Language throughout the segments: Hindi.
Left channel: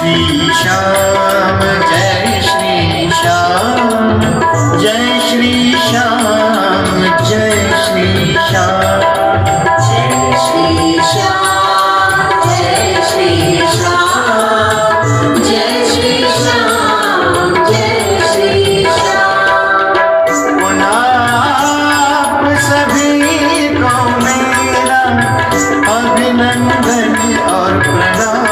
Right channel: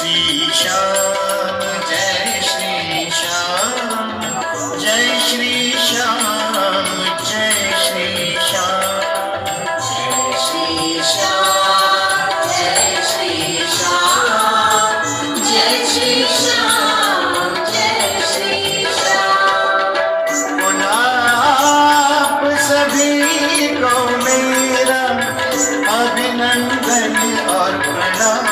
श्री श्याम जय श्री श्याम जय श्री श्याम जय श्री श्याम जय श्री श्याम जय श्री श्याम जय श्री श्याम जय श्री श्याम। आप सभी को मेरा अभिनंदन और प्रणाम।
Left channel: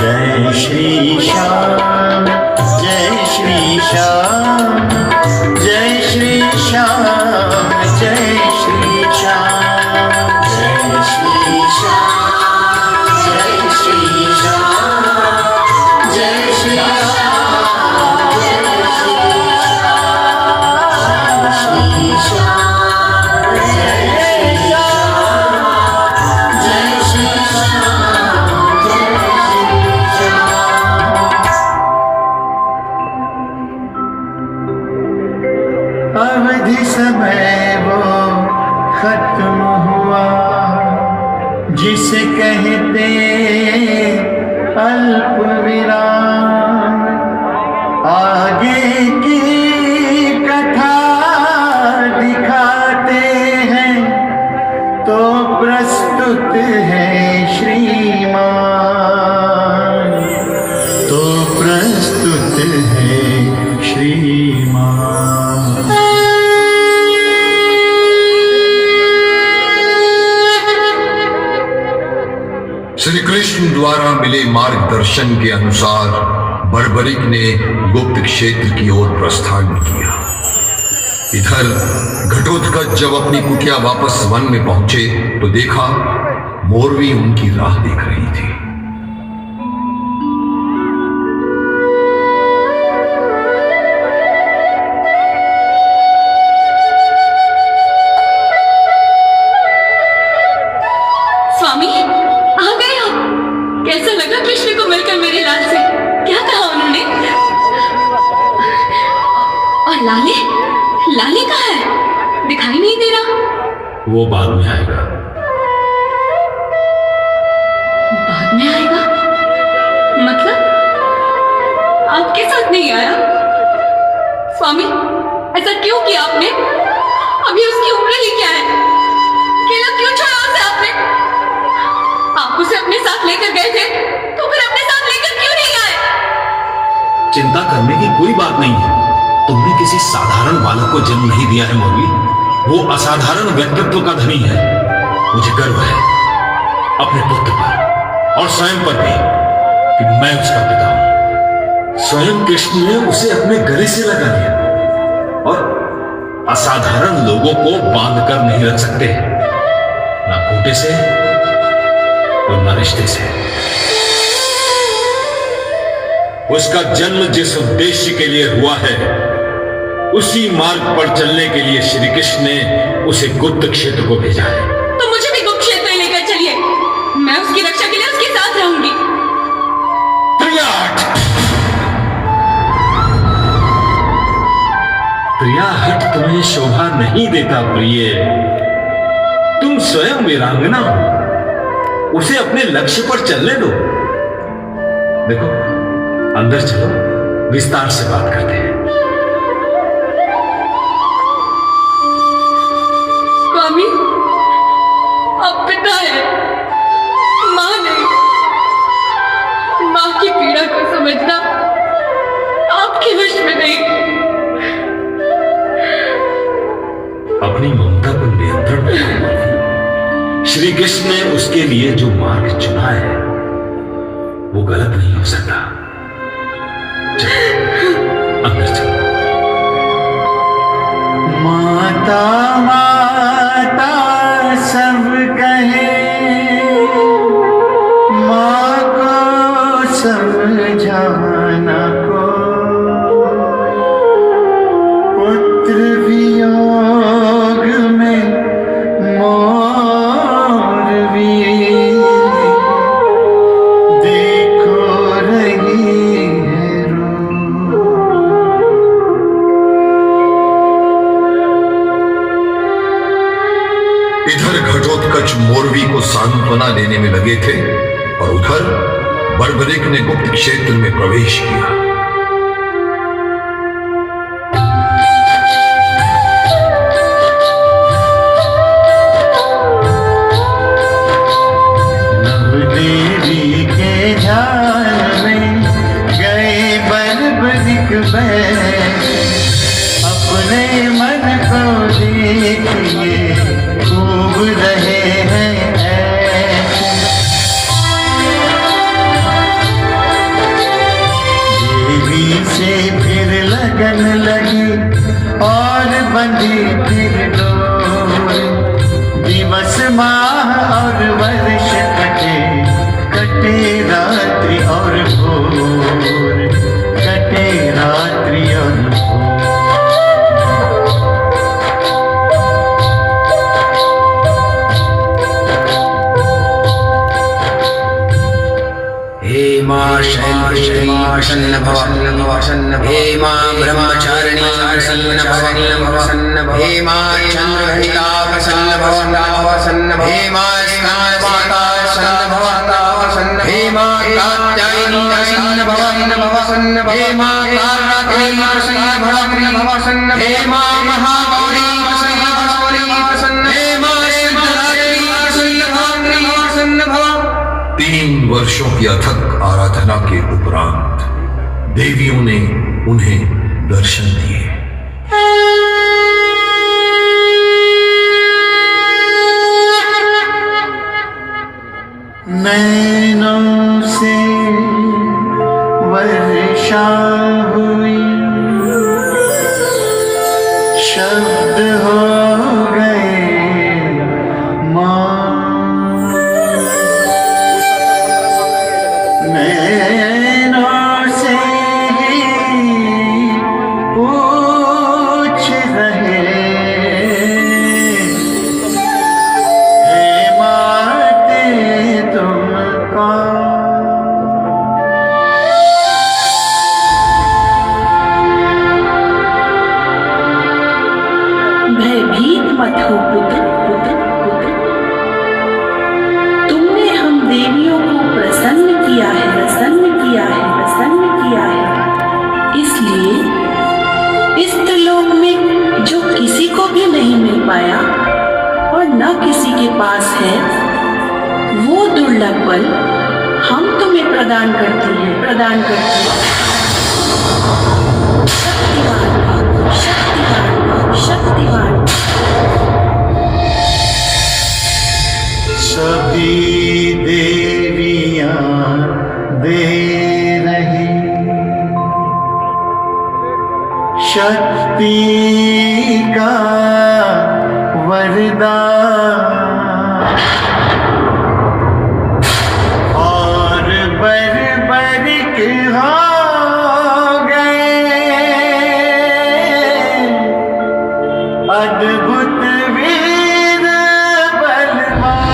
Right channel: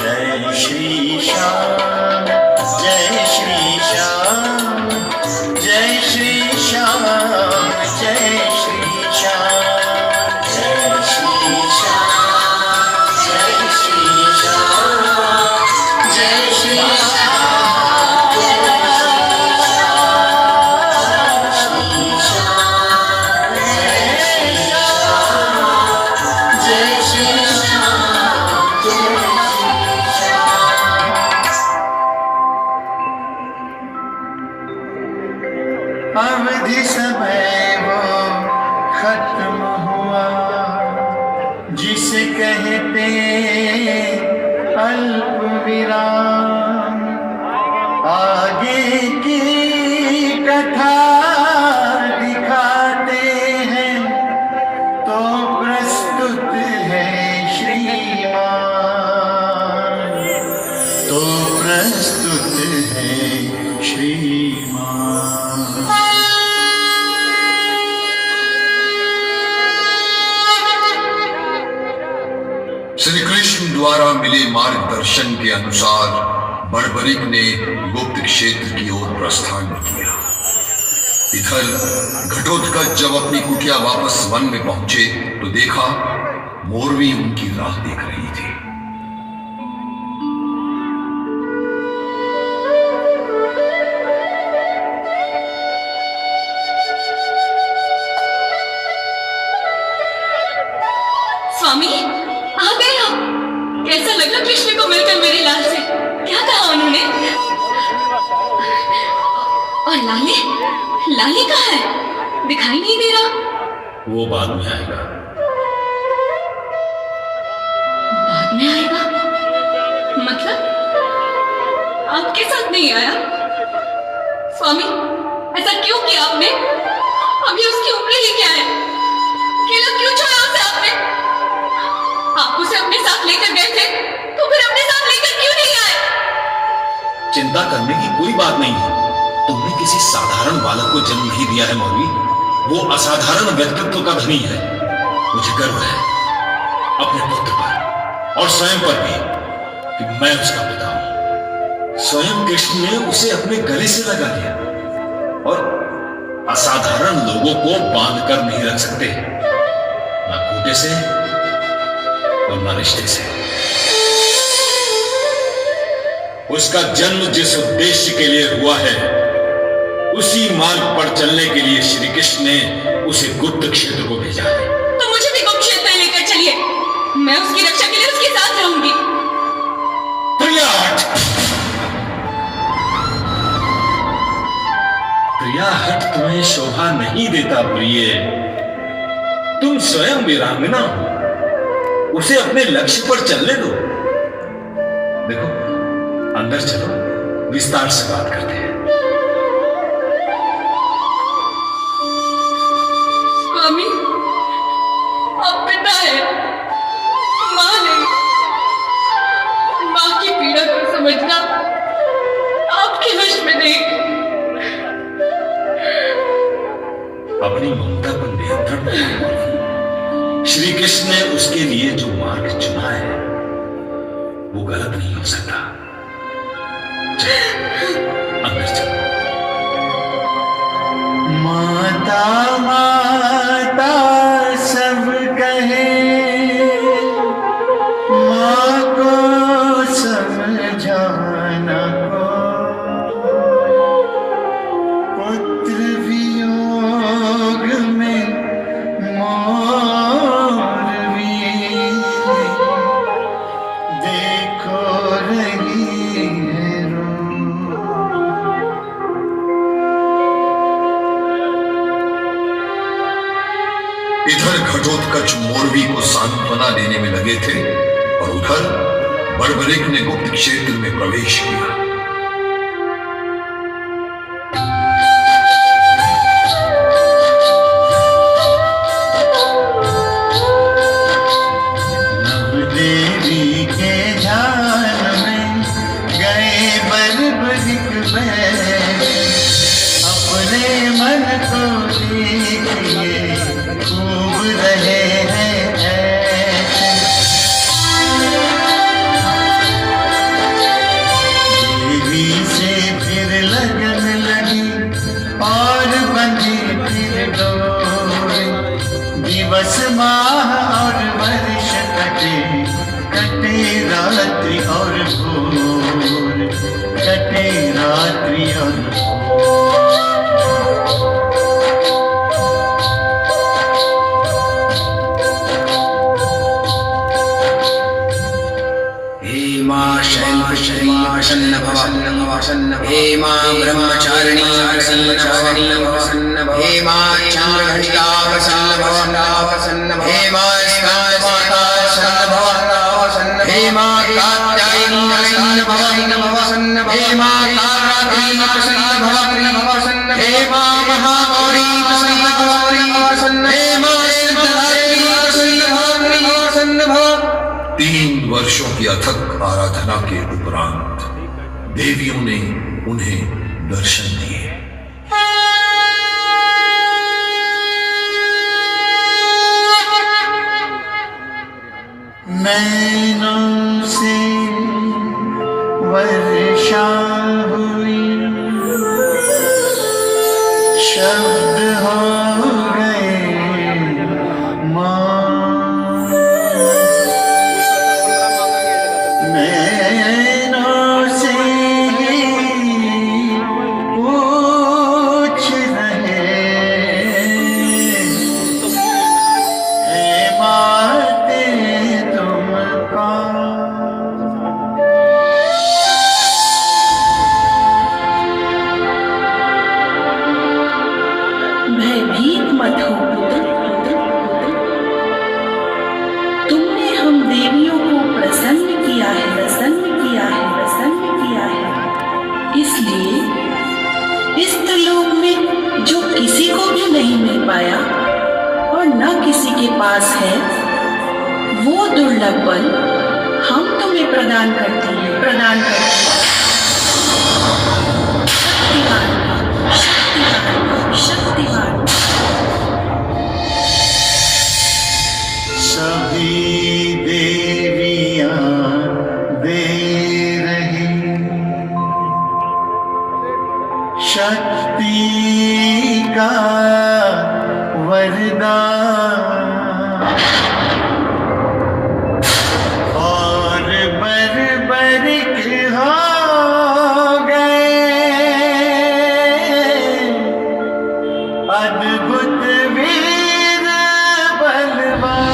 जय श्री श्याम जय श्री श्याम जय श्री श्याम जय श्री श्याम जय श्री श्याम जय श्री श्याम जय श्री श्याम जय श्री श्याम जय श्री श्याम जय श्री श्याम जय श्री श्याम। अवधि समय वो खत्म हुआ जिसे कहते अल्प विराम। आगे की कथा दिखाते हैं तो प्रस्तुत है श्रीमान, तो प्रस्तुत है श्रीमान। श्री कृष्ण द्वारा मिले मार्गदर्शन के अनुसार बड़बड़िक ने गुप्त क्षेत्र की ओर प्रस्थान किया। इधर घटोत्कच जब अपनी कुटिया वापस वन में पहुंचे तो देखा मोरवी उनकी राह देख रही थी। स्वामी आ गए आप। कैसा लगा कृष्ण को मिलकर मेरी लाल से? क्या कहा उन्होंने? और लाले लाले कहाँ है? दिखाई नहीं दे रहा। वो बाद में आएगा। बाद में आएगा मतलब आपके साथ नहीं आया? स्वामी ऐसा क्यों किया आपने? अभी उसकी उम्र ही क्या है? अकेला क्यों छोड़ा उसे आपने? आप उसे अपने साथ लेकर गए थे तो फिर अपने साथ लेकर क्यों नहीं आए? चिंता करने की कोई बात नहीं है। तुमने किसी साधारण बालक को जन्म नहीं दिया है मौली। वो असाधारण व्यक्तित्व का धनी है। मुझे गर्व है अपने पुत्र पर और स्वयं पर भी कि मैं उसका पिता हूं। स्वयं कृष्ण ने उसे अपने गले से लगा लिया और असाधारण लोगों को बांध कर नहीं रख सकते, ना खूंटे से और न रिश्ते से। उसका जन्म जिस उद्देश्य के लिए हुआ है उसी मार्ग पर चलने के लिए श्री कृष्ण ने उसे गुप्त क्षेत्र को भेजा है। तो मुझे भी गुप्त क्षेत्र लेकर चलिए। मैं उसकी रक्षा के लिए उसके साथ रहूंगी। प्रियाहट, प्रियाहट तुम्हें शोभा नहीं देता प्रिय। तुम स्वयं वीरांगना हो। उसे अपने लक्ष्य पर चलने दो। देखो अंदर चलो, विस्तार से बात करते हैं। स्वामी आप पिता है, मां नहीं। मां की पीड़ा को समझना आपके वश में नहीं। अपनी ममता पर नियंत्रण रखो। श्री कृष्ण ने उसके लिए जो मार्ग चुना है वो गलत नहीं हो सकता। अंदर चलो। माता माता सब कहे, माँ को समझाना को, पुत्र वियोग में मोर भी देखो रही है रो। इधर घटोत्कच मोरवी को सांत्वना देने में लगे थे और उधर बर्बरिक ने गुप्त क्षेत्र में प्रवेश किया। देवी के ध्यान में गए बर्बरिक बैठ, अपने मन को देखिए खूब रहे हैं ऐसे। देवी से फिर लगन लगी और बंधी फिर डोर, दिवस माह और वर्ष कटे, कटे रात्रि और भोर, कटे रात्रि और हे मां शैलेश्वरी प्रसन्न भव, हे मां ब्रह्मचारिणी प्रसन्न भव, हे मां चंद्रघटिका प्रसन्न भव, हे मां स्नान माता प्रसन्न भव, हे मां कात्यायनी प्रसन्न भव, हे मां कालरात्रि प्रसन्न भव, हे मां महागौरी प्रसन्न भव, हे मां सिद्धरात्रि प्रसन्न भव। 3 वर्षों की अथक आराधना के उपरांत देवियों ने उन्हें दर्शन दिए। नैनों से वर्षा हुई, शब्द हो गए मौन, नैनों से पूछ रहे हे माते तुम कौन। भयभीत मत हो पुत्र, तुमने हम देवियों को प्रसन्न किया है, प्रसन्न किया है, प्रसन्न किया है। इसलिए इस त्रिलोक में जो किसी को भी नहीं मिल पाया और न किसी के पास है, वो दुर्लभ बल हम तुम्हें प्रदान करती हैं, प्रदान करती हैं। शक्तिवान, शक्तिवान, शक्तिवान। सभी देवियां दे रही शक्ति का वरदान, और बर्बरिक हो गए अद्भुत वीर बलवान,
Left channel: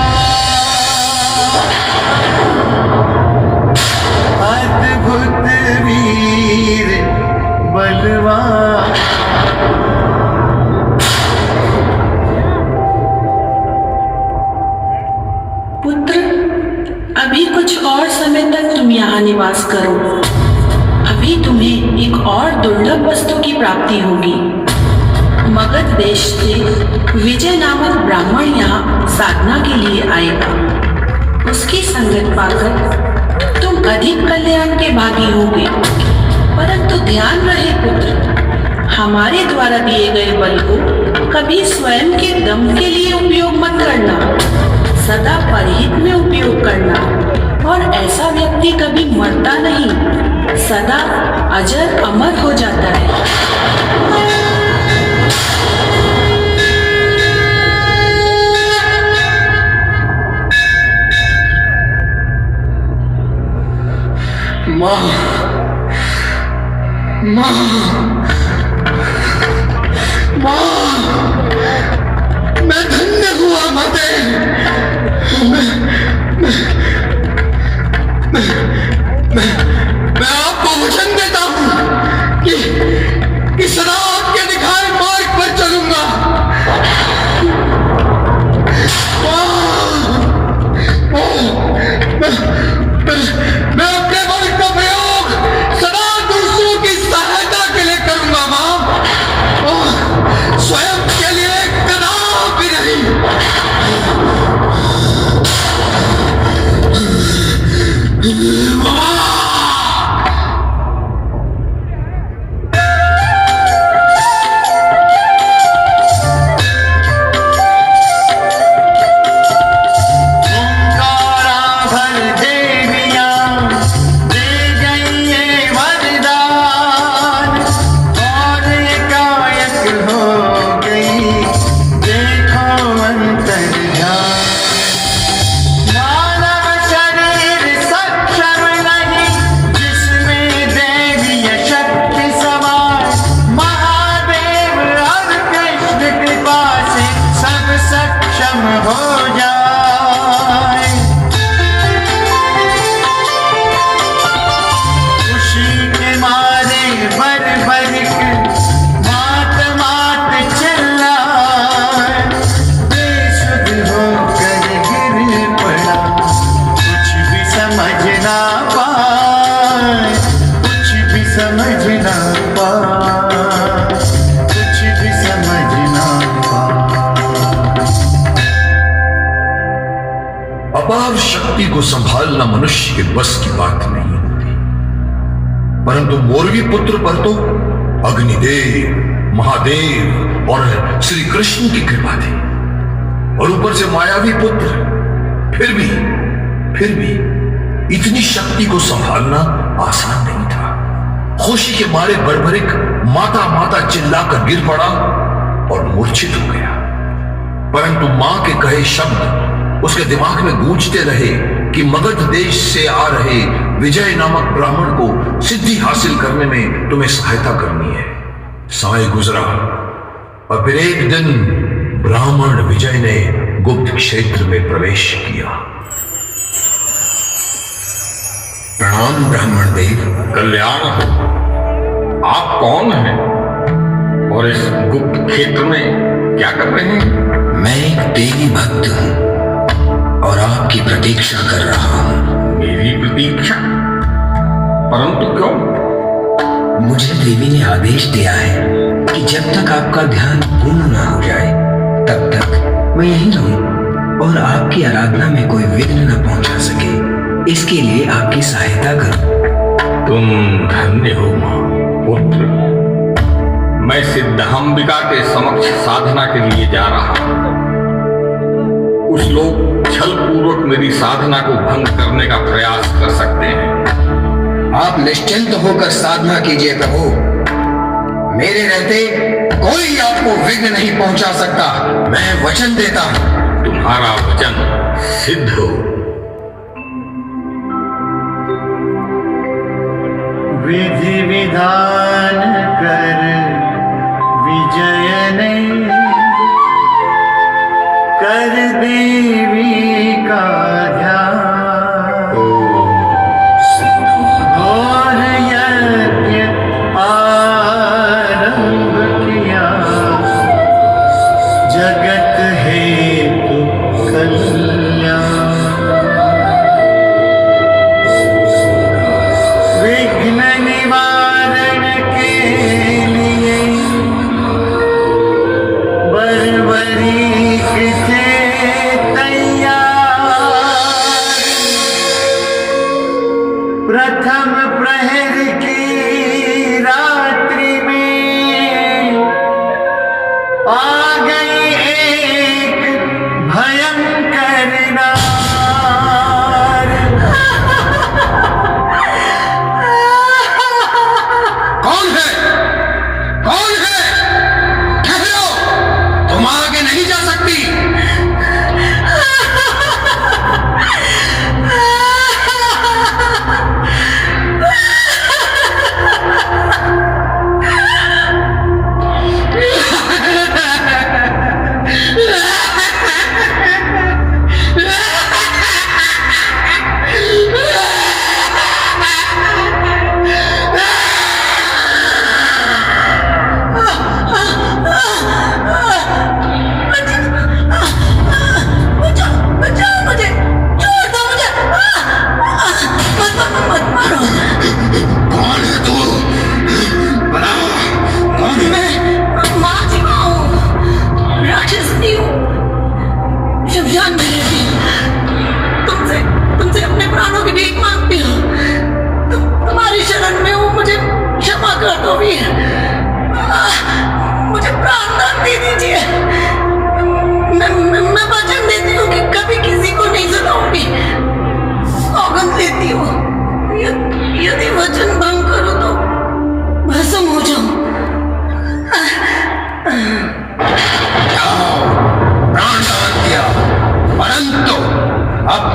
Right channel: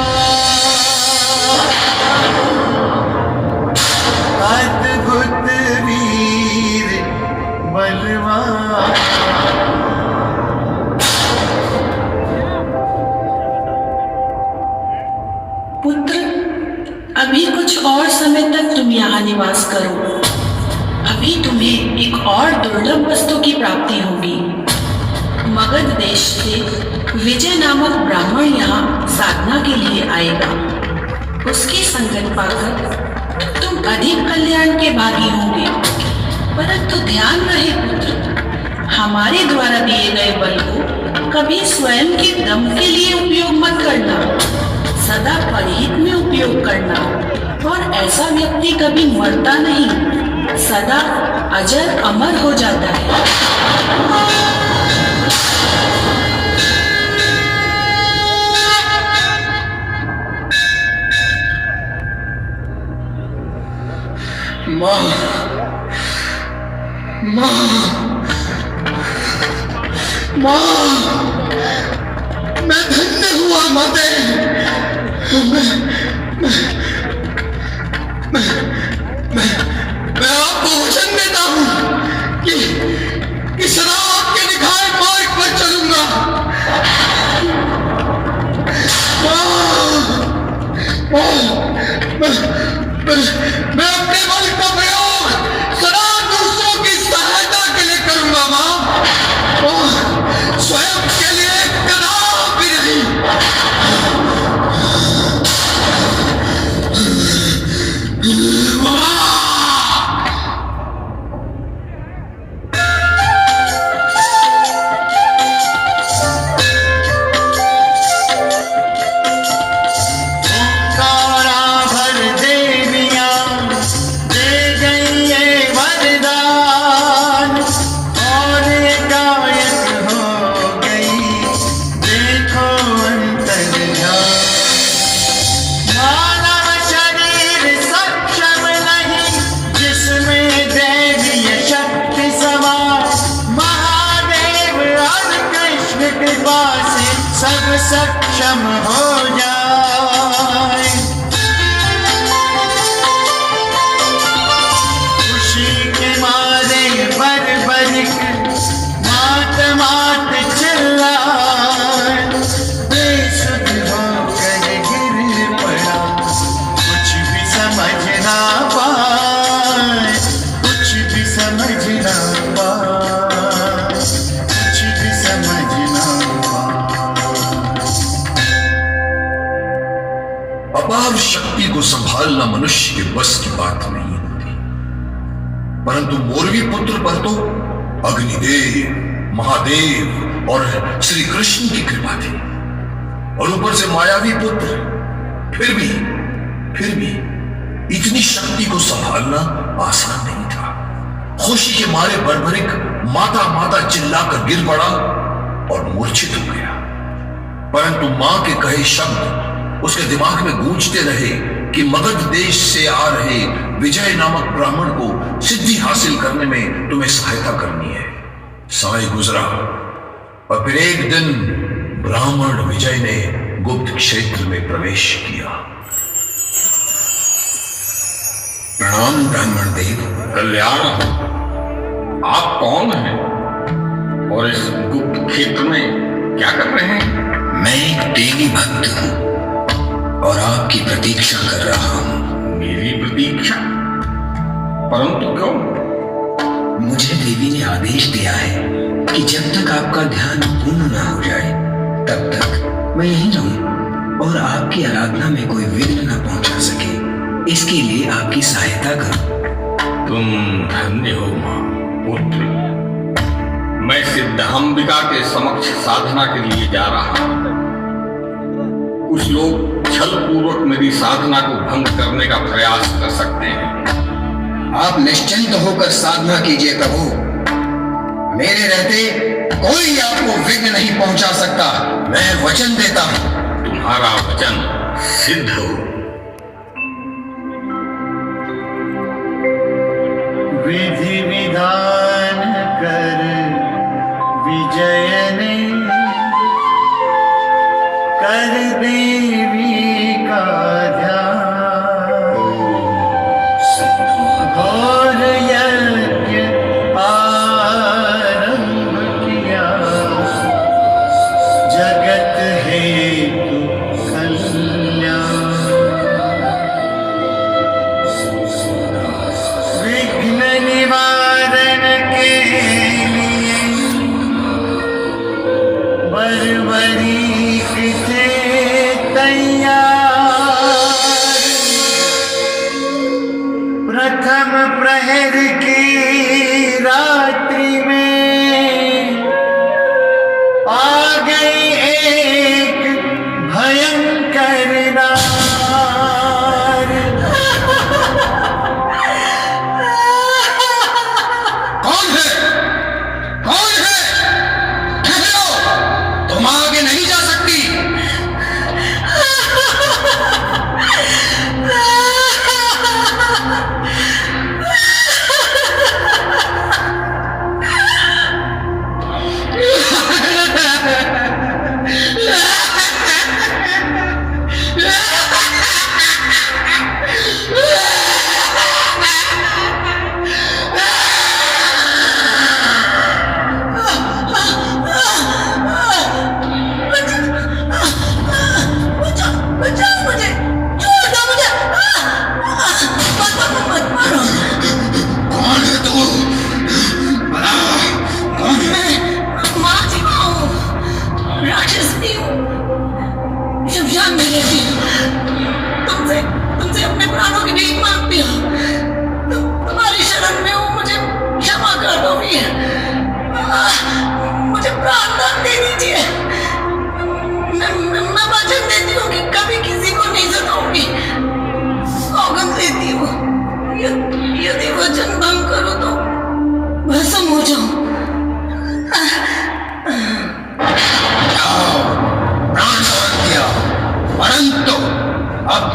अद्भुत वीर बलवान। पुत्र, अभी कुछ और समय तक तुम यहाँ निवास करो। अभी तुम्हें एक और दुर्लभ वस्तु की प्राप्ति होगी। मगध देश से विजय नामक ब्राह्मण यहाँ साधना के लिए आएगा। उसकी संगत पाकर तुम अधिक कल्याण के भागी होगे। परंतु ध्यान रहे पुत्र, हमारे द्वारा दिए गए बल को कभी स्वयं के दम के लिए उपयोग मत करना, सदा परहित में उपयोग करना। और ऐसा व्यक्ति कभी मरता नहीं, सदा अजर अमर हो जाता है। मां, मां, मां, मैं धन्य हुआ माते। मैं आपको वचन देता हूं कि सदा आपके दिखाए मार्ग पर चलूंगा। मैं अपने बल का प्रयोग सदा दूसरों की सहायता के लिए करूंगा मां, और स्वयं के लिए कदापि नहीं। ओंकारा भर देवियां दे गई ये वरदान, और एकाएक हो गई देखो अंतर्ध्यान। मानव शरीर सक्षम नहीं, जिसमें दैवीय शक्ति सवार, महादेव और कृष्ण कृपा से सब सक्षम हो जाए। खुशी के मारे बरबरिक मात मात चिल्लाए, बेसुध होकर गिर पड़ा, कुछ भी समझ ना पाए, कुछ भी समझ ना पाए, कुछ भी समझ ना पाए। अपार शक्ति को संभालना मनुष्य के बस की बात नहीं होती, परंतु मोरवी पुत्र पर तो अग्निदेव, महादेव और श्री कृष्ण की कृपा थी, और ऊपर से मायावी पुत्र। फिर भी इतनी शक्ति को संभालना आसान नहीं था। खुशी के मारे बरबरिक माता माता चिल्लाकर गिर पड़ा और मूर्छित हो गया, परंतु मां के कहे शब्द उसके दिमाग में गूंजते रहे कि मगध देश से आ रहे विजय नामक ब्राह्मण को सिद्धि हासिल करने में तुम्हें सहायता करनी है। समय गुजरा और फिर एक दिन ब्राह्मण विजय ने गुप्त क्षेत्र में प्रवेश किया। प्रणाम ब्राह्मण देव। कल्याण हो। आप कौन हैं और इस गुप्त क्षेत्र में क्या कर रहे हैं? मैं एक देवी भक्त हूँ और आपकी प्रतीक्षा कर रहा हूँ। मेरी प्रतीक्षा? परंतु क्यों? मुझे देवी ने आदेश दिया है कि जब तक आपका ध्यान पूर्ण न हो जाए तब तक मैं यहीं रहूं और आपकी आराधना में कोई विघ्न न पहुंचा सके, इसके लिए आपकी सहायता करूं। तुम धन्य हो मां। पुत्र, मैं सिद्धांबिका के समक्ष साधना के लिए जा रहा हूं। कुछ लोग छल पूर्वक मेरी साधना को भंग करने का प्रयास कर सकते हैं। आप निश्चिंत होकर साधना कीजिए प्रभु, मेरे रहते कोई आपको विघ्न नहीं पहुंचा सकता। मैं वचन देता हूं। तुम्हारा वचन सिद्ध हो। विधि विधान कर विजय ने कर देवी का ध्यान, और यज्ञ आरंभ किया, जगत हेतु कल्याण।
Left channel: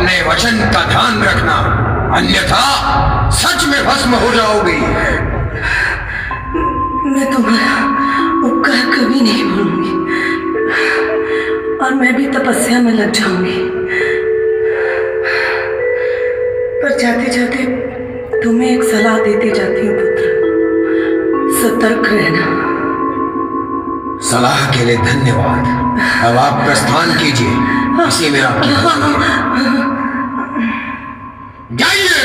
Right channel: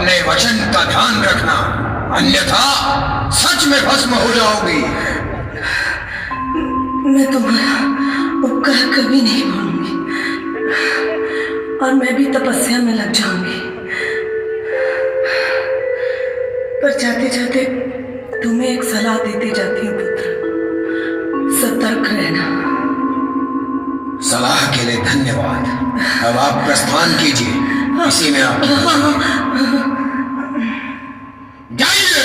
अपने वचन का ध्यान रखना, अन्यथा सच में भस्म हो जाओगी। मैं तुम्हारा उपकार कभी नहीं भूलूंगी और मैं भी तपस्या में लग जाऊंगी। पर जाते जाते तुम्हें एक सलाह देती जाती हूँ पुत्र, सतर्क रहना। सलाह के लिए धन्यवाद। अब आप प्रस्थान कीजिए, इसी में आपकी जाइए।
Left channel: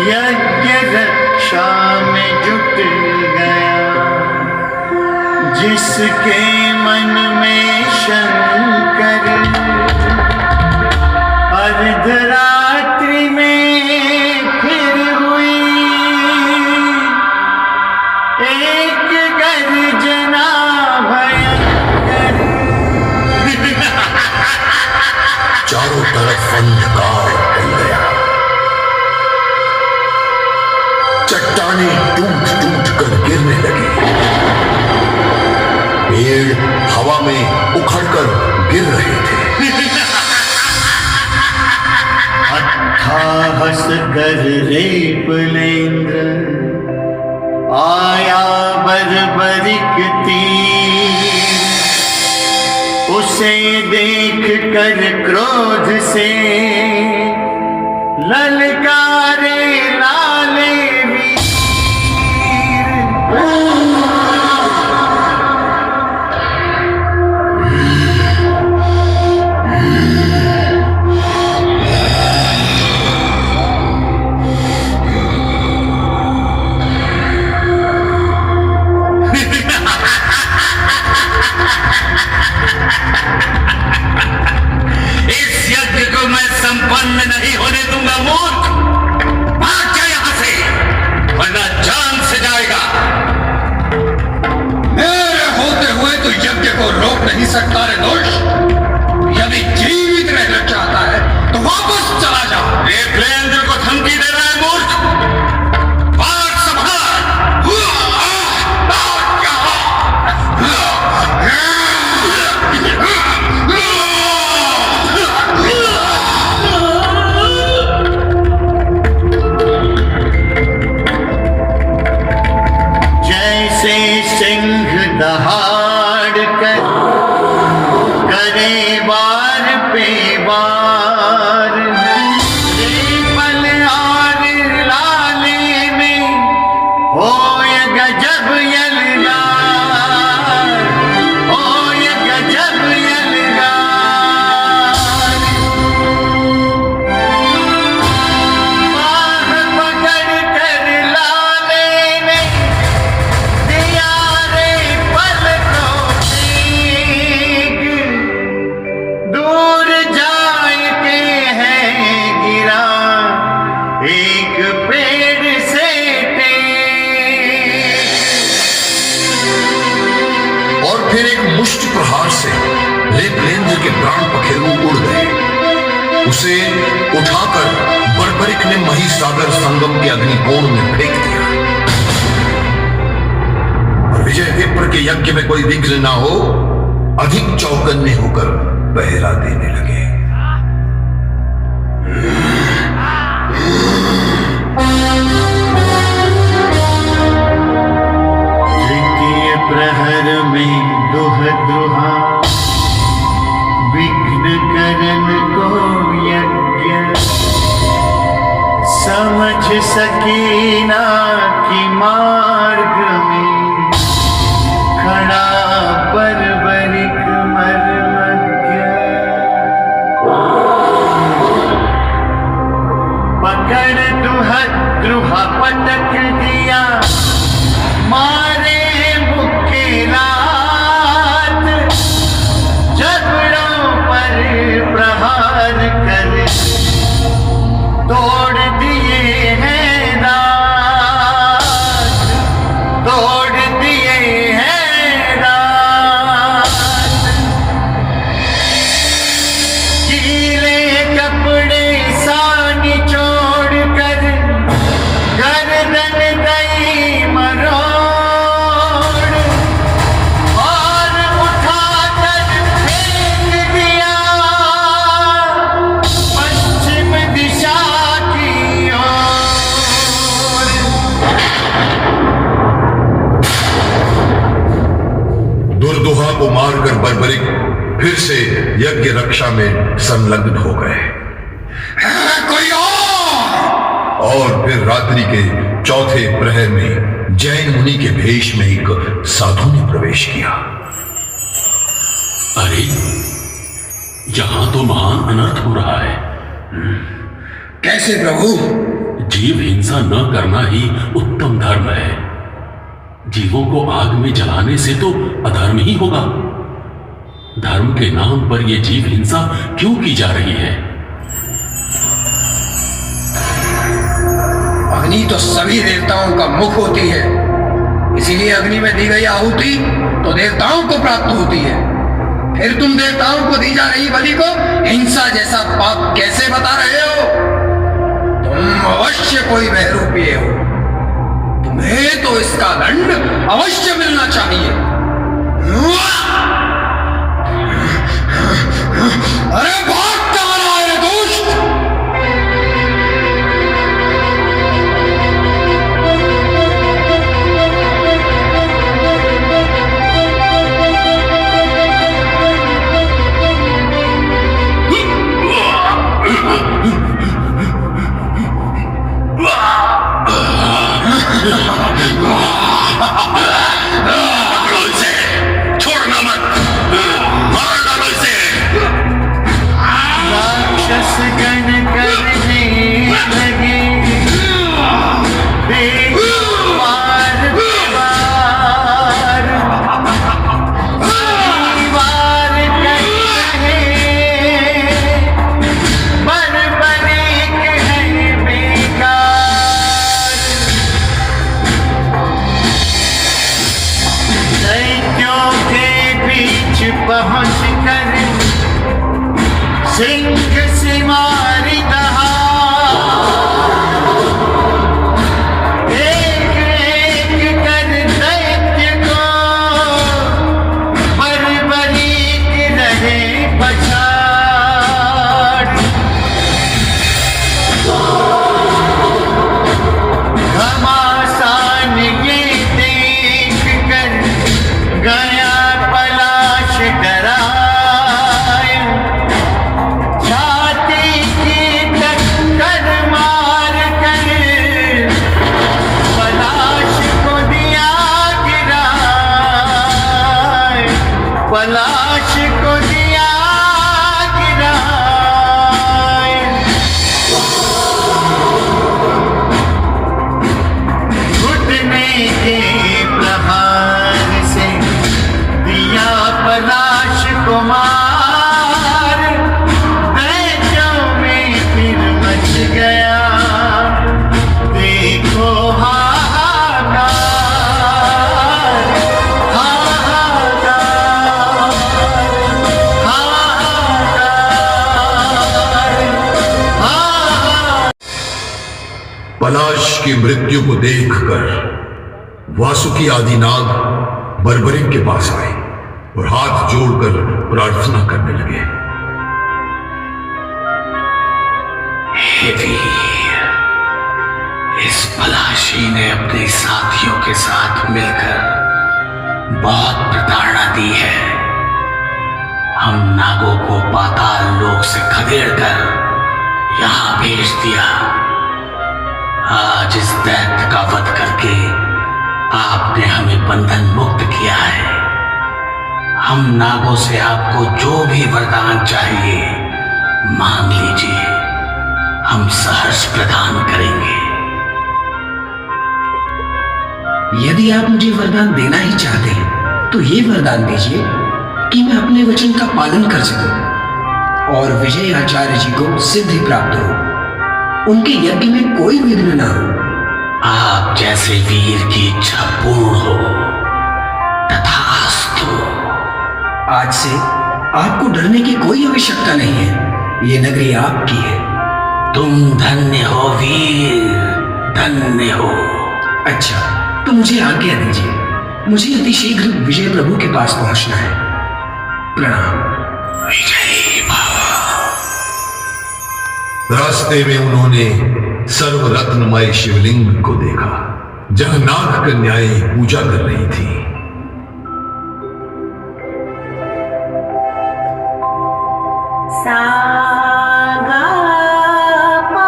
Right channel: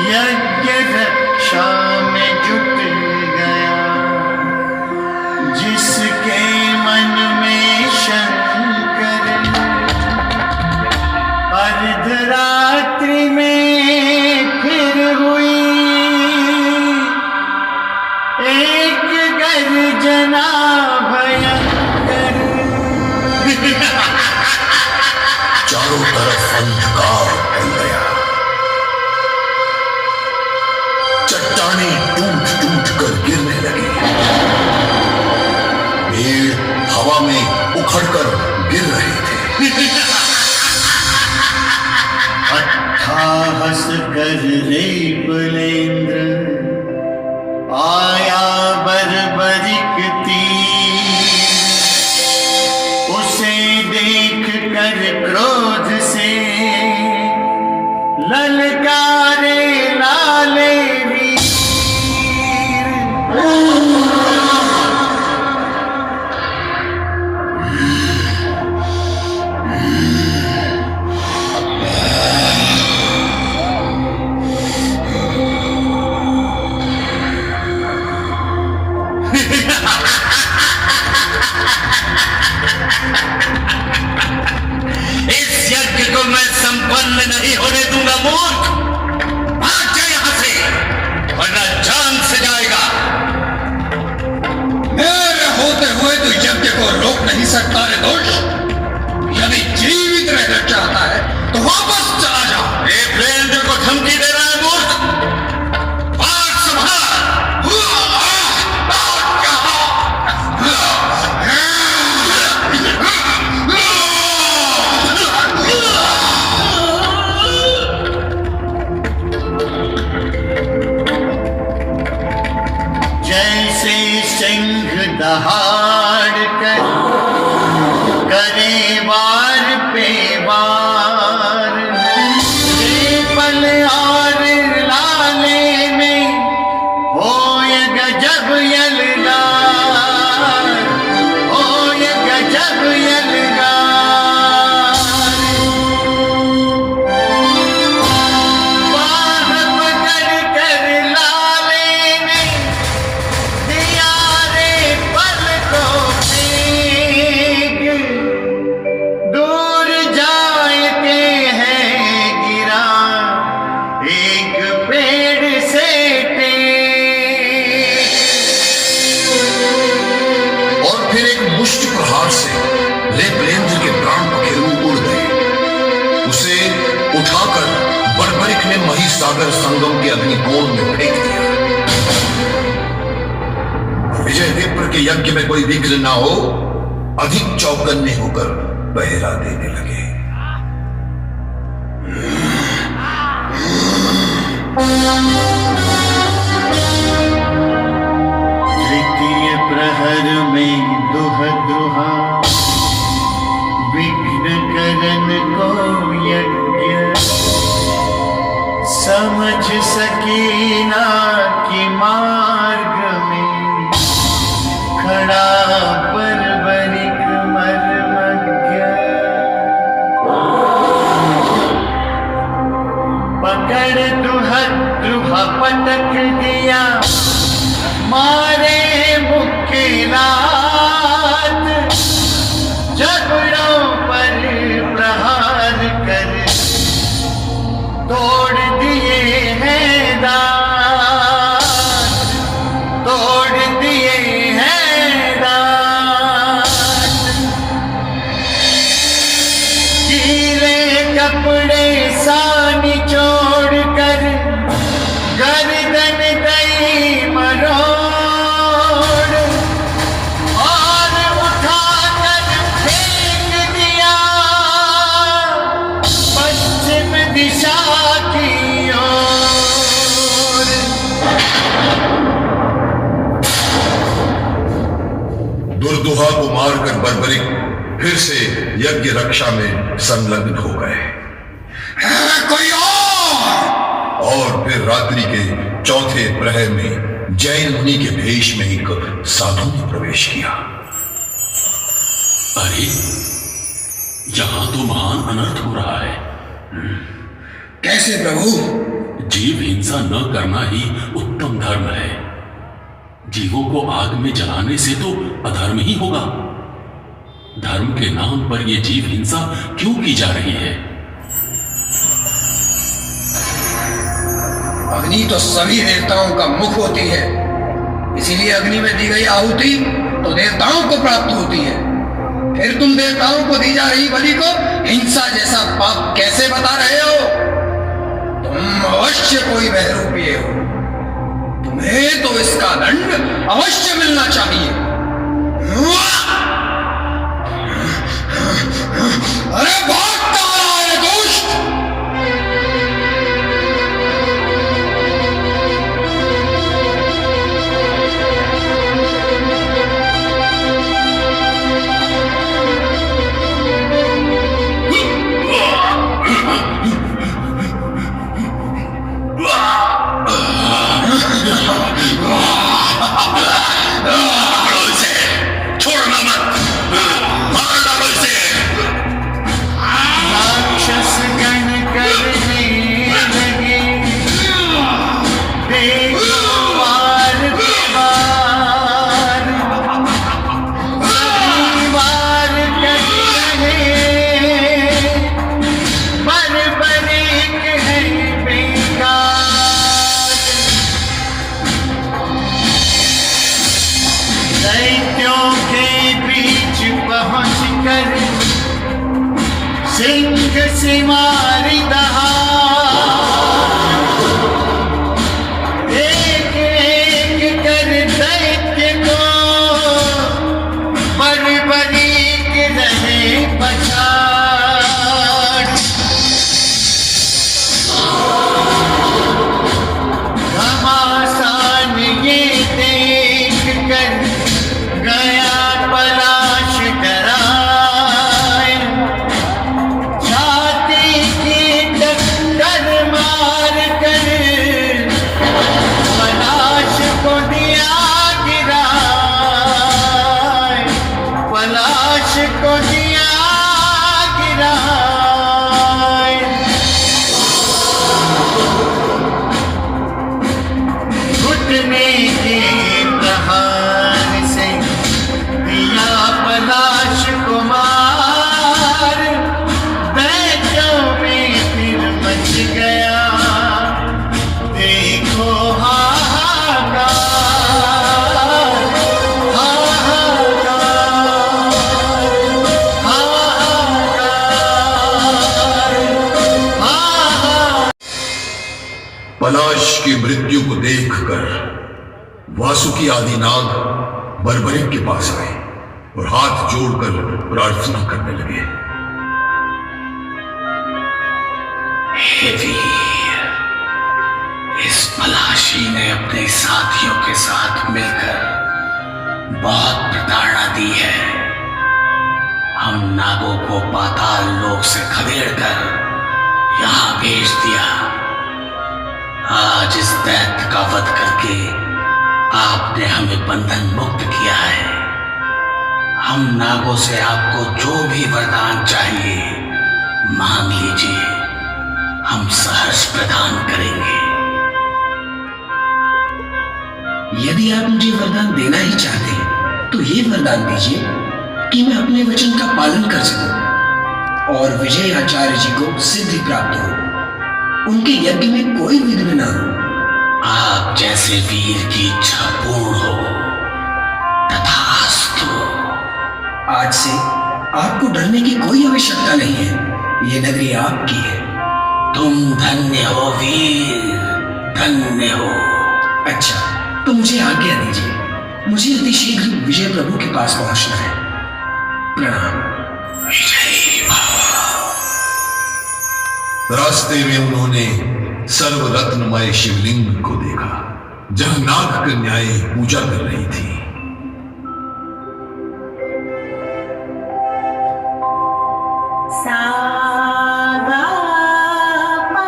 यज्ञ रक्षा में जुट गया जिसके मन में शंकर, अर्धरात्रि में फिर हुई एक गर्जना भयंकर। चारों तरफ अंधकार फैल गया, चट्टानें टूट टूट कर गिरने लगी, पेड़ हवा में उखड़कर गिर रहे थे। अट्ठाहस कर रेपलेंद्र आया बर्बरिक तीर, उसे देख कर क्रोध से ललकारे लाले वीर। इस यज्ञ को मैं संपन्न नहीं होने दूंगा मूर्ख। भाग जा यहां से, वरना जान से जाएगा। मेरे होते हुए तू यज्ञ को रोक नहीं सकता रे दोष। यदि जीवित रहना चाहता है तो वापस चला जा। रेपलेंद्र को धमकी दे रहा है मूर्ख। बात संभाल। जैसे सिंह दहाड़ कर करे वार पे वार, पल और लाले में हो ये गजब यलगार, हो ये गजब यलगार। बाह पकड़ कर लाले ने दिया रे पल को तेग, दूर जाके है गिरा एक पेड़ से टेक। और फिर एक मुष्ट प्रहार से रेपलेंद्र के प्राण पखेरु उड़ गए। उसे उठाकर बर्बरिक ने महिसागर संगम के अग्निकोण में फेंक दिया। विजय विप्र के यज्ञ में कोई विघ्न ना हो, अधिक चौकन्ने होकर पहरा देने लगे। तृतीय प्रहर में दुह दुहा विघ्न करन को यज्ञ, समझ सकीना कि मार्ग में खड़ा बर्बरिक मर्मज्ञ। पकड़ दुहा पटक दिया, मारे मुक्के रात, जबड़ों पर प्रहार कर तोड़ दिए हैं दांत। को मारकर बर्बरिक फिर से यज्ञ रक्षा में संलग्न हो गए। कोई और फिर रात्रि के चौथे प्रहर में जैन मुनि के भेष में एक साधु ने प्रवेश किया। अरे, यहां तो महान अनर्थ हो रहा है। कैसे प्रभु? जीव हिंसा न करना ही उत्तम धर्म है। जीवों को आग में जलाने से तो अधर्म ही होगा। धर्म के नाम पर यह जीव हिंसा क्यों की जा रही है? अग्नि तो सभी देवताओं का मुख होती है, इसीलिए अग्नि में दी गई आहुति तो देवताओं को प्राप्त होती है। फिर तुम देवताओं को दी जा रही बलि को हिंसा जैसा पाप कैसे बता रहे हो? तुम अवश्य कोई बहरूपीय हो। तुम्हें तो इसका दंड अवश्य मिलना चाहिए। अरे भाग कहाँ आए दुष्ट! पलाश की मृत्यु को देखकर वासुकी आदि नाग बर्बरिक के पास आए और हाथ जोड़कर प्रार्थना करने लगे। हे वीर, इस पलाशी ने अपने साथियों के साथ मिलकर बहुत प्रताड़ना दी है। हम नागों को पाताल लोक से खदेड़कर यहां भेज दिया। आज इस दैत्य का वध करके आपने हमें बंधन मुक्त किया है। हम नागों से आपको जो भी वरदान चाहिए मांग लीजिए, हम सहर्ष प्रदान करेंगे। यदि आप मुझे वरदान देना ही चाहते हैं तो ये वरदान दीजिए कि मैं अपने वचन का पालन कर सकूं और विजय आचार्य जी को सिद्धि प्राप्त हो, उनके यज्ञ में कोई विघ्न ना हो। आप जैसे वीर की इच्छा पूर्ण हो। तथास्तु। आज से आपको डरने की कोई आवश्यकता नहीं है। ये नगरी आपकी है। तुम धन्य हो वीर, धन्य हो। अच्छा, तो मुझे आज्ञा दीजिए। मुझे अतिशीघ्र विजय प्रभु के पास पहुंचना है। प्रणाम। विजय बाबा। रास्ते में उन्होंने सर्वरत्नमय शिवलिंग को देखा जहां नाग कन्याएं पूजा कर रही थी। सा गा पा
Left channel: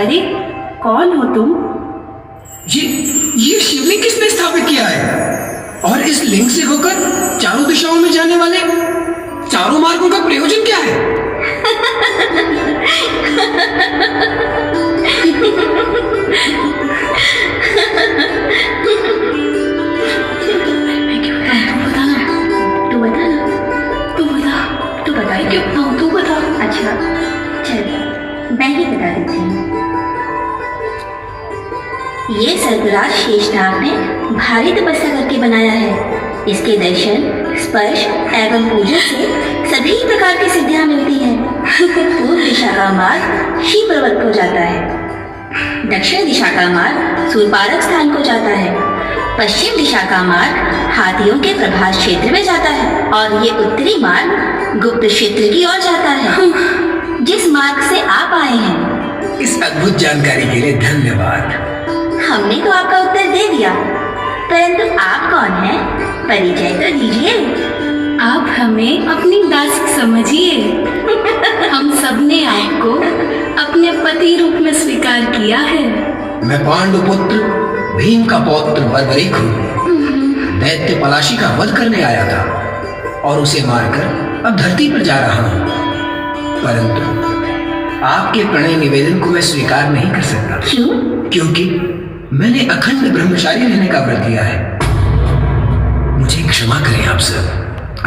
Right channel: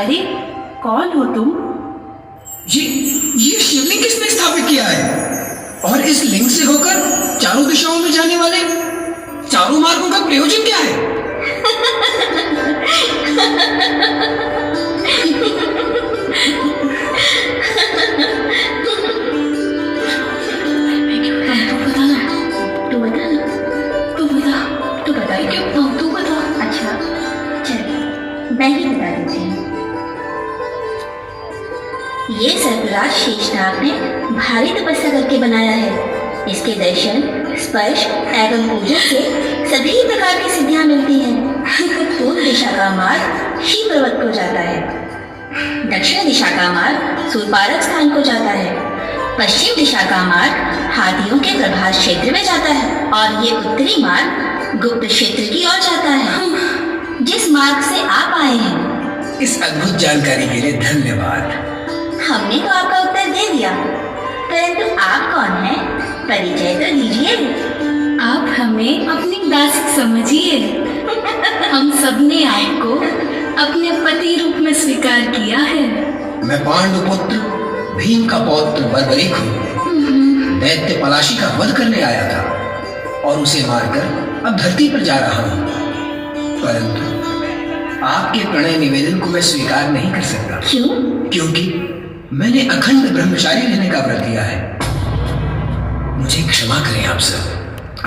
अरे कौन हो तुम? ये शिवलिंग किसने स्थापित किया है? और इस लिंग से होकर चारों दिशाओं में जाने वाले चारों मार्गों का प्रयोजन क्या है? अच्छा चल मैं ही बता देती हूँ। ये सर्पराज शेषनाग ने भारी तपस्या करके बनाया है। इसके दर्शन, स्पर्श एवं पूजन से सभी प्रकार की सिद्धियां मिलती हैं। पूर्व दिशा का मार्ग शिवपर्वत को जाता है, दक्षिण दिशा का मार्ग सूर्पारक स्थान को जाता है, पश्चिम दिशा का मार्ग हाथियों के प्रभास क्षेत्र में जाता है और ये उत्तरी मार्ग गुप्त क्षेत्र की ओर जाता है, जिस मार्ग से आप आए हैं। इस अद्भुत जानकारी के लिए धन्यवाद। हमने तो आपका उत्तर दे दिया, परंतु आप कौन हैं? परिचय तो दीजिए। आप हमें अपनी दासी समझिए। हम सबने आपको अपने पति रूप में स्वीकार किया है। मैं पांडुपुत्र भीम का पौत्र बर्बरीक हूँ। दैत्य पलाशी का वध करने आया था और उसे मारकर अब धरती पर जा रहा हूँ, परंतु आपके प्रणय निवेदन को मैं स्वीकार नहीं कर सकता। क्यों? क्योंकि मैंने अखंड ब्रह्मचारी रहने का व्रत लिया है। मुझे क्षमा करें आप सब,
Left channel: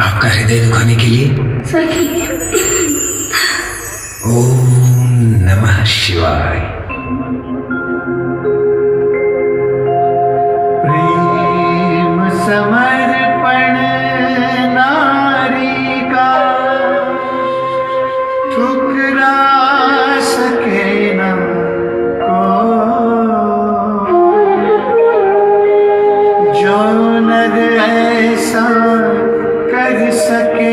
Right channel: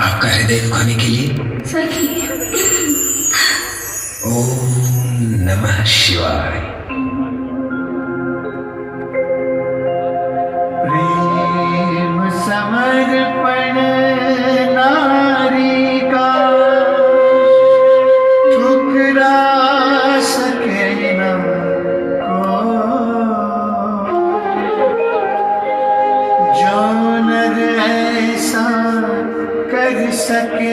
आपका हृदय दुखाने के लिए। सखी। ओम नमः शिवाय। प्रेम समर्पण नारी का ठुकरा सके न को, जो नर ऐसा कर सके,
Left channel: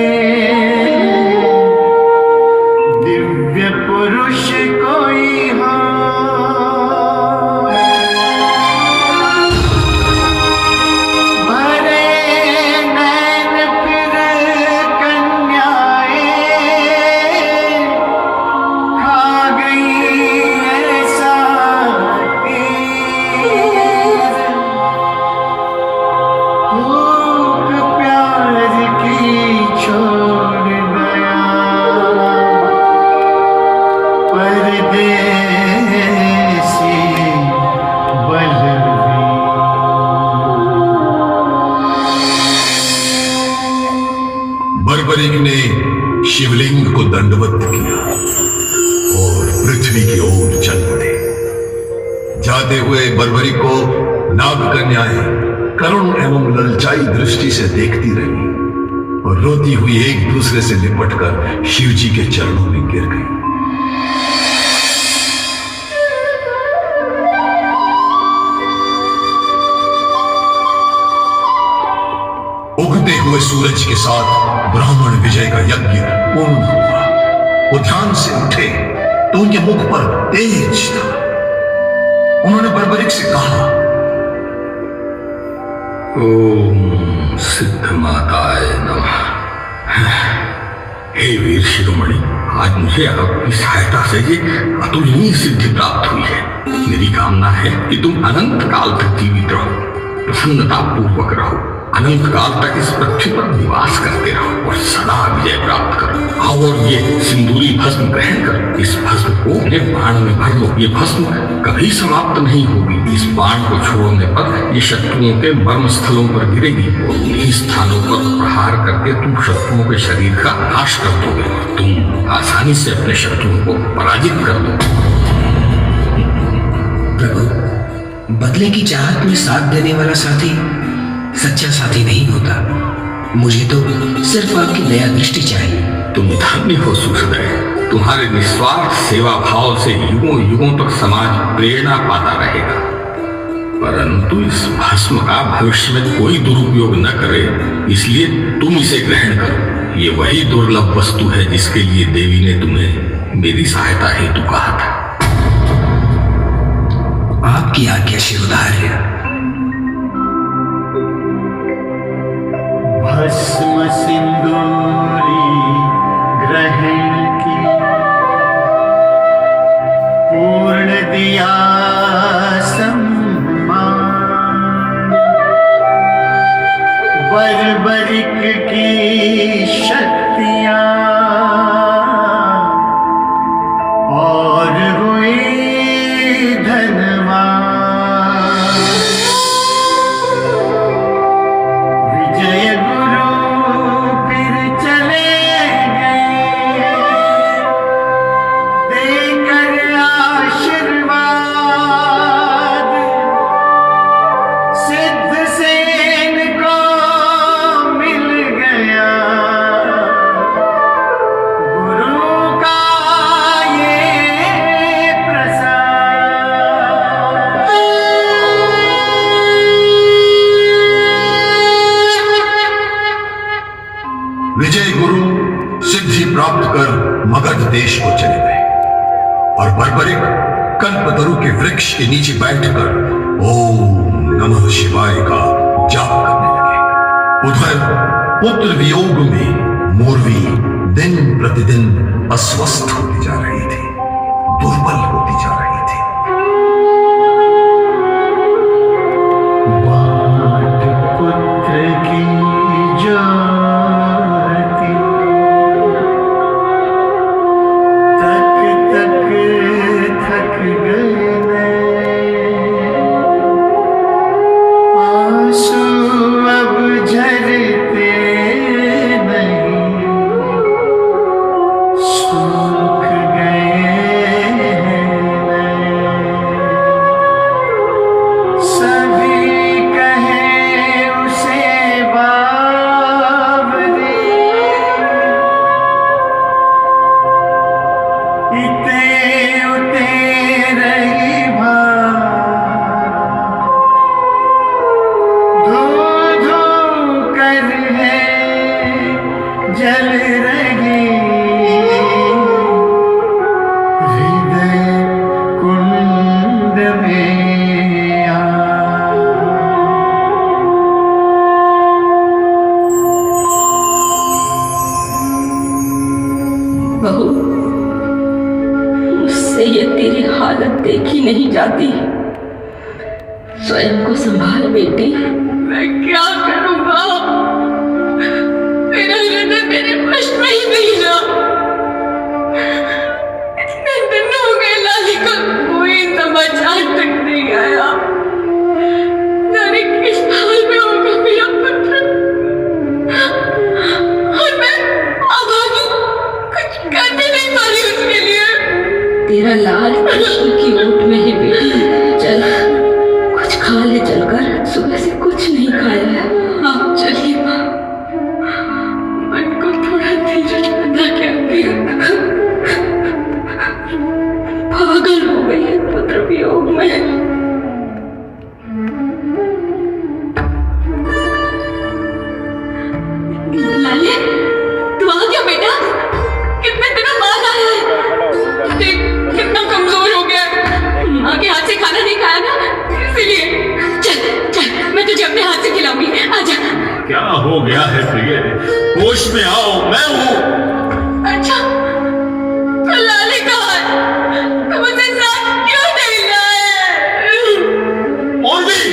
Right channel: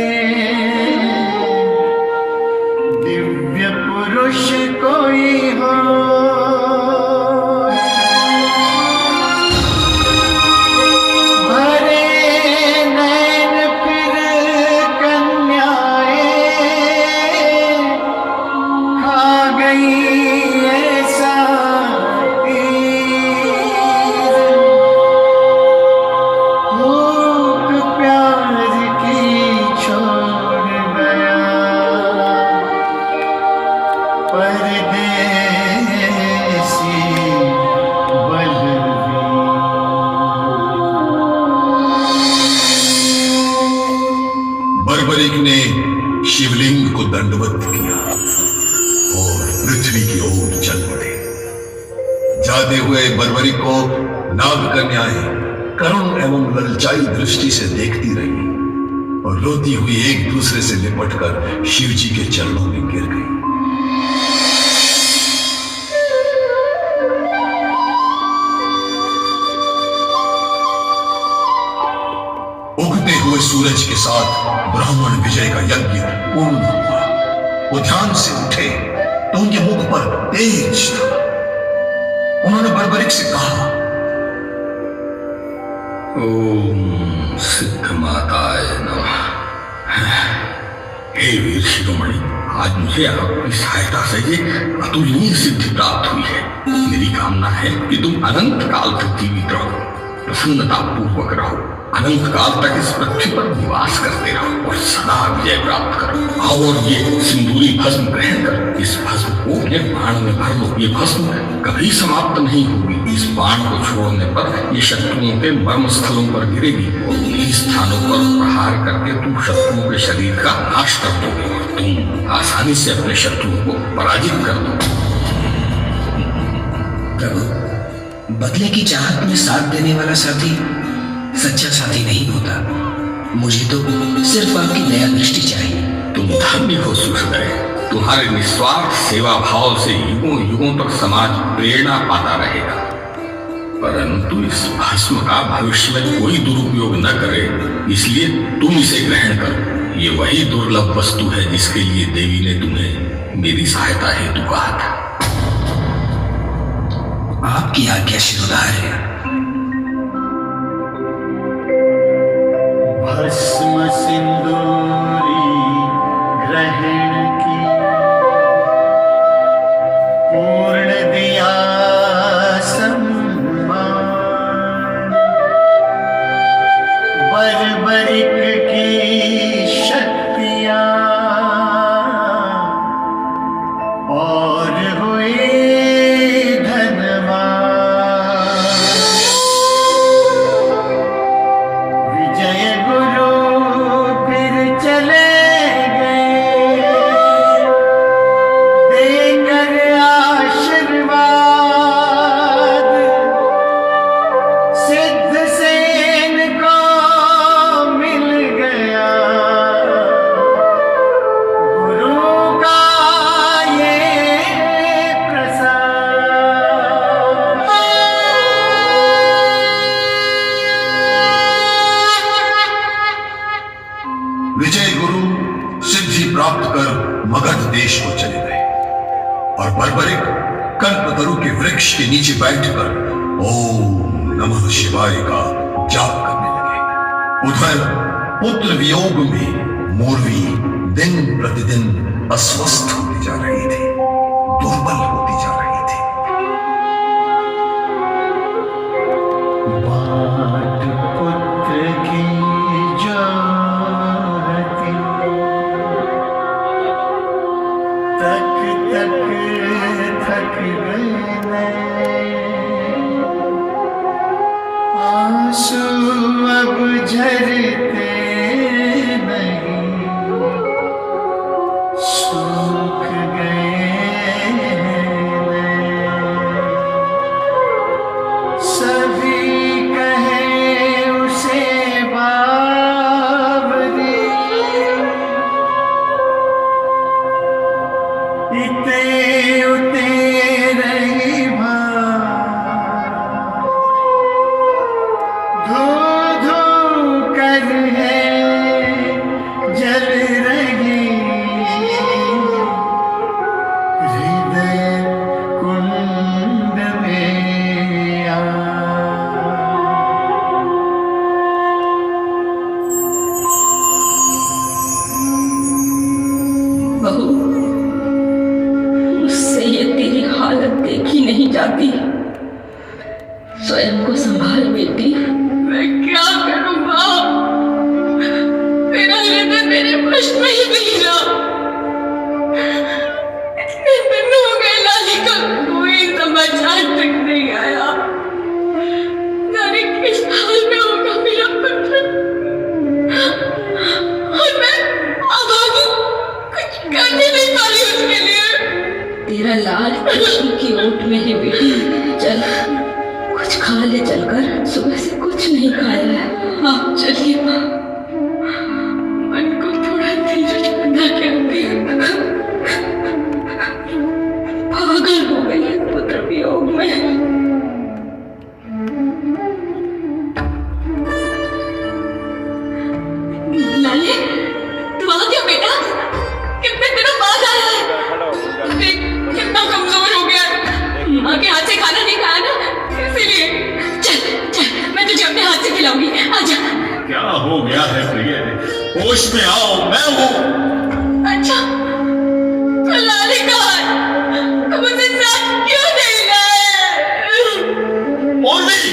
दिव्य पुरुष कोई हो परदेसी बलवीर। बर्बरिक ने शिवलिंग को दंडवत किया और पृथ्वी की ओर चल पड़े। जाते हुए बर्बरिक को नागकन्याएं करुण एवं ललचाई दृष्टि से देखती रही और रोती हुई एक दूसरे से लिपटकर शिव जी के चरणों में गिर गई। उगते हुए सूरज के साथ ब्राह्मण विजय का यज्ञ पूर्ण हुआ। वो ध्यान से उठे तो उनके मुख पर तेज था। उन्होंने बर्बरिक से कहा, ओम सिद्ध माताय नमः। हे वीर शिरोमणि, आज मुझे आपकी सहायता से ये अतुलनीय सिद्धि प्राप्त हुई है। मेरी कामना है कि तुम अनंत काल तक जीवित रहो, प्रसन्नता पूर्वक रहो, अनंत काल तक इस पृथ्वी पर निवास करते रहो और सदा विजय प्राप्त करो। और ये सिंदूरी भस्म ग्रहण कर इस भस्म को अपने बाण में भर लो। ये भस्म कभी समाप्त नहीं होगी। इस बाण को छोड़ने पर ये शत्रुओं के मर्म स्थलों पर गिरेगी और उन्हीं स्थानों पर प्रहार करके तुम शत्रुओं के शरीर का नाश कर दोगे और तुम आसानी से अपने शत्रुओं को पराजित कर दोगे। प्रभु, बदले की चाहत में साथ देने वाला साथी सच्चा साथी नहीं होता। मुझे तो सिर्फ आपकी दया दृष्टि चाहिए। तुम धन्य हो सुहृदय। तुम्हारे निस्वार्थ सेवा भाव से युगों युगों तक समाज प्रेरणा पाता रहेगा। परंतु इस भस्म का भविष्य में कोई दुरुपयोग न करे, इसलिए तुम इसे ग्रहण करो। ये वही दुर्लभ वस्तु है जिसके लिए देवी ने तुम्हें मेरी सहायता हेतु कहा था। आपकी आज्ञा शिरोधार्य। भस्म सिंदूरी ग्रहण की पूर्ण दिया सम्मान। बर्बरिक की शक्तियां और हुई धनवान। विजय गुरु फिर चले गए देकर आशीर्वाद। सिद्ध सेन को मिल गया गुरु का ये प्रसाद। विजय गुरु सिद्धि प्राप्त कर मगध देश को चले गए और बर्बरिक कल्पतरु के वृक्ष के नीचे बैठकर ओम नमः शिवाय का जाप करने लगे। उधर पुत्र वियोग में मोरवी दिन प्रतिदिन अस्वस्थ होती जा रही थी, दुर्बल होती जा रही थी। बाट पुत्र की ज्योति तक तक थक गए आंसू अब झरते नहीं, सूख गए सभी कहे उसे बावरी। इते उते रही भार, धू धू कर है जल रही हृदय कुंड में बहू, मुझसे ये तेरी हालत देखी नहीं जाती। स्वयं को संभाल बेटी। मैं क्या करूंगा? मेरा हृदय मेरे वश में ही नहीं रहा। इतने दिन हो गए में आओ, मैं हूं। अच्छा, तो लाली कहाँ है? तुम मुझे साथ क्यों नहीं लाए? मौलवी,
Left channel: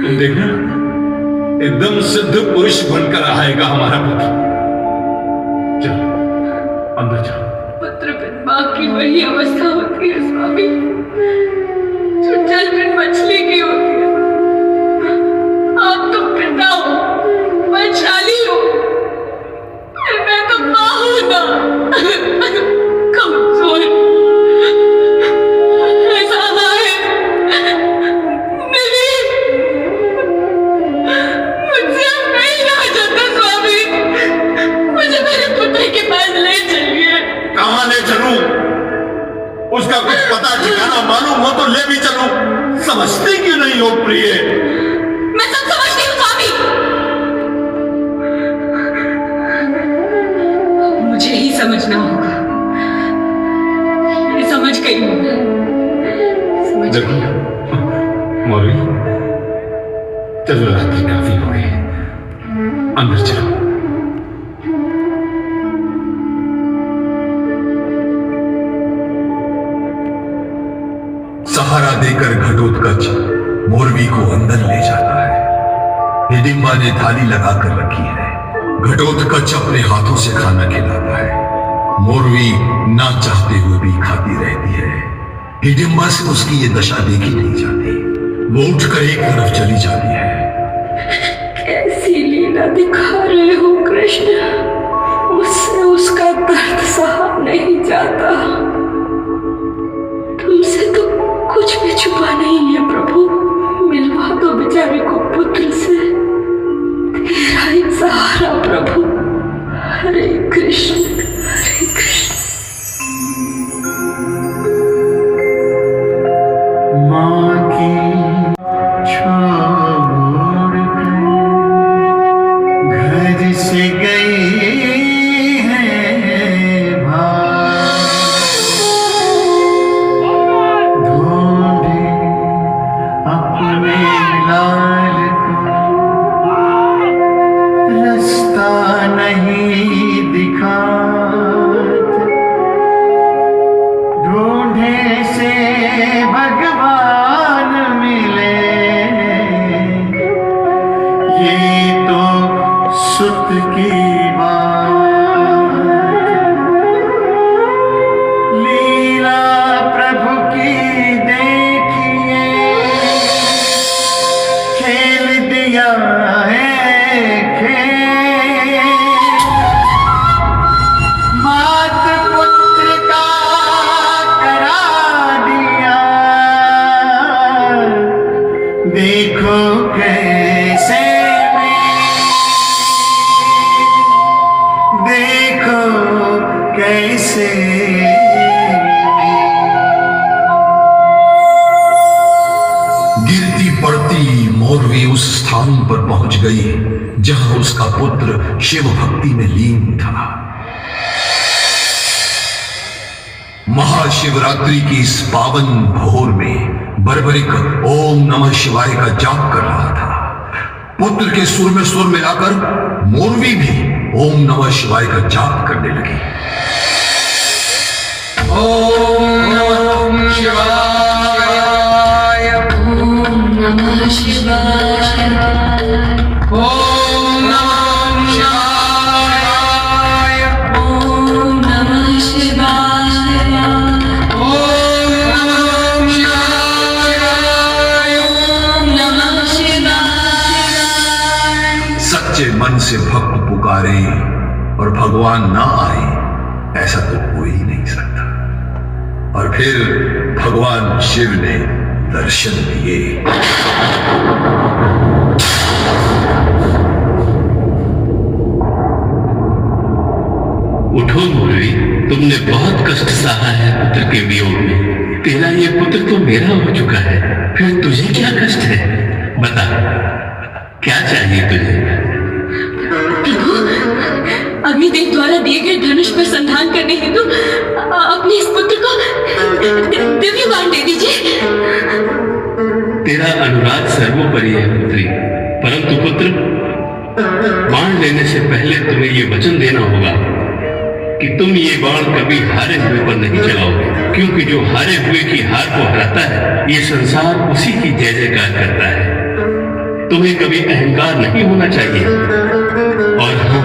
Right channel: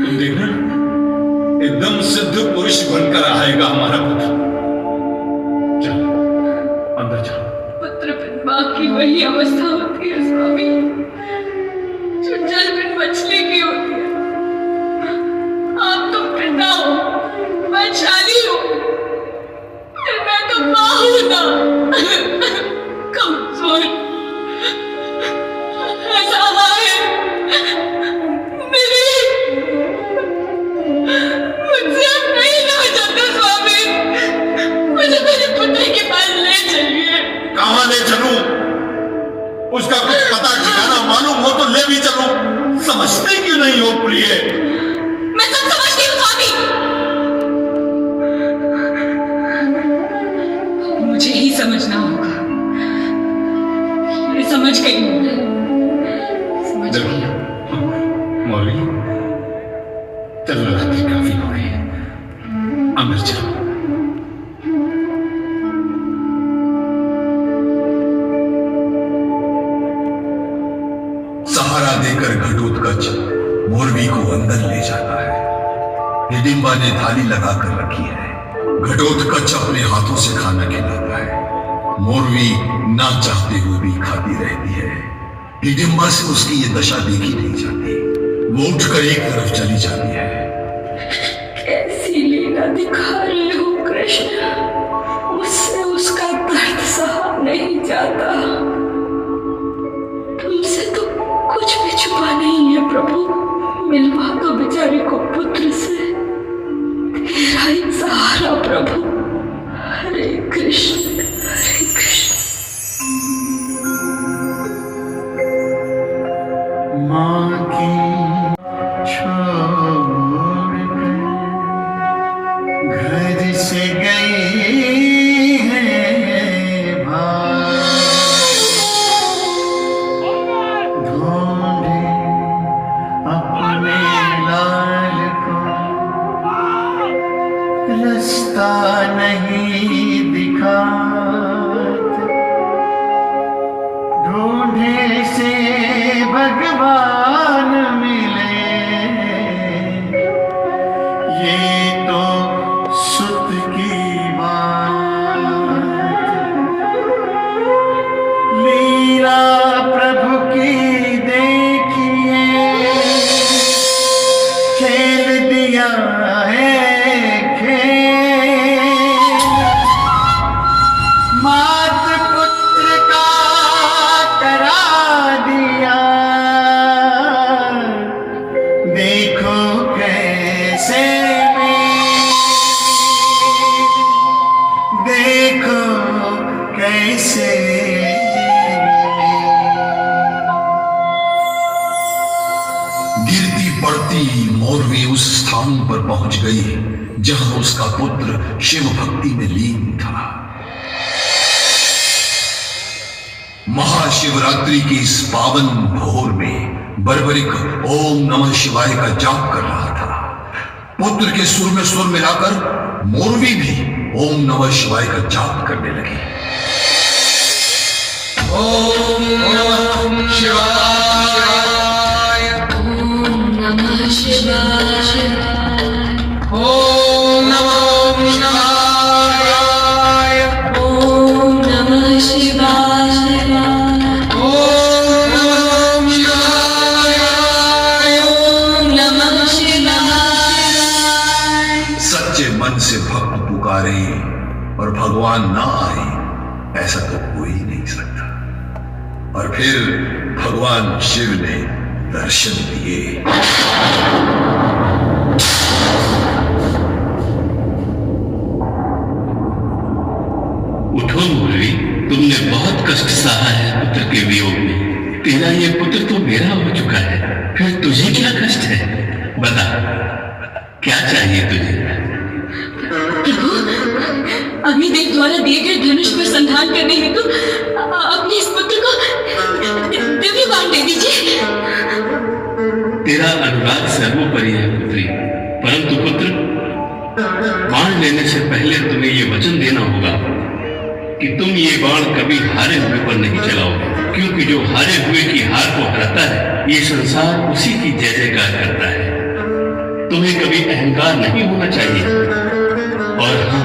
तुम देखना, एकदम सिद्ध पुरुष बनकर आएगा हमारा पुत्र। चलो अंदर चलो। पुत्र बिन मां की वही अवस्था होती है स्वामी, जो जल बिन मछली की होती है। आप तो पिता हो, वैशाली हो, फिर मैं तो मां हूं ना, कमजोर। ऐसा है मेरी, मुझसे नहीं रहा जाता स्वामी, मुझे मेरे पुत्र के पास ले चलिए। कहां ले चलूं? उसका कुछ पता ठिकाना मालूम हो तो ले भी चलूं। समझती क्यों नहीं हो प्रिय? मैं सब समझती हूँ स्वामी, मुझे ही समझना होगा। ये समझ गई हूँ मैं, समझ देखो गई। मौलवी, चलो रात्रि काफी हो गई है, अंदर चलो। सहारा देकर घटोत्कच मोरवी को अंदर ले जाता है। हिडिंबा ने थाली लगाकर रखी है। घटोत्कच अपने हाथों से खाना खिलाता है। मोरवी ना चाहते हुए भी खाती रहती है। हिडिंबा से उसकी ये दशा देखी नहीं जाती। वो उठकर एक तरफ चली जाती है। कैसी लीला दिखा रहे हो कृष्ण, मुझसे उसका दर्द सहा नहीं जाता। तुमसे तो कुछ भी छुपा नहीं है प्रभु, मिलवा दो बेचारे को पुत्र से, तेरा ही सहारा प्रभु। हरे कृष्ण हरे कृष्ण। माँ की छोड़ कर घर से गई है भाग, ढूंढे अपने लाल को, रास्ता नहीं दिखा, ढूंढे से भगवान मिले, ये तो सुत की बात, लीला प्रभु की देखिए, खेल दिया है खेल, मात पुत्र का करा दिया, देखो कैसे देखो कैसे गिरती पड़ती मोरवी उस स्थान पर पहुंच गई जहां उसका पुत्र शिव भक्ति में लीन था। महाशिवरात्रि की इस पावन भोर में बर्बरिक ओम नमः शिवाय का जाप कर रहा था। पुत्र के सुर में सुर मिलाकर मोरवी भी ओम नमः शिवाय का जाप करने लगी। ओम नमः शिवाय, ओम नमः शिवाय, ओम नमः शिवाय, ओम नमः शिवाय, ओम नमः शिवाय। ओम नमः शिवाय। सच्चे मन से भक्त पुकारे और भगवान ना आए, ऐसा तो हो ही नहीं सकता। और फिर भगवान शिव ने दर्शन दिए। उठो मुरली, तुमने बहुत कष्ट सहा है पुत्र के वियोग में। तेरा ये पुत्र तो मेरा हो चुका है, फिर तुझे क्या कष्ट है? बता, क्या चाहिए तुझे? प्रभु, अग्निदेव द्वारा दिए गए धनुष पर संधान करने हेतु अपने इस पुत्र को दिव्य बाण दे दीजिए। तेरा अनुराग सर्वोपरि है पुत्री, परंतु पुत्र, बाण लेने से पहले तुम्हें कि तुम ये बाण कभी हारे हुए पर नहीं चलाओगे, क्योंकि जो हारे हुए की हार को हराता है, ये संसार उसी की जय जयकार करता है। तुम्हें कभी अहंकार नहीं होना चाहिए। और हाँ,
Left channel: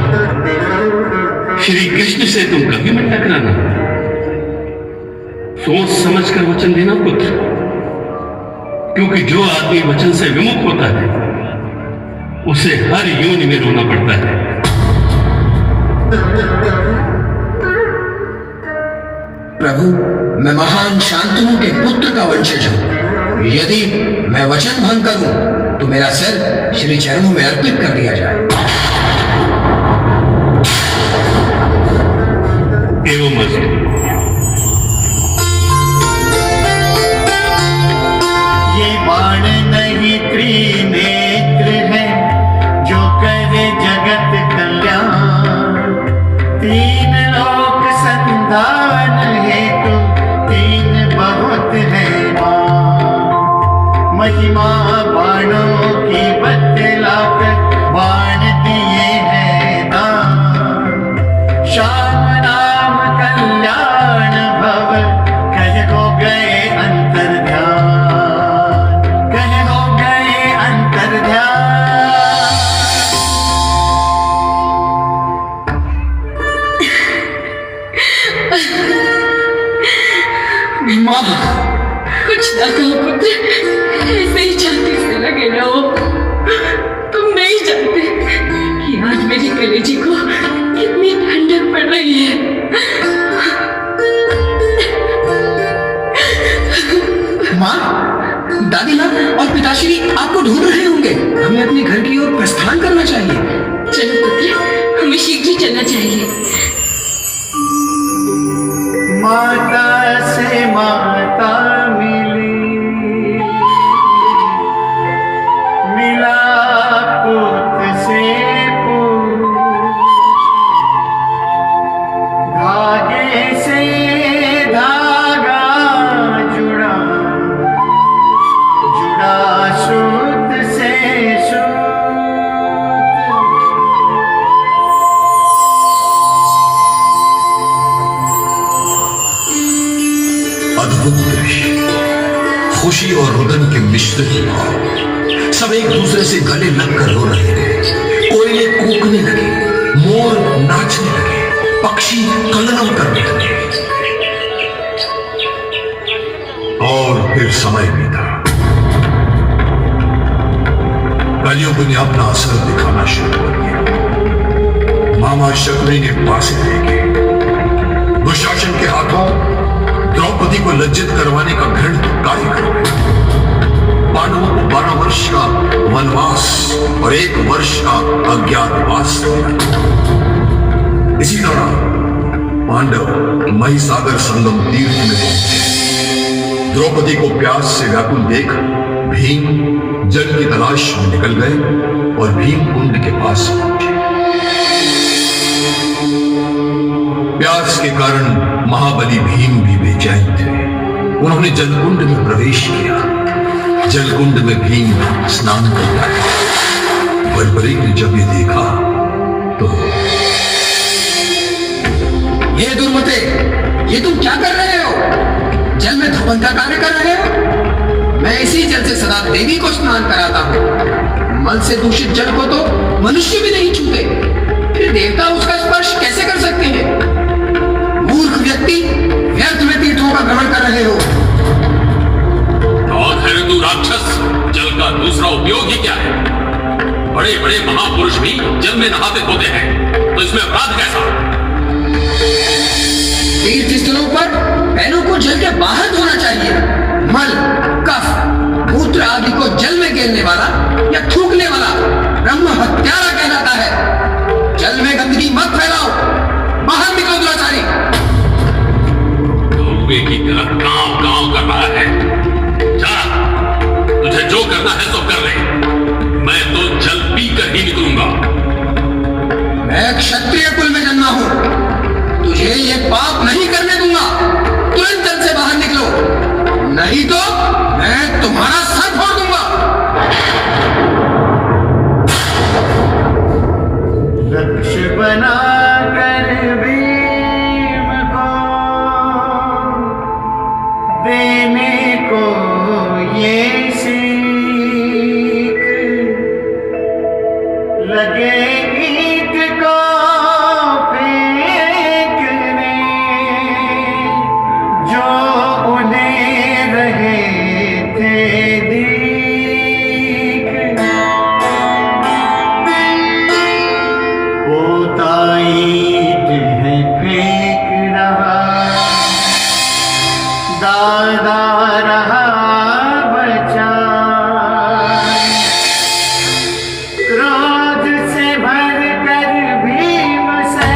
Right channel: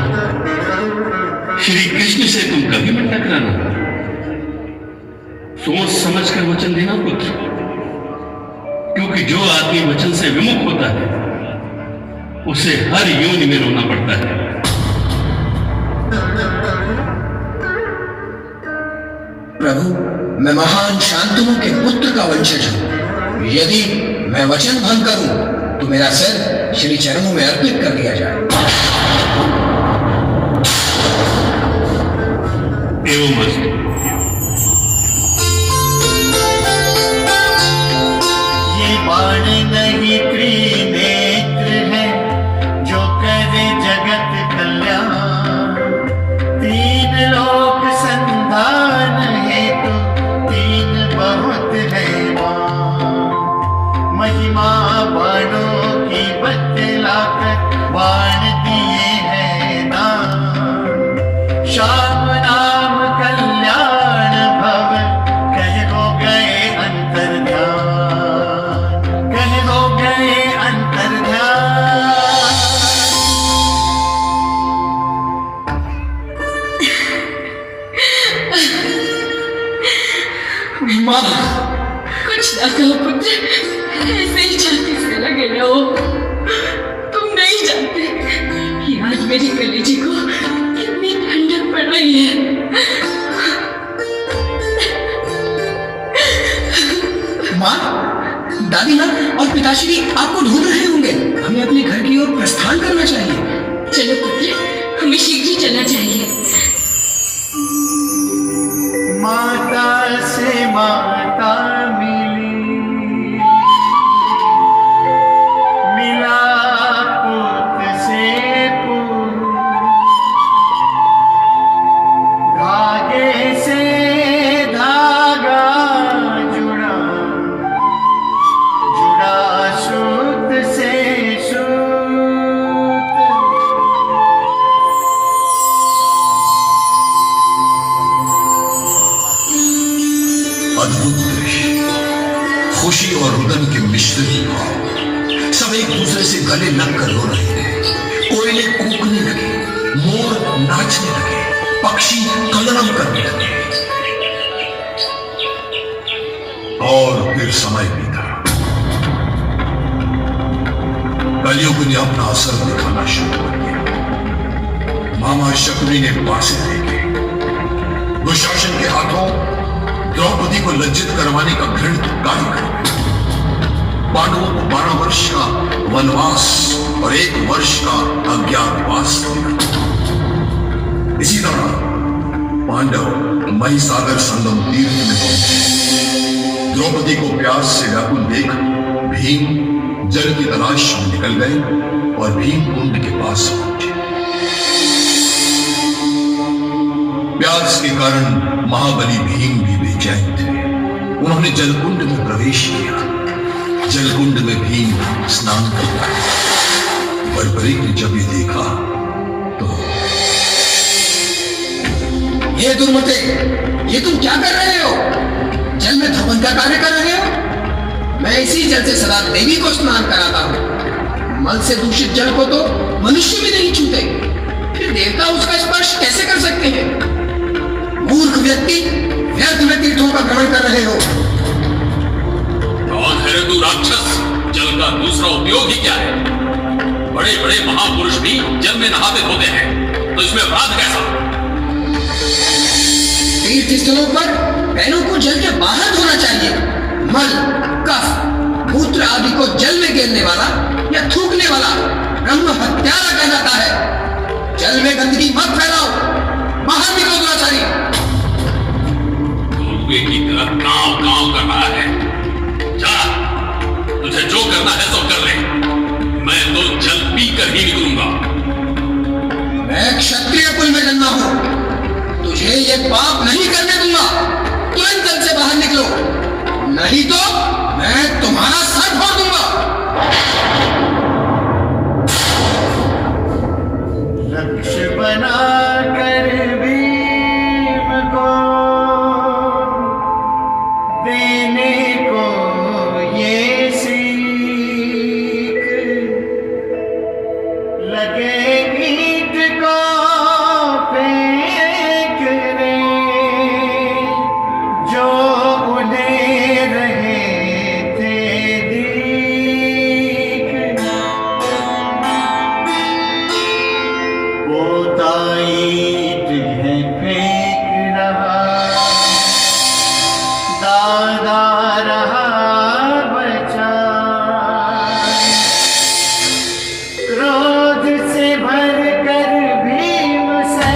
श्री कृष्ण से तुम कभी मत टकराना। सोच समझ कर वचन देना पुत्र, क्योंकि जो आदमी वचन से विमुख होता है उसे हर योनि में रोना पड़ता है। प्रभु, मैं महान शांतनु के पुत्र का वंशज हूं। यदि मैं वचन भंग करूं तो मेरा सिर श्री चरणों में अर्पित कर दिया जाए। एवं मस्तु। ये बाण नहीं त्रिनेत्र है, जो करे जगत कल्याण। तीन लोक संधान हेतु तीन बहुत है मान। महिमा बाणों की बतलाकर बाण दिए हैं दान। श्याम नाम कल्याण भव कह हो गए अंतर्ध्यान, कह हो गए अंतर्ध्यान। माँ, कुछ ना कहो पुत्र, ऐसे ही छाती से लगे रहो। तुम नहीं जानते कि आज मेरी कलेजी को कितनी ठंडक पड़ रही है। माँ, दादी माँ और पिताश्री आपको ढूंढ रहे होंगे। हमें अपने घर की ओर प्रस्थान करना चाहिए। चलो पुत्र, हमें शीघ्र ही चलना चाहिए। माता से माता मिली, मिला पुत्र से पुत्र। धागे से धागा जुड़ा, जुड़ा सूत से सूत। अद्भुत दृश्य, खुशी और रुदन के मिश्रित भाव। सब एक दूसरे से गले लगकर रो रहे थे। कोयले कूकने लगे, मोर नाचने लगे, पक्षी कलरव करने लगे। और फिर समय बीता। कलयुग ने अपना असर दिखाना शुरू कर दिया। मामा शकुनी ने पासे फेंके। दुशासन के हाथों द्रौपदी को लज्जित करवाने का घृणित कार्य करो। पांडवों को 12 वर्ष का वनवास और 1 वर्ष का अज्ञातवास मिला। इसी दौरान पांडव महिसागर संगम तीर्थ में पहुंचे। द्रौपदी को प्यास से व्याकुल देख भीम जल की तलाश में निकल गए और भीम कुंड के पास पहुंचे। प्यास के कारण महाबली भीम भी बेचैन थे। उन्होंने जलकुंड में प्रवेश किया। जलकुंड में भीम स्नान कर रहा था। बर्बरीक ने जब ये देखा तो, ये दुर्मते, ये तुम क्या कर रहे हो? जल में धपन का कार्य कर रहे हो? मैं इसी जल से सदा देवी को स्नान कराता हूँ। मल से दूषित जल को तो मनुष्य भी नहीं छूते, फिर देवता उसका स्पर्श कैसे कर सकते हैं? मूर्ख व्यक्ति, व्यर्थ में तीर्थों का भ्रमण कर रहे हो। कौन है रे तू राक्षस? जल का दूसरा उपयोग ही क्या है? बड़े बड़े महापुरुष भी जल में नहाते धोते हैं, तो इसमें अपराध कैसा? तीर्थ स्थलों पर पैरों को जल के बाहर धोना चाहिए। मल, कफ, मूत्र आदि को जल में गिरने वाला या थूकने वाला ब्रह्म हत्यारा कहलाता है। जल में गंदगी मत फैलाओ, बाहर निकलो दुराचारी। धोखे की तरह गांव कर रहा है। जा, तुझे जो करना है सो कर ले। मैं तो जल पी कर ही निकलूंगा। मैं क्षत्रिय कुल में जन्मा हूं, तुझे ये पाप नहीं करने दूंगा। तुरंत जल से बाहर निकलो, नहीं तो मैं तुम्हारा सर फोड़ दूंगा। लक्ष्य बना कर भी देने को ये सीख लगे ईंट को फेंकने जो उन्हें रहे थे दीख पोता ईंट है फेंक रहा दादा रहा बचा क्रोध से भर कर भीम से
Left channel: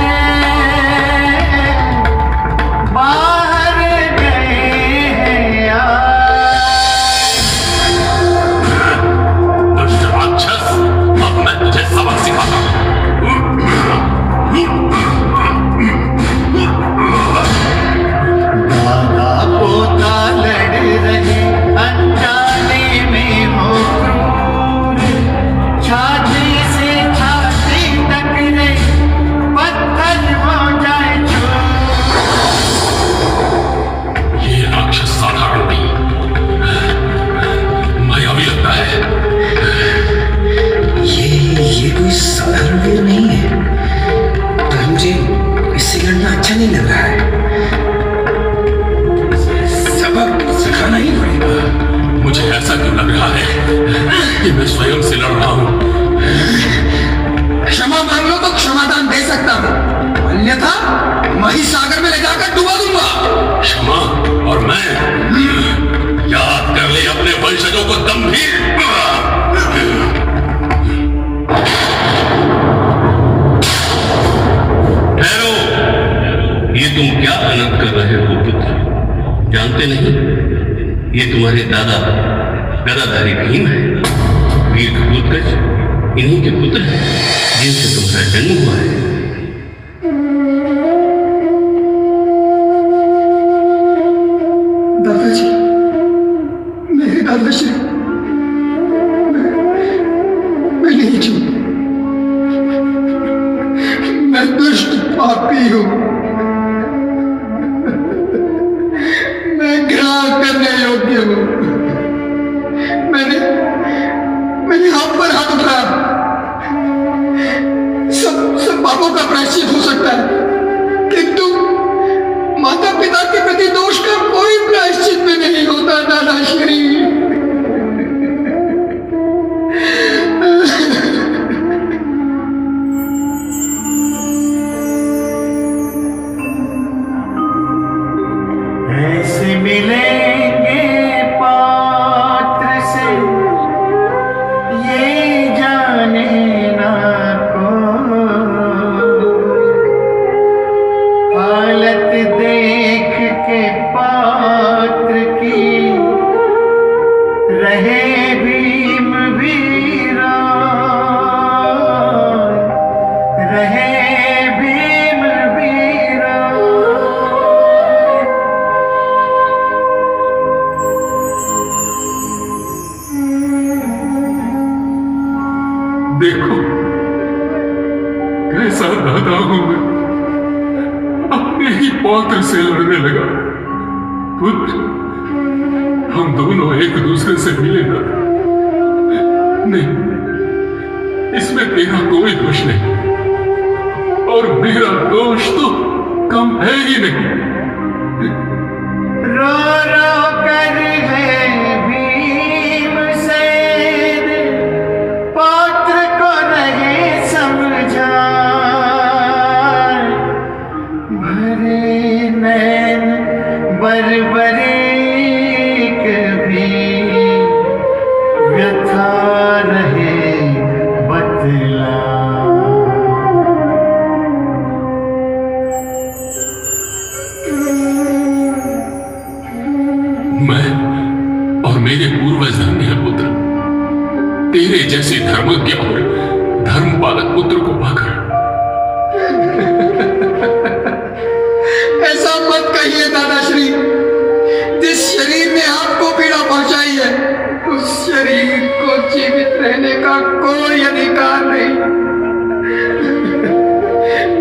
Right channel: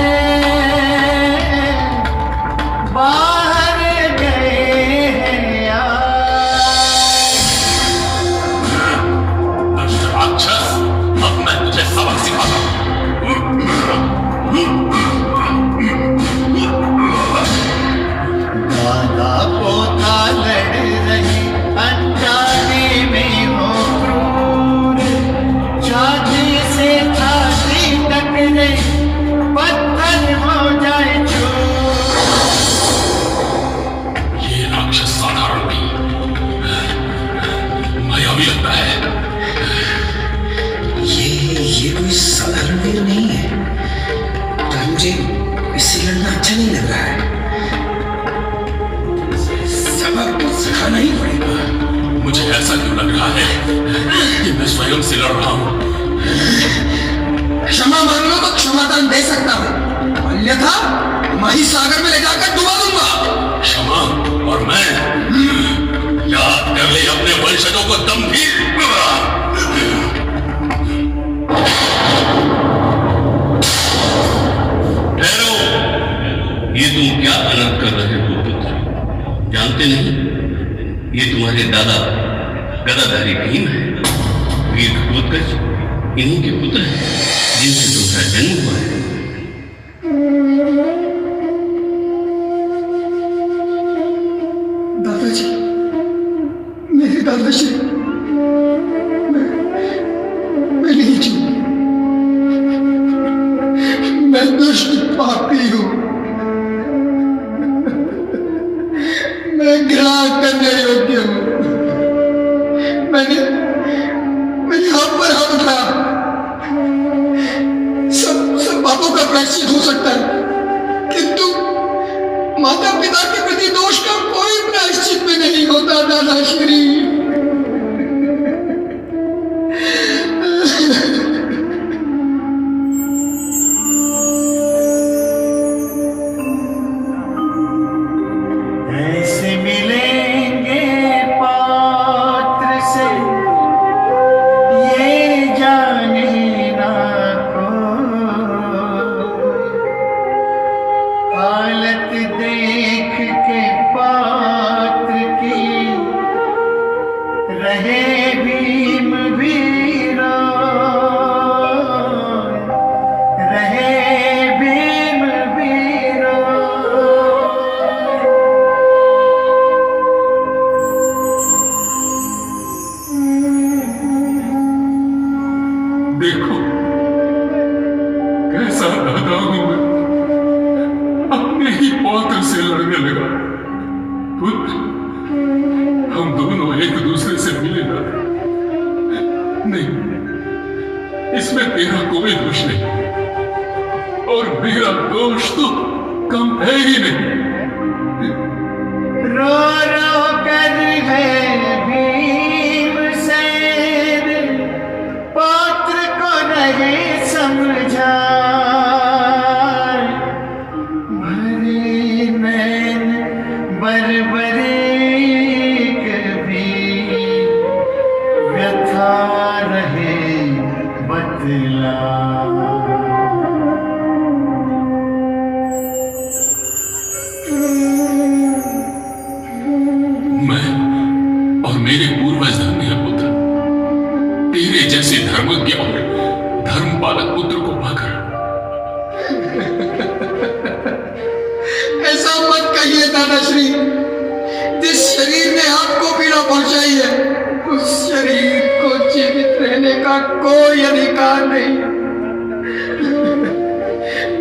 बाहर गए हैं दुष्ट राक्षस, अब मैं तुझे सबक सिखाता हूँ। दादा पोता लड़ रहे अनजाने में हो क्रूर छाती से छाती टकरे पत्थर हो जाए चूर ये राक्षस साधारण नहीं, मायावी लगता है। ये कोई साधारण वीर नहीं है, पर मुझे इससे लड़ना अच्छा नहीं लग रहा है। सबक सिखाना ही पड़ेगा। मुझे ऐसा क्यों लग रहा है कि मैं स्वयं से लड़ रहा हूँ? क्षमा मांग लो तो क्षमादान दे सकता हूँ, अन्यथा महिसागर में ले जाकर डुबा दूंगा। क्षमा और मैं, याद कर ले अपने वंशजों को गंभीर। ठहरो, ये तुम क्या अनर्थ कर रहे हो पुत्र? जानते नहीं, ये तुम्हारे दादा गदाधारी भीम है, वीर घटोत्कच इन्हीं के पुत्र हैं जिनसे तुम्हारा जन्म हुआ है। दादाजी, मेरे दादाजी, मैं नहीं चूक, मैं दुष्ट पापी हूँ, मैं घृणा करने योग्य हूँ। मैंने हाथ पर हाथ उठाया, सब पापों का प्रायश्चित हो सकता है, किंतु माता पिता के प्रति दोष का कोई प्रायश्चित भी नहीं होता दादाश्री। ऐसे मिलेंगे पात्र से ये जाने ना कोई हालत देख के पात्र की रहे भीम भी रोए, रहे भीम भी रोए। देखो कैसा दादा हूं मैं, अपने ही पौत्र से लड़ने लगा। पुत्र, हम दोनों एक दूसरे से मिले ना? नहीं, इसमें तेरा कोई दोष नहीं, और मेरा दोष तो कम है ही नहीं। रो रो कर है भीमसेन पौत्र को रहे समझाए, भरे नैन बरबरीक भी व्यथा रहे बतला। मैं और मेरे पूर्वज धन्य हैं पुत्र, तेरे जैसे धर्मज्ञ और धर्म पालक पुत्र को पाकर। ऐसा मत कहिए दादाश्री, जिस शरीर ने आपको पीड़ा पहुंचाई है उस शरीर को जीवित रहने का कोई अधिकार नहीं।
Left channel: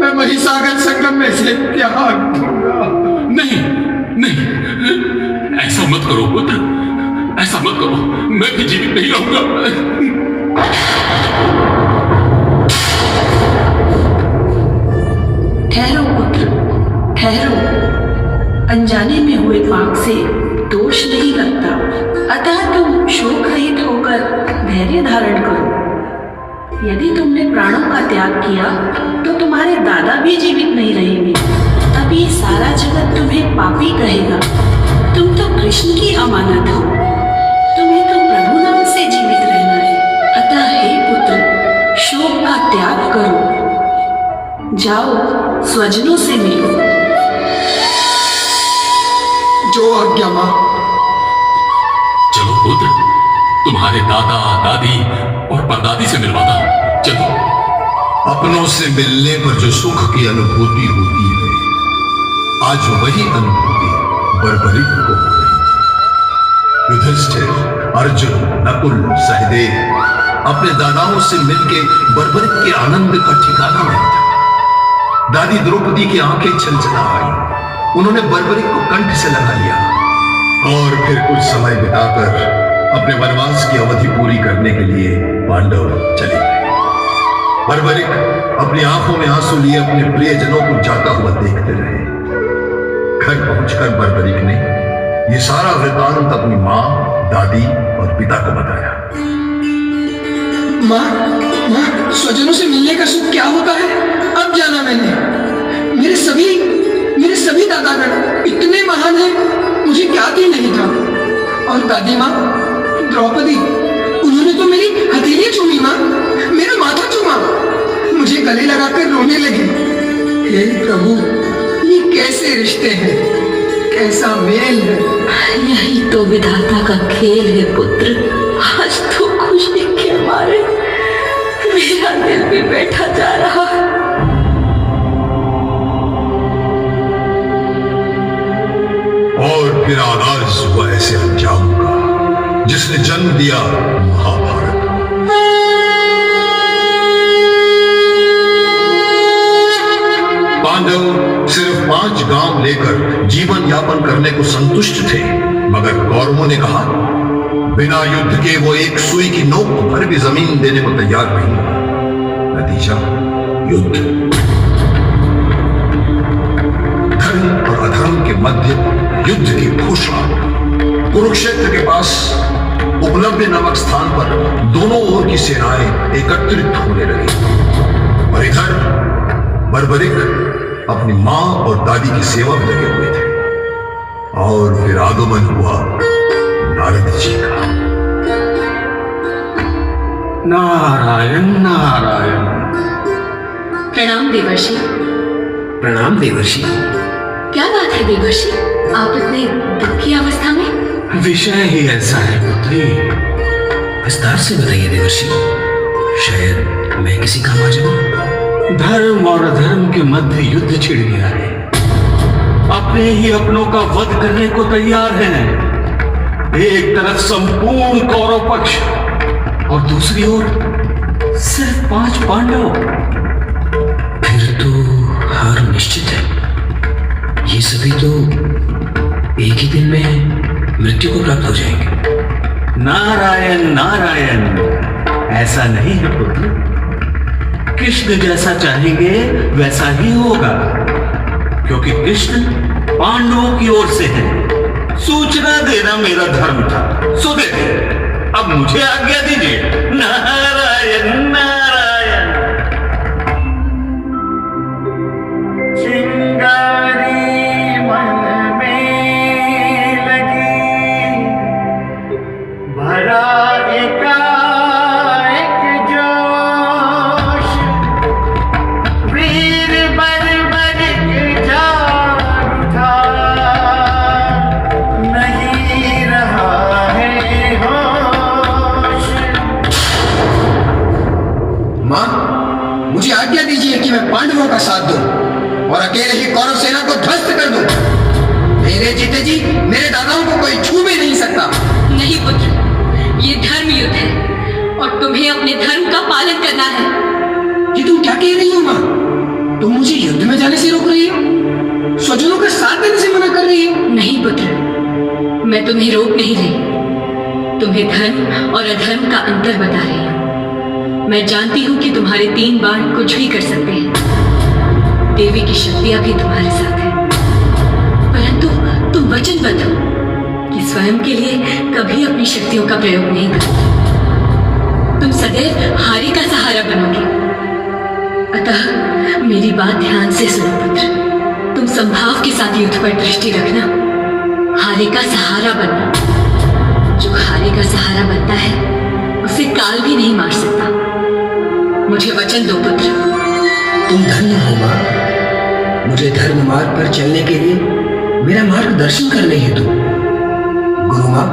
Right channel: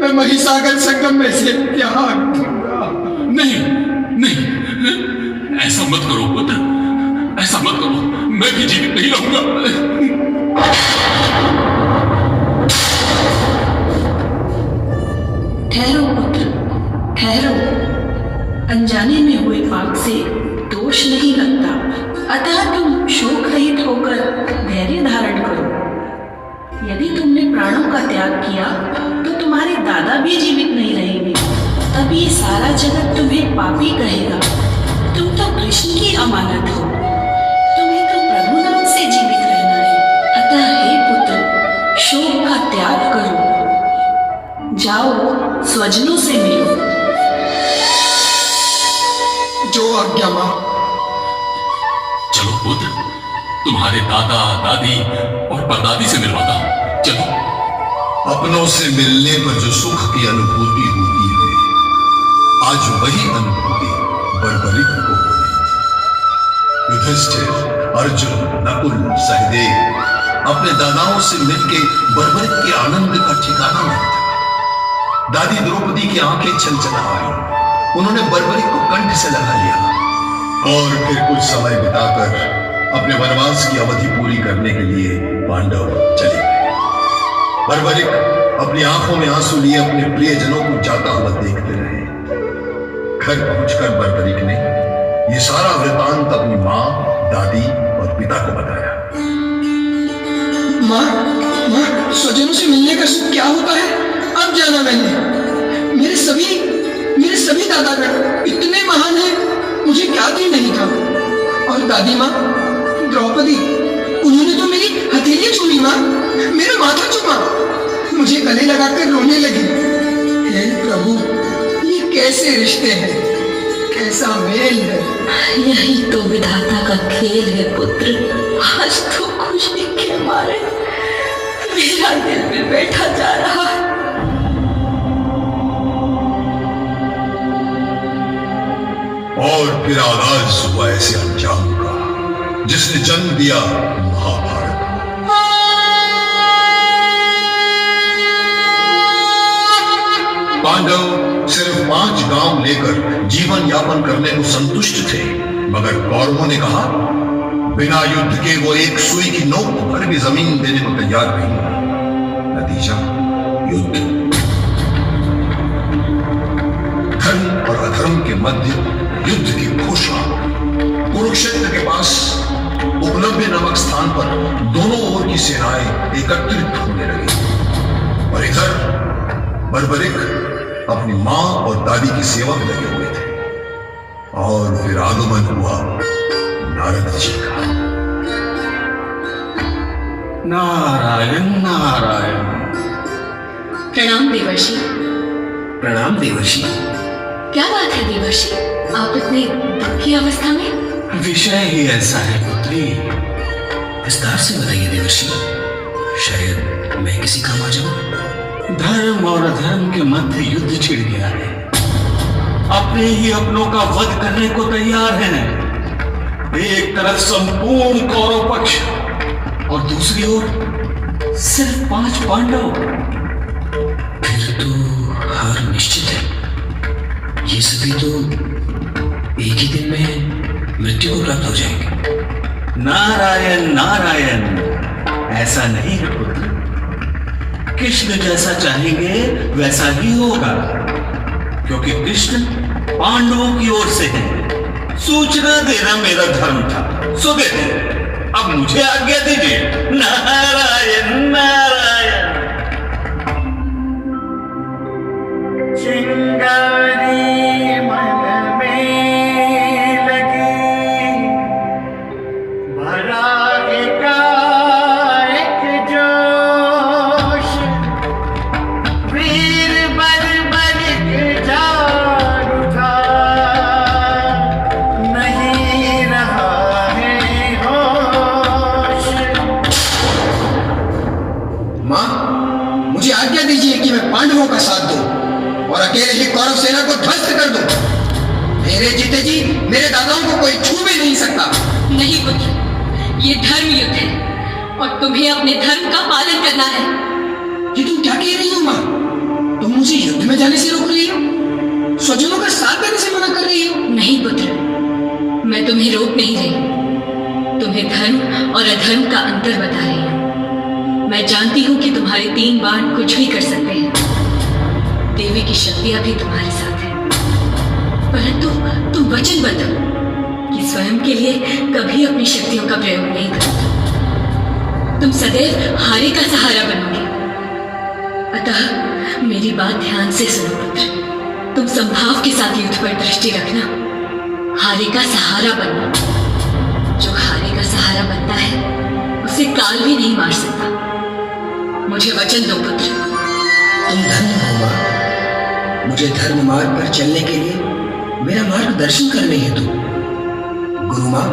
मैं महिसागर संगम में से त्याग दूंगा। नहीं नहीं, ऐसा ऐसा मत करो पुत्र, ऐसा मत करो, मैं भी जीवित नहीं रहूंगा। ठहरो पुत्र, ठहरो। अनजाने में हुए पाप से दोष नहीं लगता, अतः तुम शोक रहित होकर धैर्य धारण करो। यदि तुमने प्राणों का त्याग किया तो तुम्हारे दादा भी जीवित नहीं रहेंगे, तब ये सारा जगत तुम्हें पापी कहेगा। तुम तो कृष्ण की अमानत हो, तुम्हें तो प्रभु नाम से जीवित रहना है। अतः हे पुत्र, शोक का त्याग करो, जाओ स्वजनों से मिलो। जो आज्ञा मां। चलो पुत्र, तुम्हारे दादा दादी और परदादी से मिलवाता हूं, चलो। अपनों से मिलने पर जो सुख की अनुभूति होती है, आज वही अनुभूति बर्बरिक को हो रही थी। युधिष्ठिर, अर्जुन, नकुल, सहदेव अपने दादाओं से मिलके बर्बरिक के आनंद का ठिकाना नहीं था। दादी द्रौपदी की आंखें छलछला आई, उन्होंने बर्बरिक को कंठ से लगा लिया और फिर कुछ समय बिताकर अपने वनवास की अवधि पूरी करने के लिए पांडव चले गए। बर्बरिक अपनी आंखों में आंसू लिए अपने प्रियजनों को जाता हुआ देखते रहे। घर पहुंचकर बर्बरिक ने यह सारा वृतांत अपनी मां, दादी और पिता को बताया। मां, स्वजनों से मिलने का सुख क्या होता है अब जाना मैंने। मेरे सभी दादागण इतने महान हैं, मुझे ज्ञात ही नहीं था। और दादी माँ द्रौपदी, उन्होंने तो मेरी हथेली चूमी माँ, मेरा माथा चूमा, मुझे गले लगाकर रोने लगी। हे प्रभु, ये कैसे रिश्ते हैं, कैसा मेल है। यही तो विधाता का खेल है पुत्र। आज तो खुशी के मारे मेरा दिल भी बैठा जा रहा है। और फिर आगाज हुआ ऐसे अंजाम का जिसने जन्म दिया महाभारत। पांडव सिर्फ 5 गांव लेकर जीवन यापन करने को संतुष्ट थे, मगर कौरवों ने कहा बिना युद्ध के वो एक सुई की नोक भर भी जमीन देने को तैयार नहीं। नतीजा युद्ध। धर्म और अधर्म के मध्य युद्ध की घोषणा। कुरुक्षेत्र के पास उपलब्ध नामक स्थान पर दोनों ओर की सेनाएं एकत्रित होने लगी और इधर बर्बरिक अपनी मां और दादी की सेवा में लगे हुए थे। और फिर आगमन हुआ नारद जी का। नारायण नारायण। प्रणाम देवर्षि। प्रणाम देवर्षि। क्या बात है देवर्षि, आप इतने दुख की अवस्था में? विषय ही ऐसा है पुत्री। विस्तार से बताइए देवर्षि, शायद मैं किसी काम आ जाऊं। धर्म और अधर्म के मध्य युद्ध छिड़ गया है। अपने ही अपनों का वध करने को तैयार हैं। एक तरफ संपूर्ण कौरव पक्ष और दूसरी ओर सिर्फ 5 पांडव। फिर तो हार निश्चित है। ये सभी तो एक ही दिन में मृत्यु को प्राप्त हो जाएंगे। नारायण नारायण, ऐसा नहीं है पुत्र। कृष्ण जैसा चाहेंगे वैसा ही होगा, क्योंकि कृष्ण पांडवों की ओर से है। सूचना देना मेरा धर्म था, सो दे दे। अब मुझे आज्ञा दीजिए। नारायण नारायण। चिंगारी मन में लगी, भरा एकाएक जोश, वीर बर्बरिक जाग उठा, नहीं रहा है होश। मां, मुझे आज्ञा दीजिए कि मैं पांडवों का साथ दूं और अकेले ही कौरव सेना को ध्वस्त कर दूं। मेरे जीते जी मेरे दादाओं को कोई छू भी नहीं सकता। नहीं पुत्र, ये धर्म युद्ध है और तुम्हें अपने धर्म का पालन करना है। ये तुम क्या कह रही हो मां? तुम मुझे युद्ध में जाने से रोक रही हो, स्वजनों का साथ देने से मना कर रही हो। नहीं पुत्र, मैं तुम्हें तुम्हें रोक नहीं रही, तुम्हें धर्म और अधर्म का अंतर बता रही हूं। मैं जानती हूं कि तुम्हारे 3 बाण कुछ भी कर सकते हैं, देवी की शक्तियां भी तुम्हारे साथ हैं, परंतु तुम वचनबद्ध हो कि स्वयं के लिए कभी अपनी शक्तियों का प्रयोग नहीं करोगे। तुम सदैव हारे का सहारा बनोगे। अतः मेरी बात ध्यान से सुनो पुत्र, तुम संभाव के साथ युद्ध पर दृष्टि रखना, हारे का सहारा बनना। जो हारे का सहारा बनता है उसे काल भी नहीं मार सकता। मुझे वचन दो पुत्र। तुम धन्य हो मां, मुझे धर्म मार्ग पर चलने के लिए मेरा मार्गदर्शन करने हेतु। गुरु मां,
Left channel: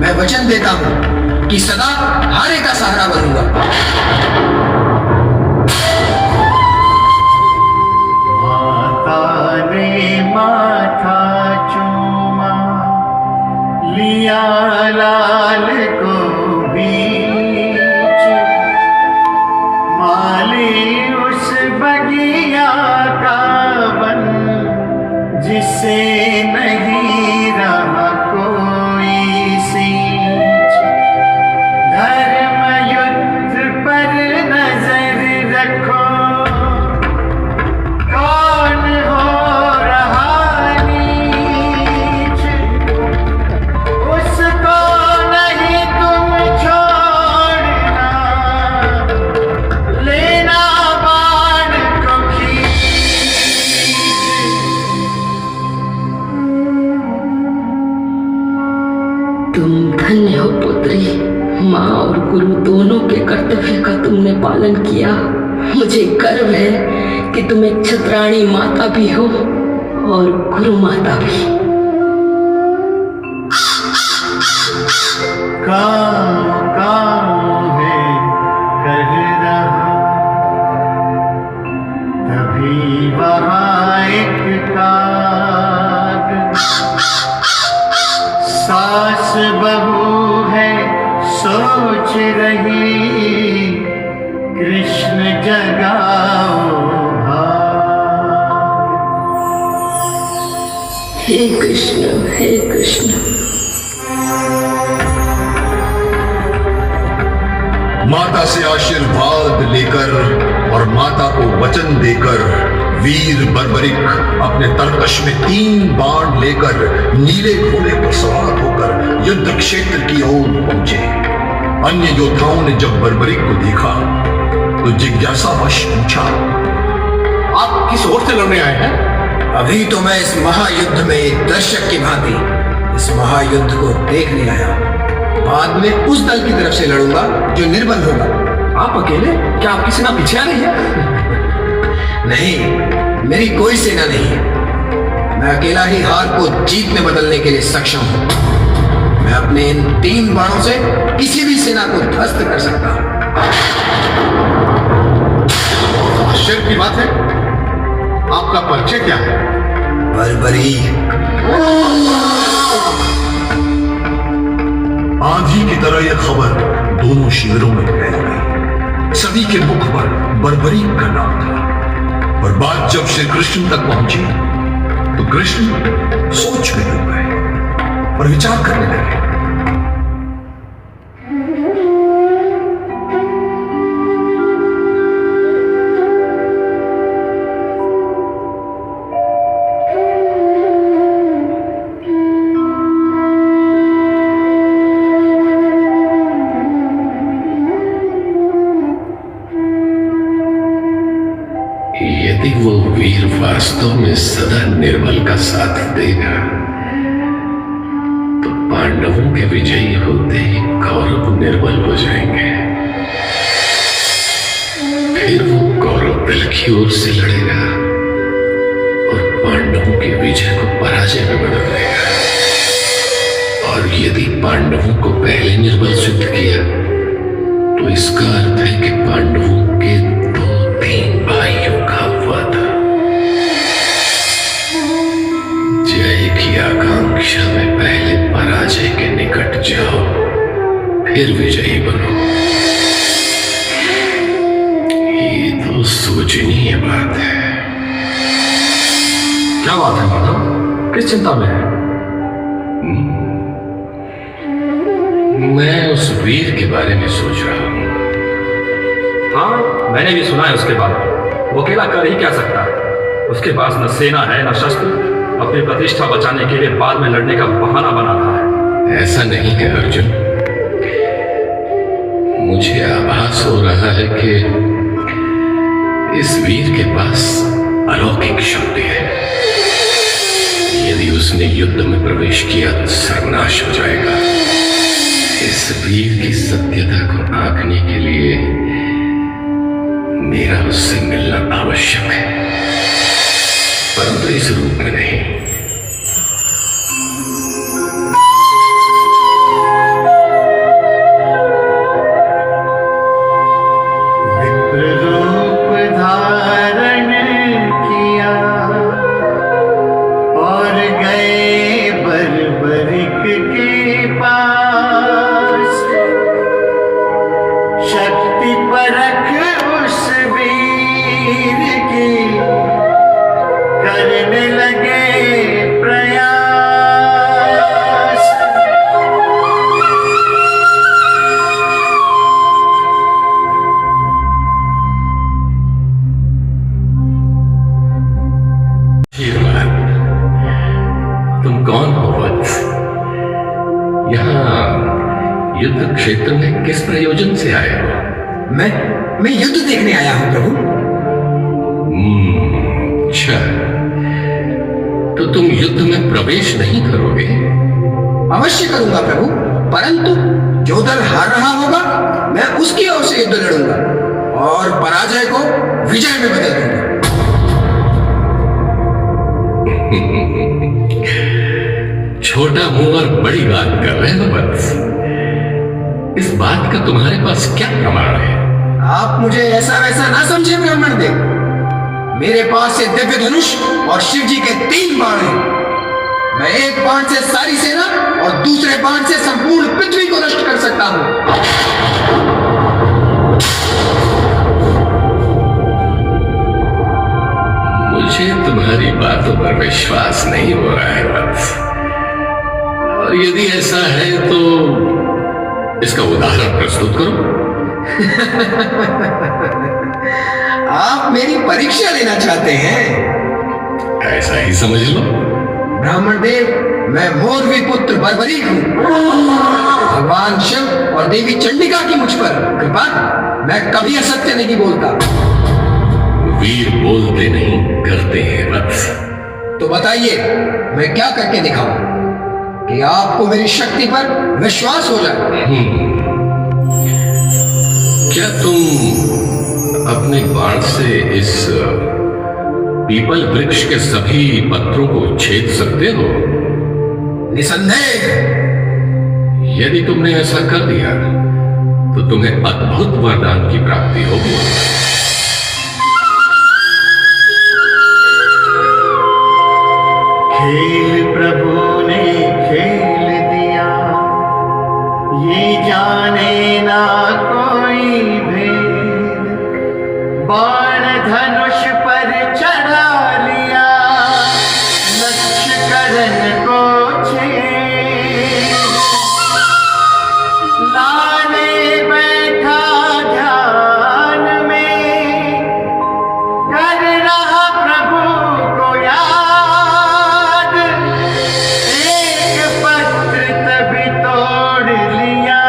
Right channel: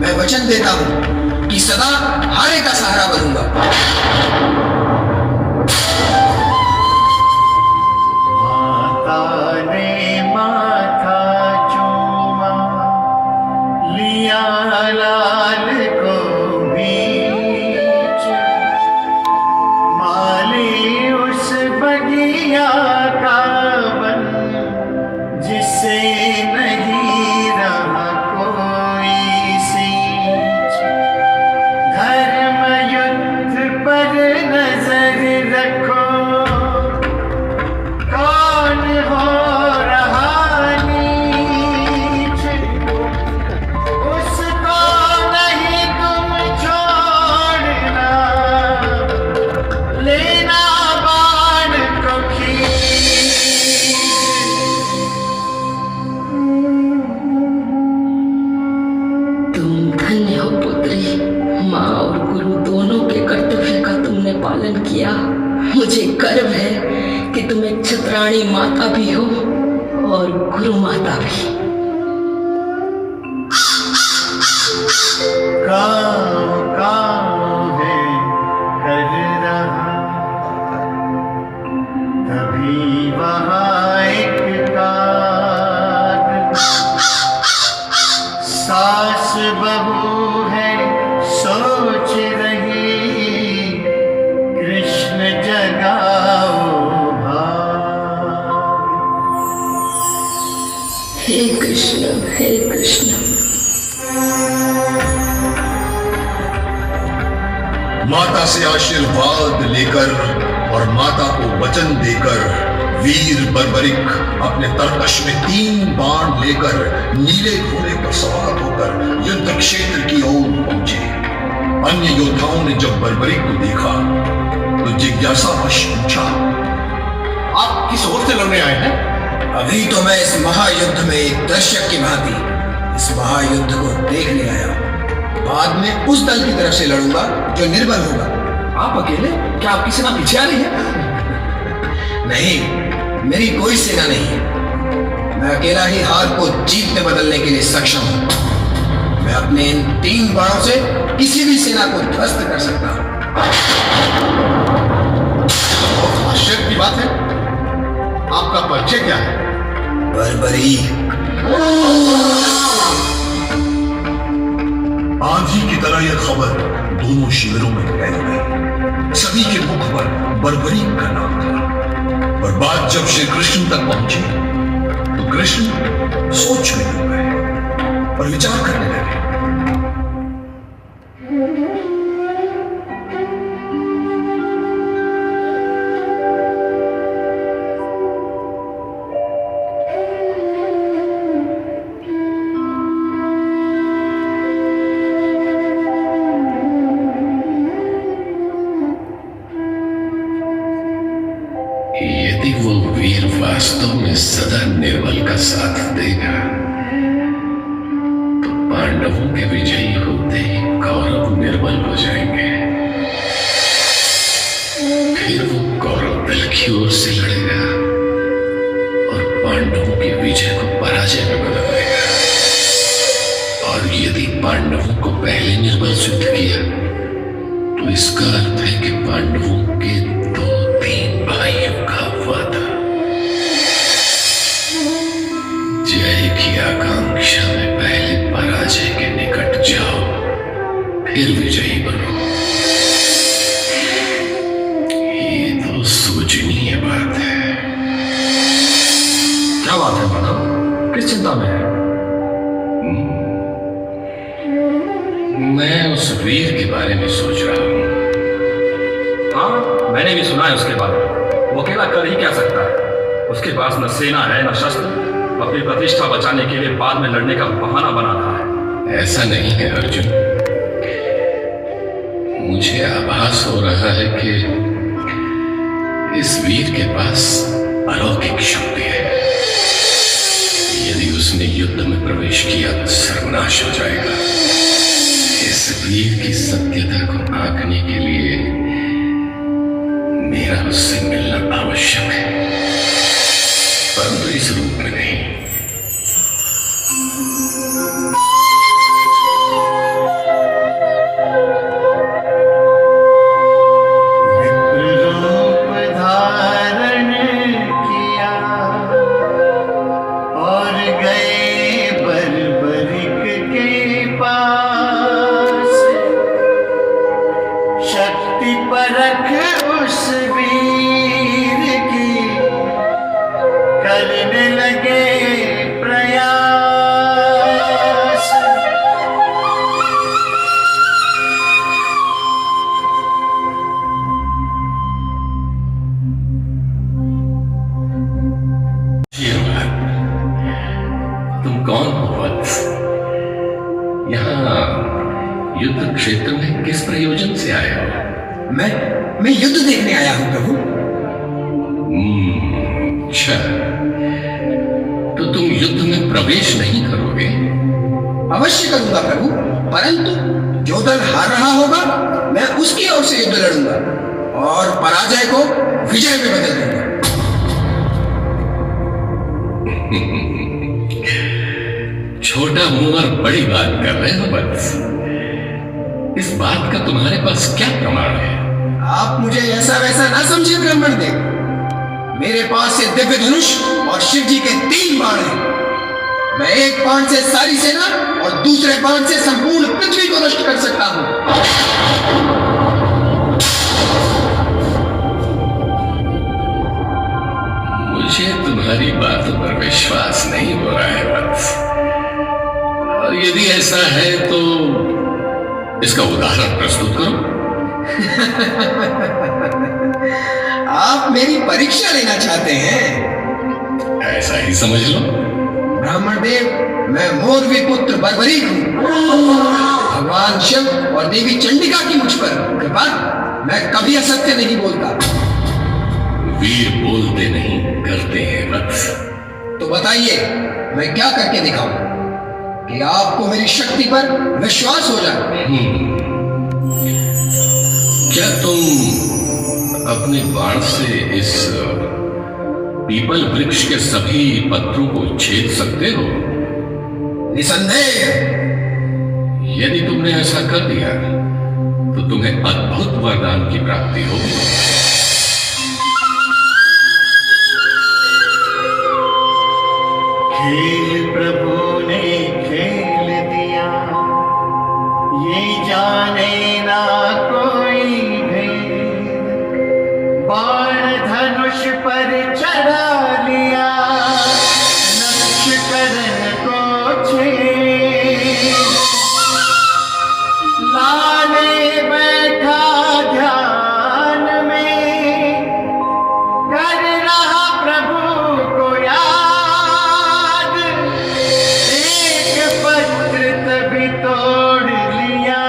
मैं वचन देता हूं कि सदा हारे का सहारा बनूंगा। माता ने माथा चूमा, लिया लाल को बीच, माली उस बगिया का बन जिसे नहीं रहा कोई सींच। धर्म युद्ध पर नजर रखो, कौन हो रहा नीच, उसको नहीं तुम छोड़ना, लेना बाण को खींच। तुम धन्य हो पुत्री, माँ और गुरु दोनों के कर्तव्य का तुमने पालन किया। मुझे गर्व है कि तुम एक छत्राणी माता भी हो और गुरु माता भी। गाँव है कर रहा, तभी वहाँ एक काग, सास बहू है सोच रही, कृष्ण जगाओ भाग। हे कृष्ण, हे कृष्ण। माता से आशीर्वाद लेकर और माता को वचन देकर वीर बर्बरिक अपने तरकश में 3 बाण लेकर नीले घोड़े पर सवार होकर युद्ध क्षेत्र की ओर पहुंचे। अन्य योद्धाओं ने जब बर्बरिक को देखा तो जिज्ञासावश पूछा, आप किस ओर से लड़ने आए हैं? अभी तो मैं इस महायुद्ध में एक दर्शक की भांति इस महायुद्ध को देखने आया। बाद में उस दल की तरफ से लड़ूंगा जो निर्बल होगा। आप अकेले? क्या आपकी सेना पीछे आ रही है? नहीं, मेरी कोई सेना नहीं है। मैं अकेला ही हार को जीत में बदलने के लिए सक्षम हूं। मैं अपने इन 3 बाणों से किसी भी सेना को ध्वस्त कर सकता हूं। आश्चर्य की बात है, आपका परिचय क्या है? बर्बरी। आंधी की तरह यह खबर दोनों शिविरों में फैल गई। सभी के मुख पर बर्बरी का नाम था। और बात जब श्री कृष्ण तक पहुंची तो कृष्ण सोच में डूब गए और विचार करने लगे। यदि वो वीर वास्तव में सदा निर्बल का साथ देगा तो पांडवों के विजयी होते ही कौरव निर्बल हो जाएंगे। फिर वो कौरव दल की ओर से लड़ेगा और पांडवों की विजय को पराजय में बदल देगा। और यदि पांडवों को पहले निर्बल सिद्ध किया तो इसका अर्थ है कि पांडवों के 2-3 भाइयों का वादा। जय की आकांक्षा में पहले पराजय के निकट जाओ, फिर विजयी बनो। ये तो सोचनीय बात है। क्या बात है माधव, किस चिंता में है? मैं उस वीर के बारे में सोच रहा हूँ। हाँ, मैंने भी सुना है उसके बारे। वो अकेला कर ही क्या सकता है? उसके पास न सेना है न शस्त्र। अपनी प्रतिष्ठा बचाने के लिए बाद में लड़ने का बहाना बना रहा है। ऐसा नहीं है अर्जुन, मुझे आभास हो रहा है कि इस वीर के पास अलौकिक शक्ति है। यदि उसने युद्ध में प्रवेश किया तो सर्वनाश हो जाएगा। इस वीर की सत्यता को आंकने के लिए मेरा उससे मिलना आवश्यक है, परंतु इस रूप में नहीं। रूप धारण किया और गए बर्बरिक के पास। शक्ति परख उस वीर की करने लगे प्रयास। तुम कौन हो वत्स? यहाँ युद्ध क्षेत्र में किस प्रयोजन से आए हो? मैं युद्ध देखने आया हूं प्रभु। अच्छा, तो तुम युद्ध में प्रवेश नहीं करोगे? अवश्य करूंगा प्रभु, परंतु जो दल हार रहा होगा मैं उसकी ओर से युद्ध लड़ूंगा और पराजय को विजय में बदल दूंगा। छोटा मुंह और बड़ी बात कर रहे हो वत्स। इस बात का तुम्हारे पास क्या प्रमाण है? आप मुझे ऐसा वैसा ना समझे ब्राह्मण देव। मेरे पास एक दिव्य धनुष और शिव जी के 3 बाण हैं। मैं एक बाण से सारी सेना और दूसरे बाण से संपूर्ण पृथ्वी को नष्ट कर सकता हूं। मुझे तुम्हारी बातों पर विश्वास नहीं हो रहा है वत्स। और यदि ऐसा है तो इसका उदाहरण प्रस्तुत करो। आप मेरी परीक्षा लेना चाहते हैं? ऐसा ही समझ लो। ब्राह्मण देव, मैं मोरवी पुत्र बर्बरीक हूं। भगवान शिव और देवी चंडिका की मुझ पर कृपा। मैं कभी असत्य नहीं बोलता। वीर बोलते नहीं, करते हैं वत्स। तो बताइए, मैं क्या करके दिखाऊं कि आपको मेरी शक्ति पर विश्वास हो जाए? क्या तुम अपने बाण से इस पीपल वृक्ष के सभी पत्रों को छेद सकते हो? निसंदेह। यदि तुमने ऐसा कर दिया तो तुम्हें अद्भुत वरदान की प्राप्ति होगी। खेल प्रभु ने खेल दिया, ये जाने ना कोई भेद। बाण धनुष पर चढ़ा लिया, लक्ष्य करण को छेद। लाने बैठा ध्यान में, कर रहा प्रभु को याद। एक पत्र तभी तोड़ लिया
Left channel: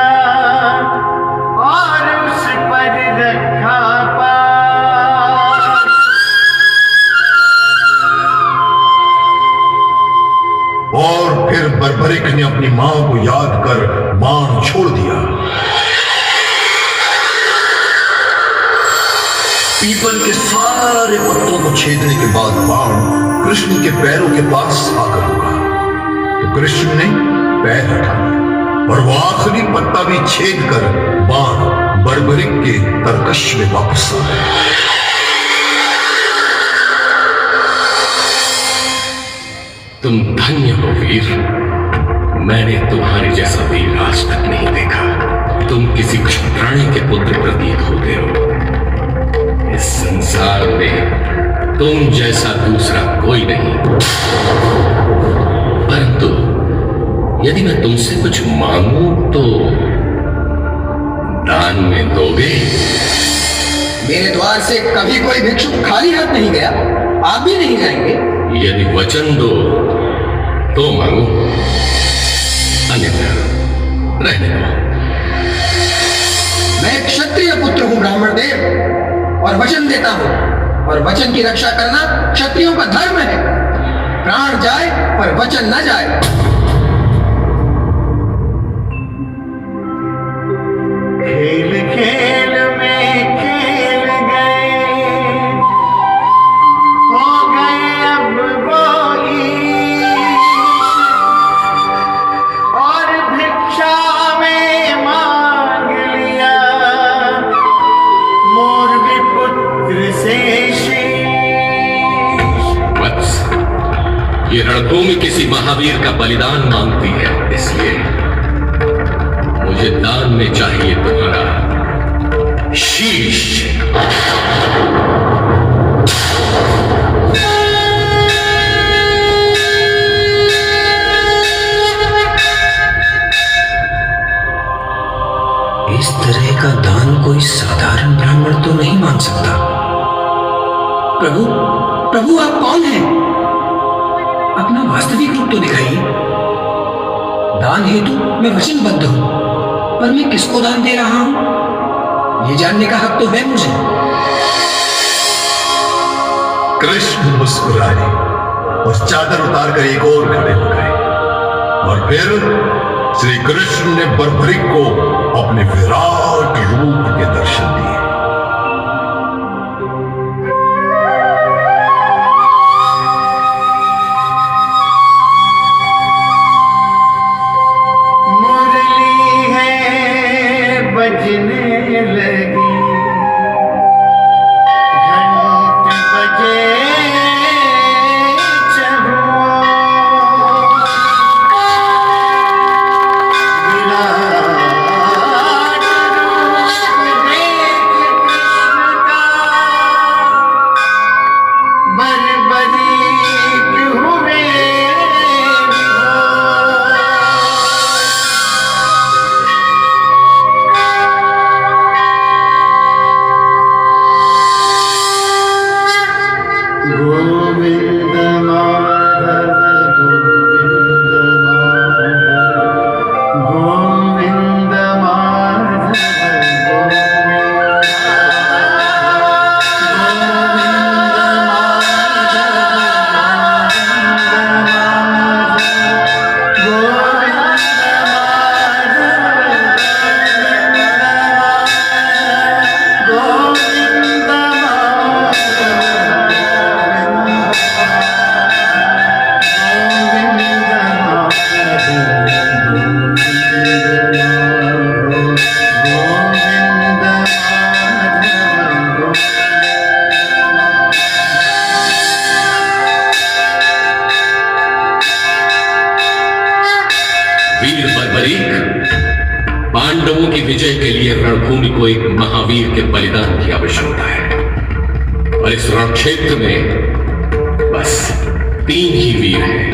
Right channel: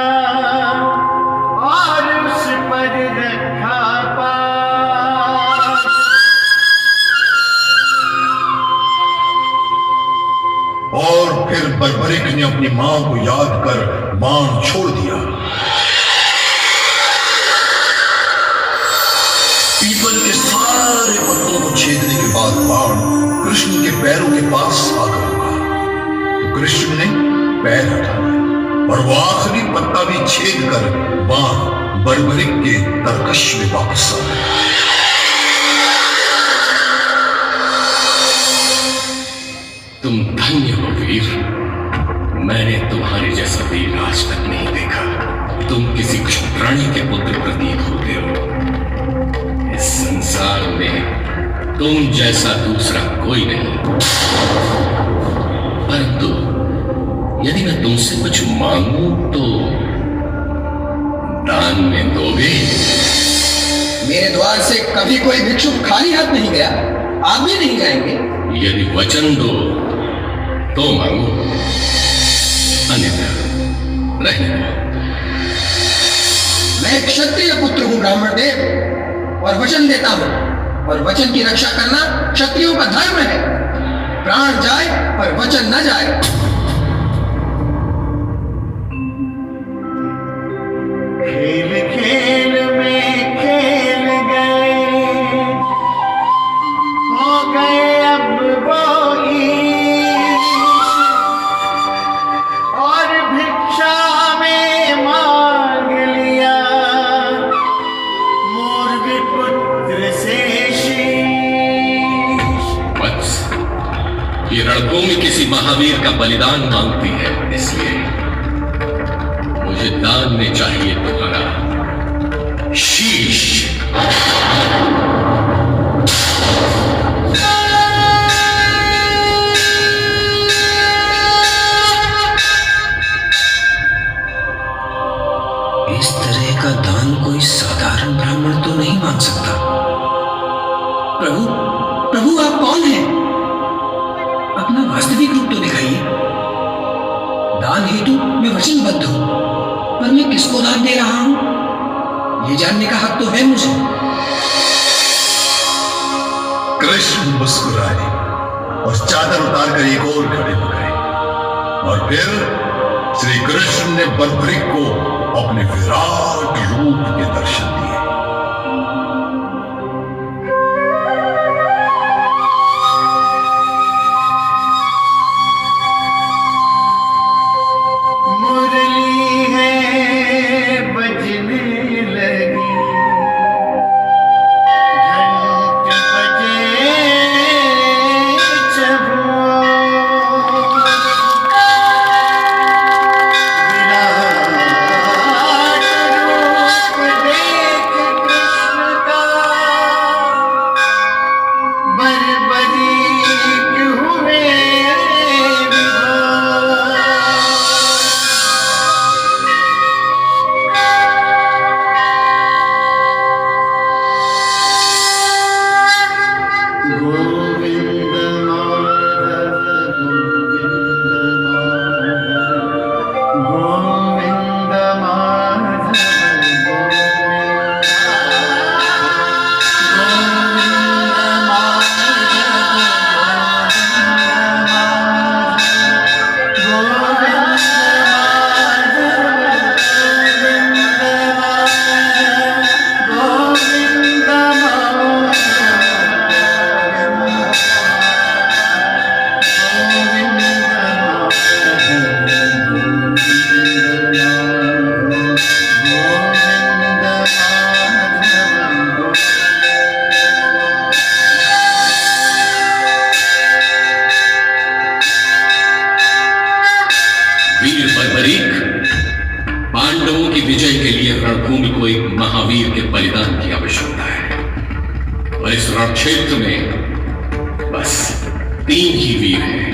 और उस पर रखा पास। और फिर बर्बरिक ने अपनी मां को याद कर बाण छोड़ दिया। पीपल के सारे पत्तों को छेदने के बाद बाण कृष्ण के पैरों के पास आकर रुका। तो कृष्ण ने पैर हटा दिया और वो आखिरी पत्ता भी छेद कर बाण बर्बरिक के तरकश में वापस आ गया। तुम धन्य हो वीर। मैंने तुम्हारे जैसा वीर आज तक नहीं देखा। तुम किसी क्षत्राणी के पुत्र प्रतीत होते हो। इस संसार में तुम जैसा दूसरा कोई नहीं। परंतु यदि मैं तुमसे कुछ मांगूं तो दान में दोगे? मेरे द्वार से कभी कोई भिक्षुक खाली हाथ नहीं गया, आप भी नहीं जाएंगे। यदि वचन दो तो मांगो, अन्यथा रहने दो। मैं एक क्षत्रिय पुत्र हूं ब्राह्मण देव, और वचन देता हूं, और वचन की रक्षा करना क्षत्रियों का धर्म है। प्राण जाए पर वचन न जाए। खेल खेल में खेल गए, हो गए अब वो ईश, और भिक्षा में मांग लिया मोर भी पुत्र से शीश। वत्स, ये रणभूमि किसी महावीर का बलिदान मांगती है, इसलिए मुझे दान में चाहिए तुम्हारा शीश। इस तरह का दान कोई साधारण ब्राह्मण तो नहीं मांग सकता। प्रभु, प्रभु आप कौन हैं? अपना वास्तविक रूप तो दिखाइए। दान हेतु मैं वचनबद्ध हूं, पर मैं किसको दान दे रहा हूं, ये जानने का हक तो है मुझे। कृष्ण मुस्कुराए और चादर उतारकर एक और खड़े हो गए, और फिर श्री कृष्ण ने बर्बरिक को अपने विराट रूप के दर्शन दिए। मुरली है बजने लगी, घंट बजे चहुओं, विराट रूप देख कृष्ण का, बर्बरीक हुए गोविंद माधव, गोविंद माधव, वीर बर्बरीक, पांडवों की विजय के लिए रणभूमि को एक महावीर के बलिदान की आवश्यकता है, और इस रण क्षेत्र में बस 3 ही वीर हैं।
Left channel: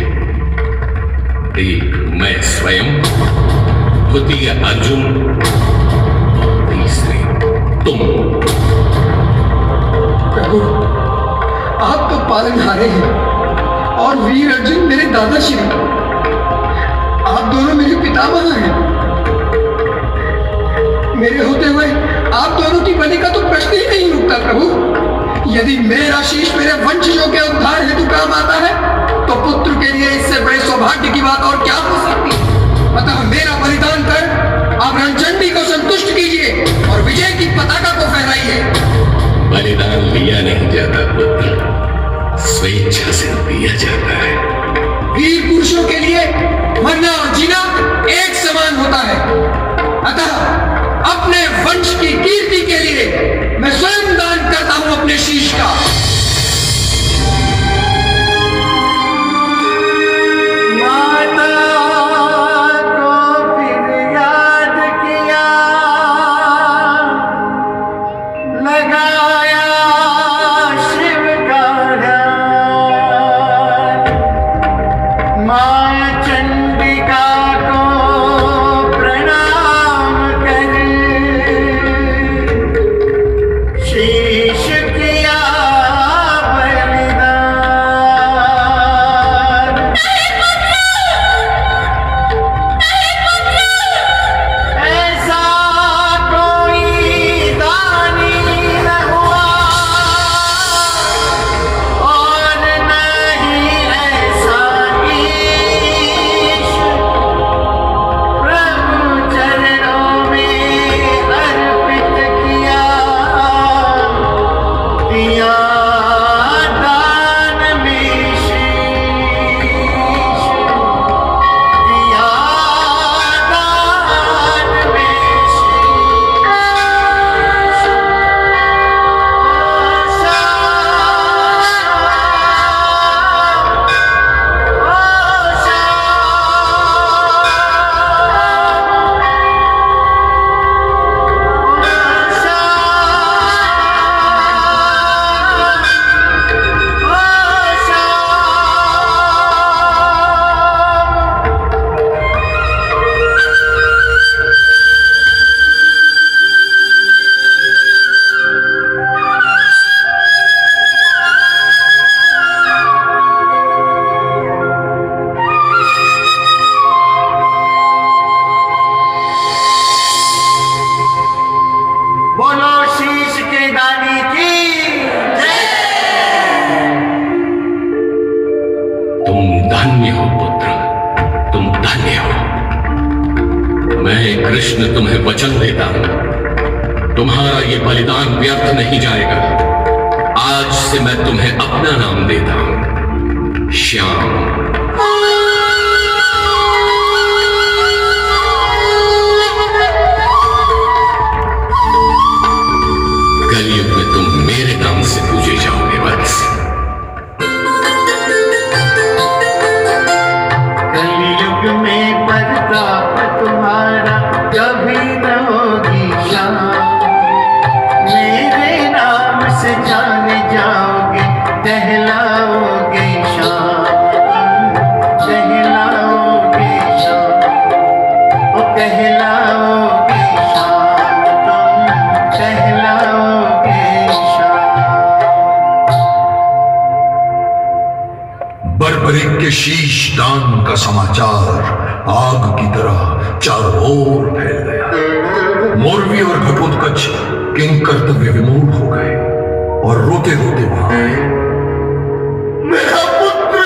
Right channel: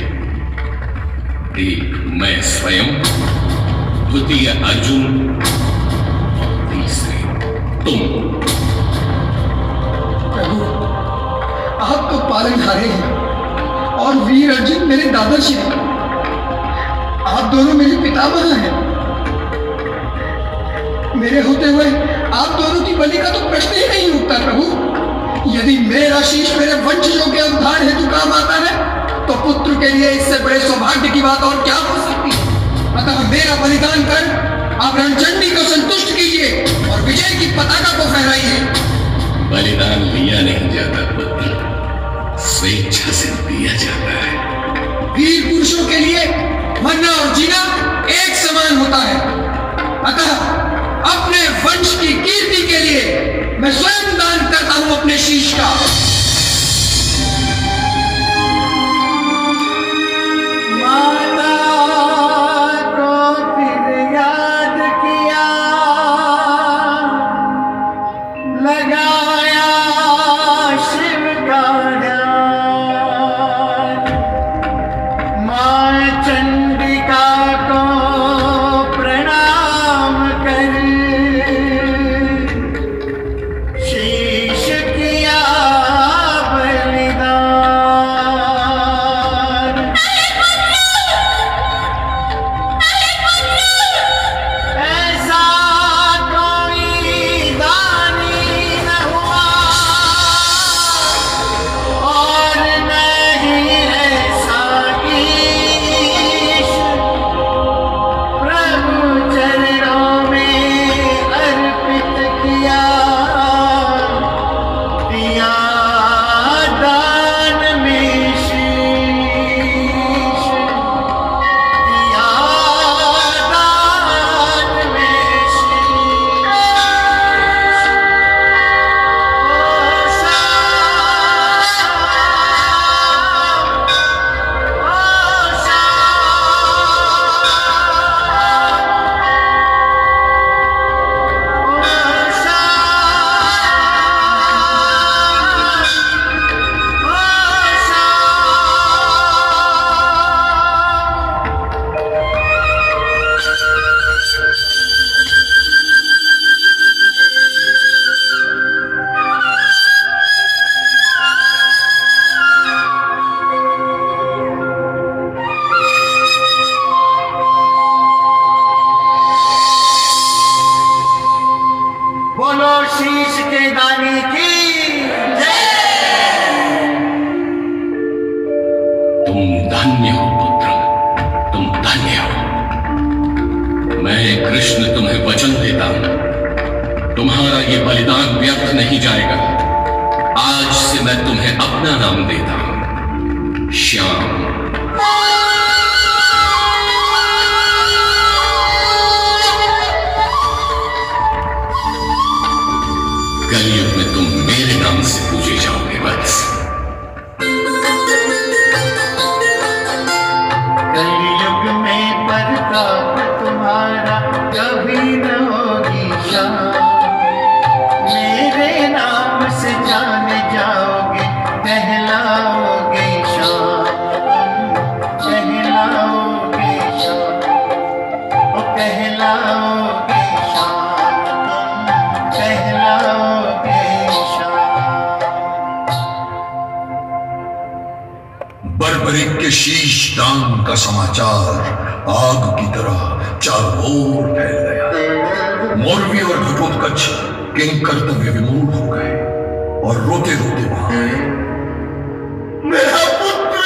एक मैं स्वयं, द्वितीय अर्जुन, और तीसरे तुम। प्रभु, आप तो पालनहारे हैं, और वीर अर्जुन मेरे दादाश्री। आप दोनों मेरे पितामह हैं। मेरे होते हुए आप दोनों की बलि का तो प्रश्न ही नहीं उठता प्रभु। यदि मेरा शीश मेरे वंशजों के उद्धार हेतु काम आता है, तो पुत्र के लिए इससे बड़े सौभाग्य की बात और क्या हो सकती है। अतः मेरा बलिदान कर आप रणचंडी को संतुष्ट कीजिए और विजय की पताका को फहराइए। बलिदान लिया नहीं जाता पुत्र, स्वेच्छा से दिया जाता है। वीर पुरुषों के लिए मरना और जीना एक समान कृष्ण तुम्हें वचन देता हूं, तुम्हारा ये बलिदान व्यर्थ नहीं जाएगा। आज से मैं तुम्हें अपना नाम देता हूं, श्याम। कलयुग में तुम मेरे नाम से पूजे जाओगे बस। कलयुग में प्रताप तुम्हारा कभी न होगी शाम। मेरे नाम से जाने जाओगे, कहलाओगे शाम, कहलाओगे शाम, ओ कहलाओगे शाम, कहलाओगे शाम। बर्बरिक के शीश दान का समाचार आग की तरह चारों ओर फैल गया। मौलवी और घटोत्कच किंग कर्तव्य विमूढ़ हो गए और रोते रोते वहां आए। मेरा पुत्र,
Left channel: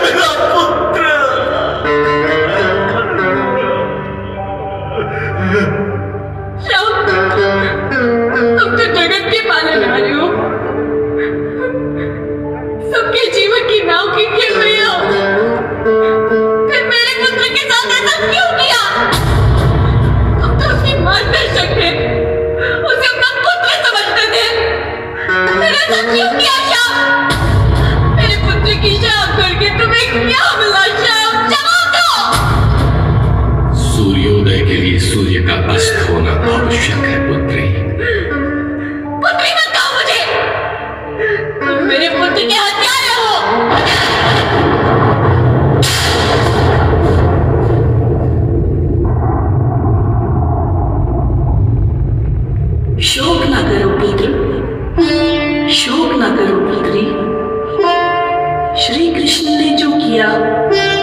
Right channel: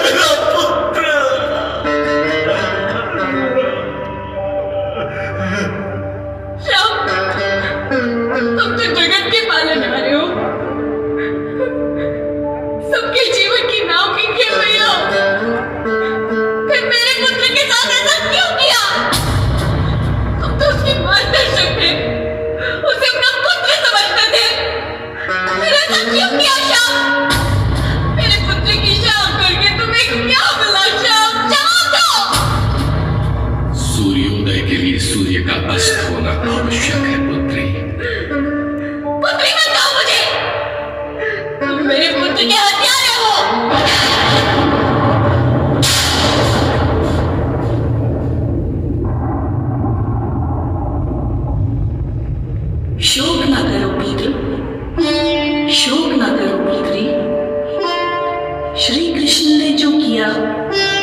मेरा पुत्र। श्याम, तुम तो जगत के पालन वाले हो, सबके जीवन की नाव की खेल रहे हो, फिर मेरे पुत्र के साथ ऐसा क्यों किया? तुम तो उसके मार्गदर्शक थे, उसे अपना पुत्र समझते थे, फिर ऐसा क्यों किया श्याम? मेरे पुत्र की शाम करके तुम्हें क्या मिला श्याम? जवाब दो। सूर्योदय के लिए सूर्य का अस्त होना आवश्यक है पुत्री। पुत्री मत कहो मुझे, तुम मेरे पुत्र के हत्यारे हो। शोक न करो पुत्र, शोक न करो पुत्री। श्री कृष्ण ने जो किया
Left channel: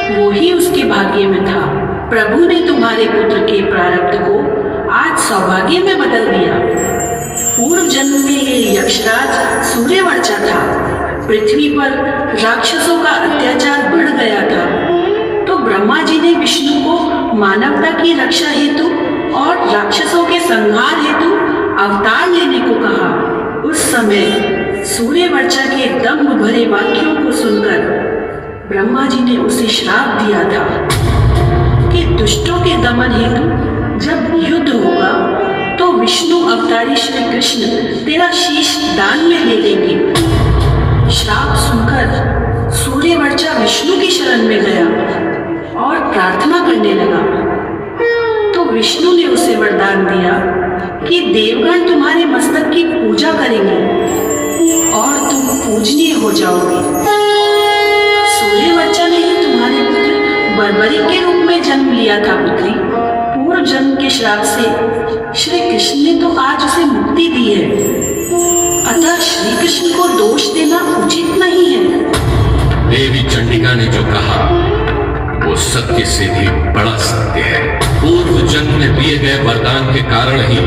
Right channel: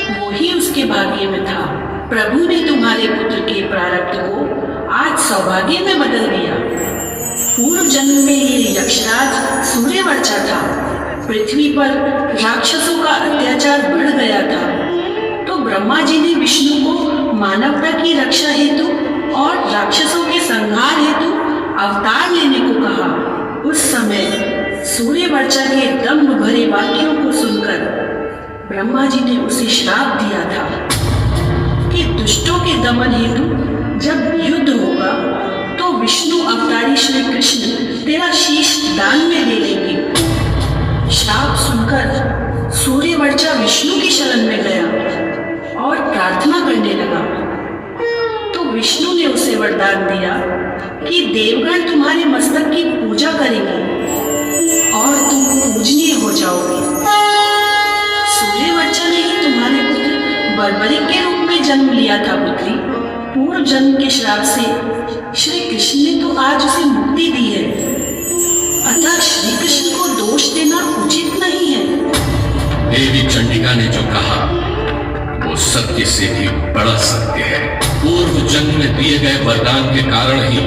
वो ही उसके भाग्य में था। प्रभु ने तुम्हारे पुत्र के प्रारब्ध को आज सौभाग्य में बदल दिया। पूर्व जन्म में ये यक्षराज सूर्यवर्चा था। पृथ्वी पर राक्षसों का अत्याचार बढ़ गया था, तो ब्रह्मा जी ने विष्णु को मानवता की रक्षा हेतु और राक्षसों के संहार हेतु अवतार लेने को कहा। उस समय सूर्यवर्चा के दम्भ भरे वाक्यों को सुनकर ब्रह्मा जी ने उसे श्राप दिया था कि दुष्टों के दमन हेतु जब युद्ध होगा तो विष्णु अवतारी श्री कृष्ण तेरा शीश दान में ले लेंगे। श्राप सुनकर सूर्यवर्चा विष्णु की शरण में गया और प्रार्थना करने लगा, तो विष्णु ने उसे वरदान दिया कि देवगण तुम्हारे मस्तक की पूजा करेंगे और तुम पूजनीय हो जाओगे। सूर्यवर्चा ने ही तुम्हारे पुत्र बर्बरिक के रूप में जन्म लिया था पुत्री। पूर्व जन्म के श्राप से श्री कृष्ण ने तो आज उसे मुक्ति दी है, अतः श्री कृष्ण को दोष देना उचित नहीं है। देवी चंडिका ने जो कहा वो सत्य से भी बड़ा सत्य है। पूर्व जन्म में दिए गए वरदान के कारण ही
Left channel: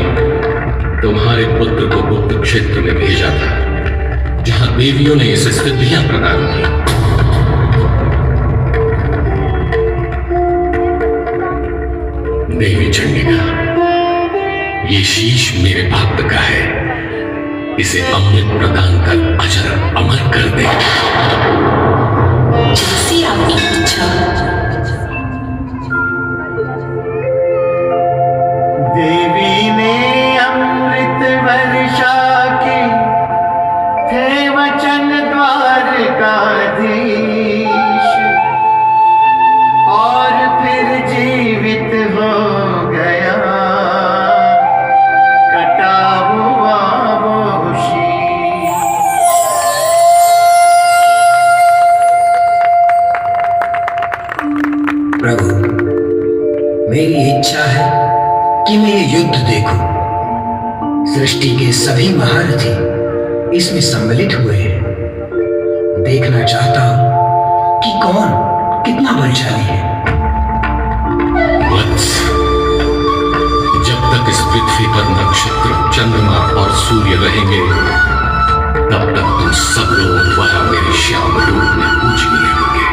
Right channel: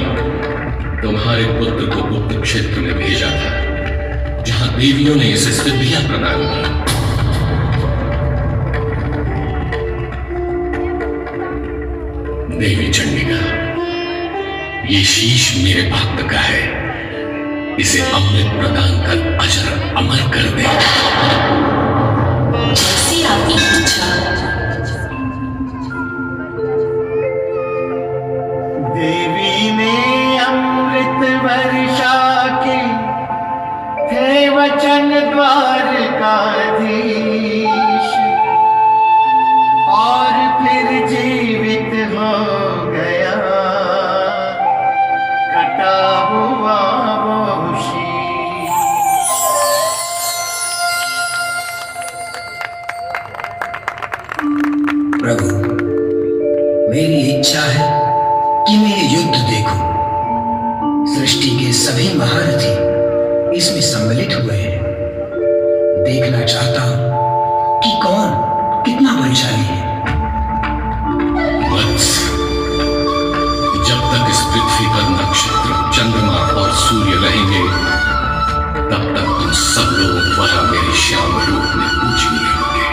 तुम्हारे पुत्र को गुप्त क्षेत्र में भेजा था, जहां देवियों ने इसे सिद्धियां प्रदान की। देवी चंडिका, ये शीश मेरे भक्त का है, इसे अमृत प्रदान कर अजर अमर कर दे। जैसी आपकी इच्छा। देवी ने अमृत वर्षा के थे वचन द्वारकाधीश, और फिर जीवित हो गया कटा हुआ वो शीश। प्रभु, मेरी इच्छा है कि मैं ये युद्ध देखूं। सृष्टि के सभी महारथी इसमें सम्मिलित हुए हैं। देखना चाहता हूं कि कौन कितना बलशाली है। वत्स, जब तक इस पृथ्वी पर नक्षत्र, चंद्रमा और सूर्य रहेंगे, तब तक तुम सब लोग द्वारा मेरे श्याम रूप में पूजनीय होंगे।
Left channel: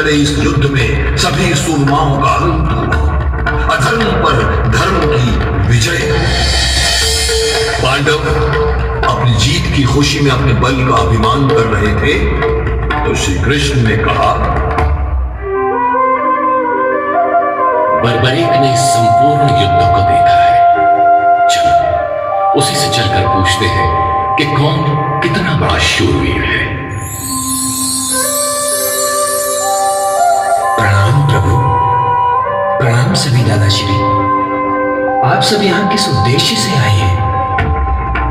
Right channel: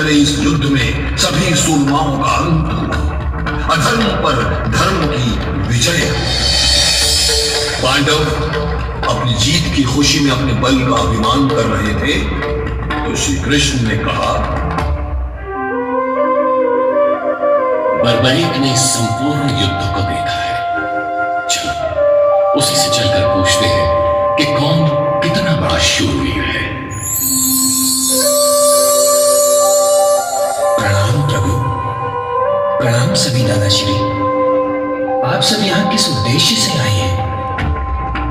चले इस युद्ध में सभी सूरमाओं का अंत हो, अधर्म पर धर्म की विजय। पांडव अपनी जीत की खुशी में अपने बल का अभिमान कर रहे थे तो श्री कृष्ण ने कहा, बर्बरीक ने इस संपूर्ण युद्ध को देखा है। चलो उसी से चलकर पूछते हैं कि कौन कितना बड़ा शूरवीर है। प्रणाम प्रभु। प्रणाम सभी दादाश्री। आप सब यहाँ किस उद्देश्य से आए हैं?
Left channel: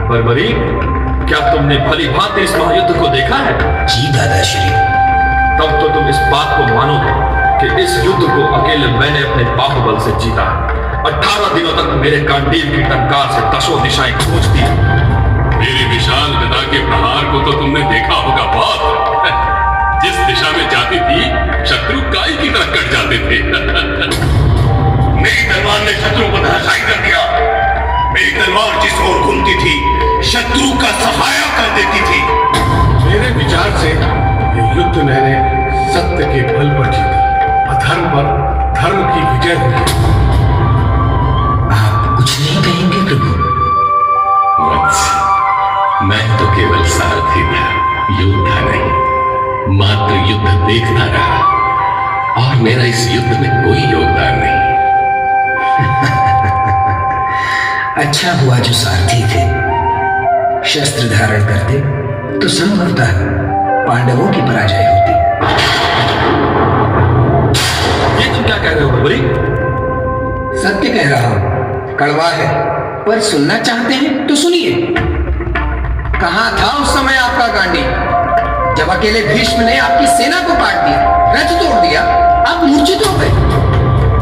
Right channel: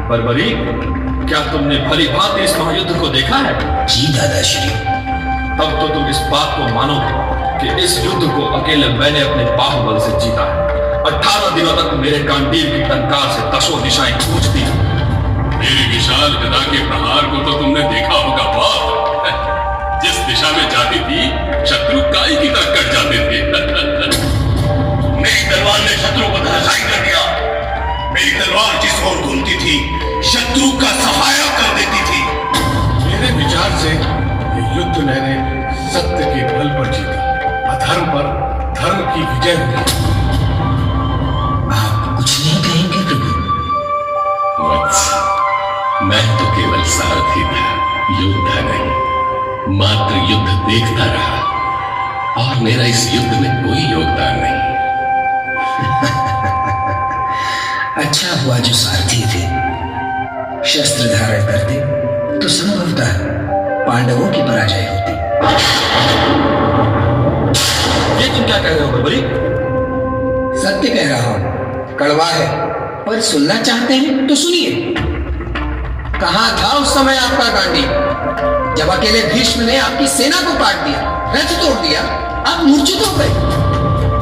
बर्बरीक, क्या तुमने भली भांति इस महायुद्ध को देखा है? जी दादाश्री। तब तो तुम इस बात को मानोगे कि इस युद्ध को अकेले मैंने अपने बाहुबल से जीता। 18 दिनों तक मेरे कांडील की टंकार से दसों दिशाएं गूंजती। मेरे विशाल गदा के प्रहार को तो तुमने देखा होगा बहुत। जिस दिशा में जाती थी शत्रु काई की तरह कट जाते थे। मेरी तलवार ने शत्रु को धराशायी कर दिया। मेरी तलवार जिस ओर घूमती थी शत्रु का सहाया कर देती थी। मेरे विचार से ये युद्ध मैंने सत्य के बल पर जीता, अधर्म पर धर्म की विजय हुई। आप कुछ नहीं कहेंगे प्रभु? वत्स, मैं तो केवल सारथी था, योद्धा नहीं। मात्र युद्ध देखता रहा और मेरा इस युद्ध में कोई योगदान नहीं। अच्छा हुआ जो सारथी थे। शस्त्र धारण करते तो संभवतः पांडवों की पराजय होती। ये तुम क्या कह रहे हो बर्बरीक? सत्य कह रहा हूं। कड़वा है पर सुनना चाहते हैं तो सुनिए। कहां था उस समय आपका गांडी जब अकेले भीष्म ने आपकी सेना को काट दिया, रथ तोड़ दिया, आप मूर्छित हो गए।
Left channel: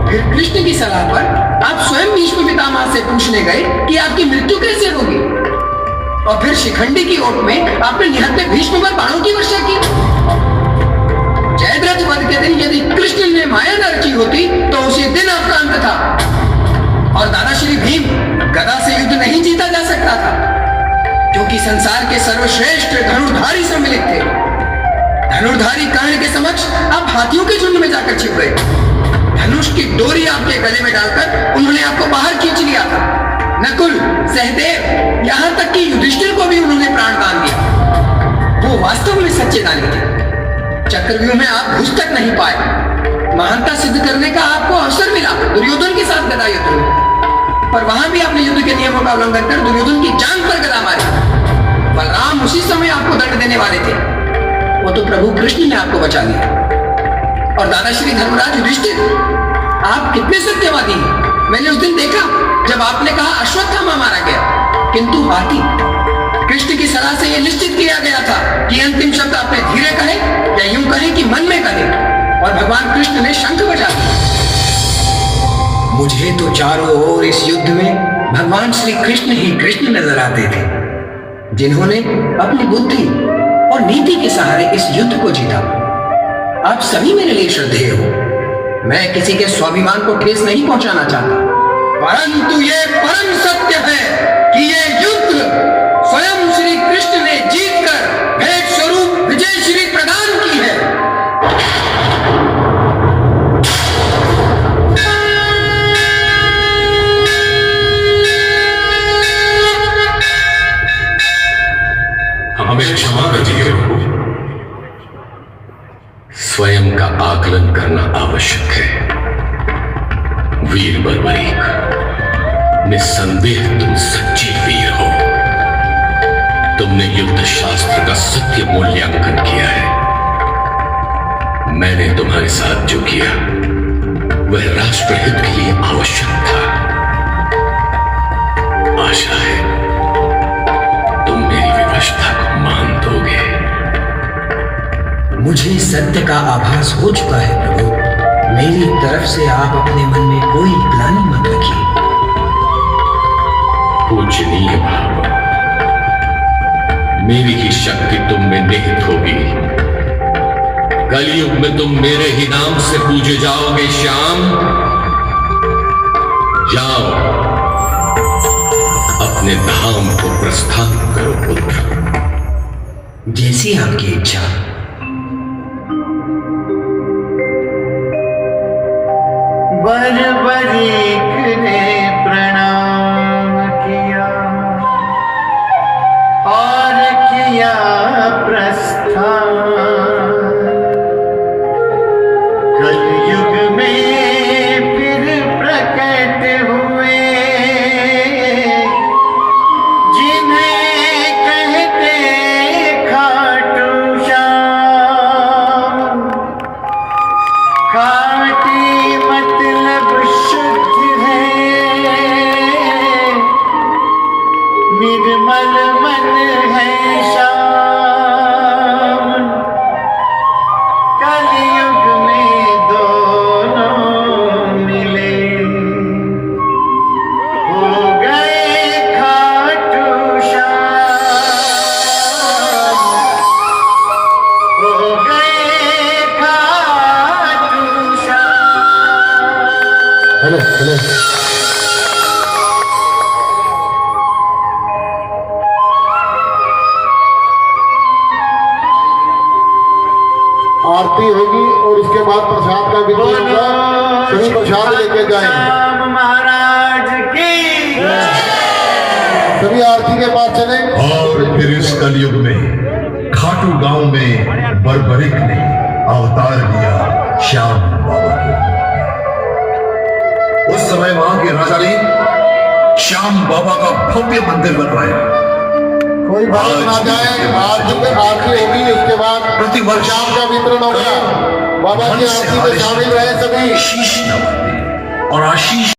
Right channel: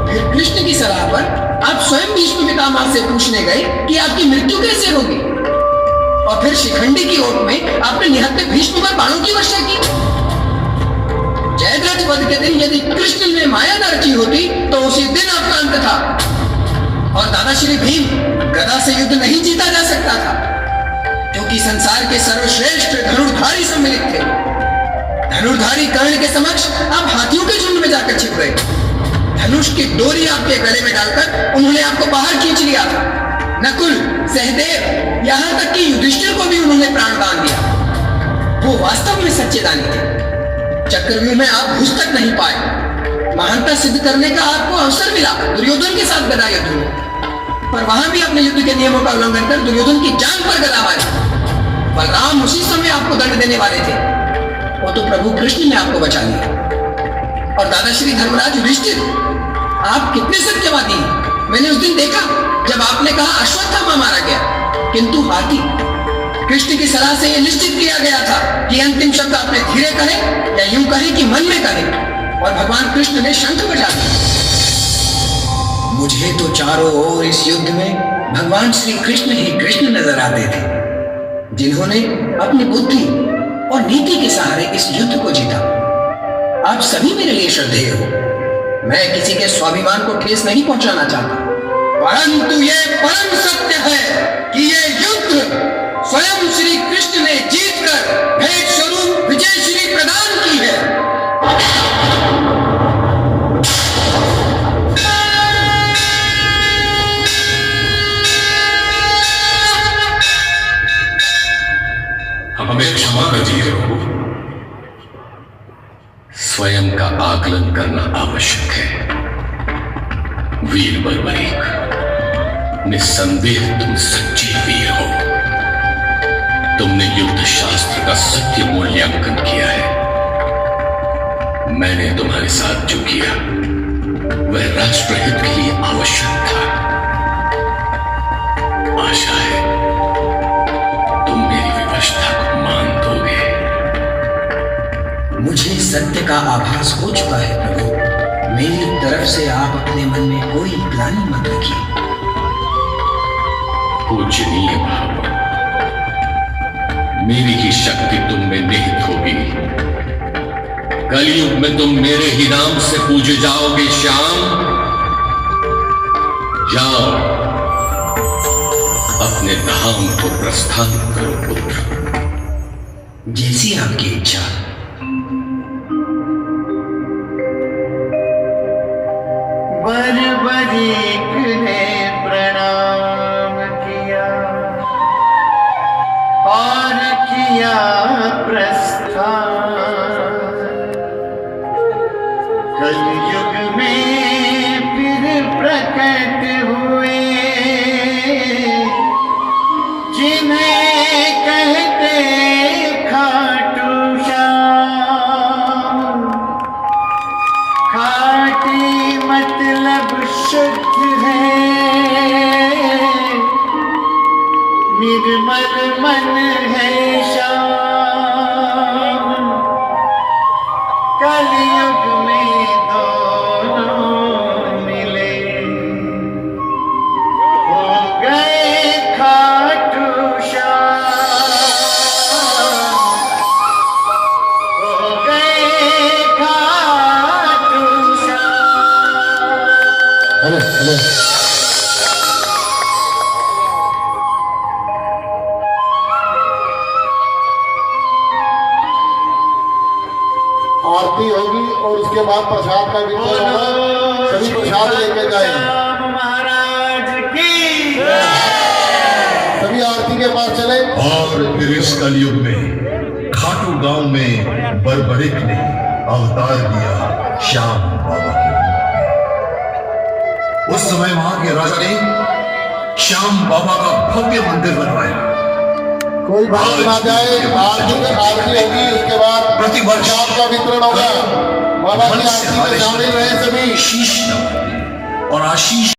फिर कृष्ण की सलाह पर आप स्वयं भीष्म पितामह से पूछने गए कि आपकी मृत्यु कैसे होगी, और फिर शिखंडी की ओट में आपने निहत्थे भीष्म पर बाणों की वर्षा की। जयद्रथ वध के दिन यदि कृष्ण ने माया न रची होती तो उसी दिन आपका अंत था। और दादा श्री भीम गदा से युद्ध नहीं जीता जा सकता था, क्योंकि संसार के सर्वश्रेष्ठ धनुर्धारी सम्मिलित थे। धनुर्धारी कर्ण के समक्ष आप हाथियों के झुंड में जाकर छिप गए। धनुष की डोरी आपके गले में डालकर उन्होंने आपको बाहर खींच लिया था। नकुल, सहदेव, यहां तक कि युधिष्ठिर को भी उन्होंने प्राणदान दिया। वो वास्तव में सच्चे दानी थे। चक्रव्यूह में आप घुस तक नहीं पाए। महानता सिद्ध करने का आपको अवसर मिला दुर्योधन के साथ गदा युद्ध में, पर वहां भी आपने युद्ध के नियमों का उल्लंघन कर दुर्योधन की जान पर गदा मारी। बलराम उसी समय आपको दंड देने वाले थे, वो तो प्रभु कृष्ण ने आपको बचा लिया। और दादाश्री धर्मराज युधिष्ठिर, आप कितने सत्यवादी हैं। मैंने उस दिन देखा जब आपने कहा अश्वत्थामा मारा गया, किंतु हाथी। कृष्ण की सलाह से यह निश्चित किया गया था कि अंतिम शब्द आपने धीरे कहे या यूं कहे कि मन में कहे, और भगवान कृष्ण ने शंख बजा दिया। मुझे तो चारों ओर इस युद्ध में भगवान श्री कृष्ण ही कृष्ण नजर आते थे, जिन्होंने अपनी बुद्धि और नीति के सहारे इस युद्ध को जीता। आप सभी मेरे लिए श्रद्धेय हो। मैं किसी के स्वाभिमान को ठेस नहीं पहुंचाना चाहता, परंतु ये परम सत्य है कि ये युद्ध स्वयं श्री कृष्ण ने जीतकर भेंट स्वरूप विजय श्री प्रदान की है। हमें क्षमा कीजिए प्रभु। स्वयं का आकलन करना आवश्यक है। वीर बर्बरीक, निस्संदेह तुम सच्चे वीर हो। तुमने युद्ध शास्त्र का सत्य मूल्यांकन किया है। मैंने तुम्हारे साथ जो किया वह राष्ट्रहित के लिए आवश्यक था। आशा है तुम मेरी विवशता को मान दोगे। मुझे सत्य का आभास हो चुका है प्रभु। मेरी तरफ से आप अपने मन में कोई ग्लानि मत रखिए। पूजनीय भाव, मेरी ही शक्ति तुम में निहित होगी। कलयुग में तुम मेरे ही नाम से पूजे जाओगे। श्याम, जाओ अपने धाम को प्रस्थान करो पुत्र। जैसी आपकी इच्छा। Hello hello. आरती होगी और उसके बाद प्रसाद का वितरण होगा। सभी प्रसाद लेके जाएंगे। महाराज की सभी आरती के बाद चले। और फिर इस कलयुग में खाटू गांव में बड़बड़िक ने अवतार लिया श्याम बाबा के। उस समय वहां के राजा ने श्याम बाबा का भव्य मंदिर बनवाया। कोई बात ना जाए, आरती होगी, उसके बाद प्रतिवर्ष प्रसाद का वितरण होगा। बाबा की आरती में शामिल रहे सभी। शीश नवाते और आशीष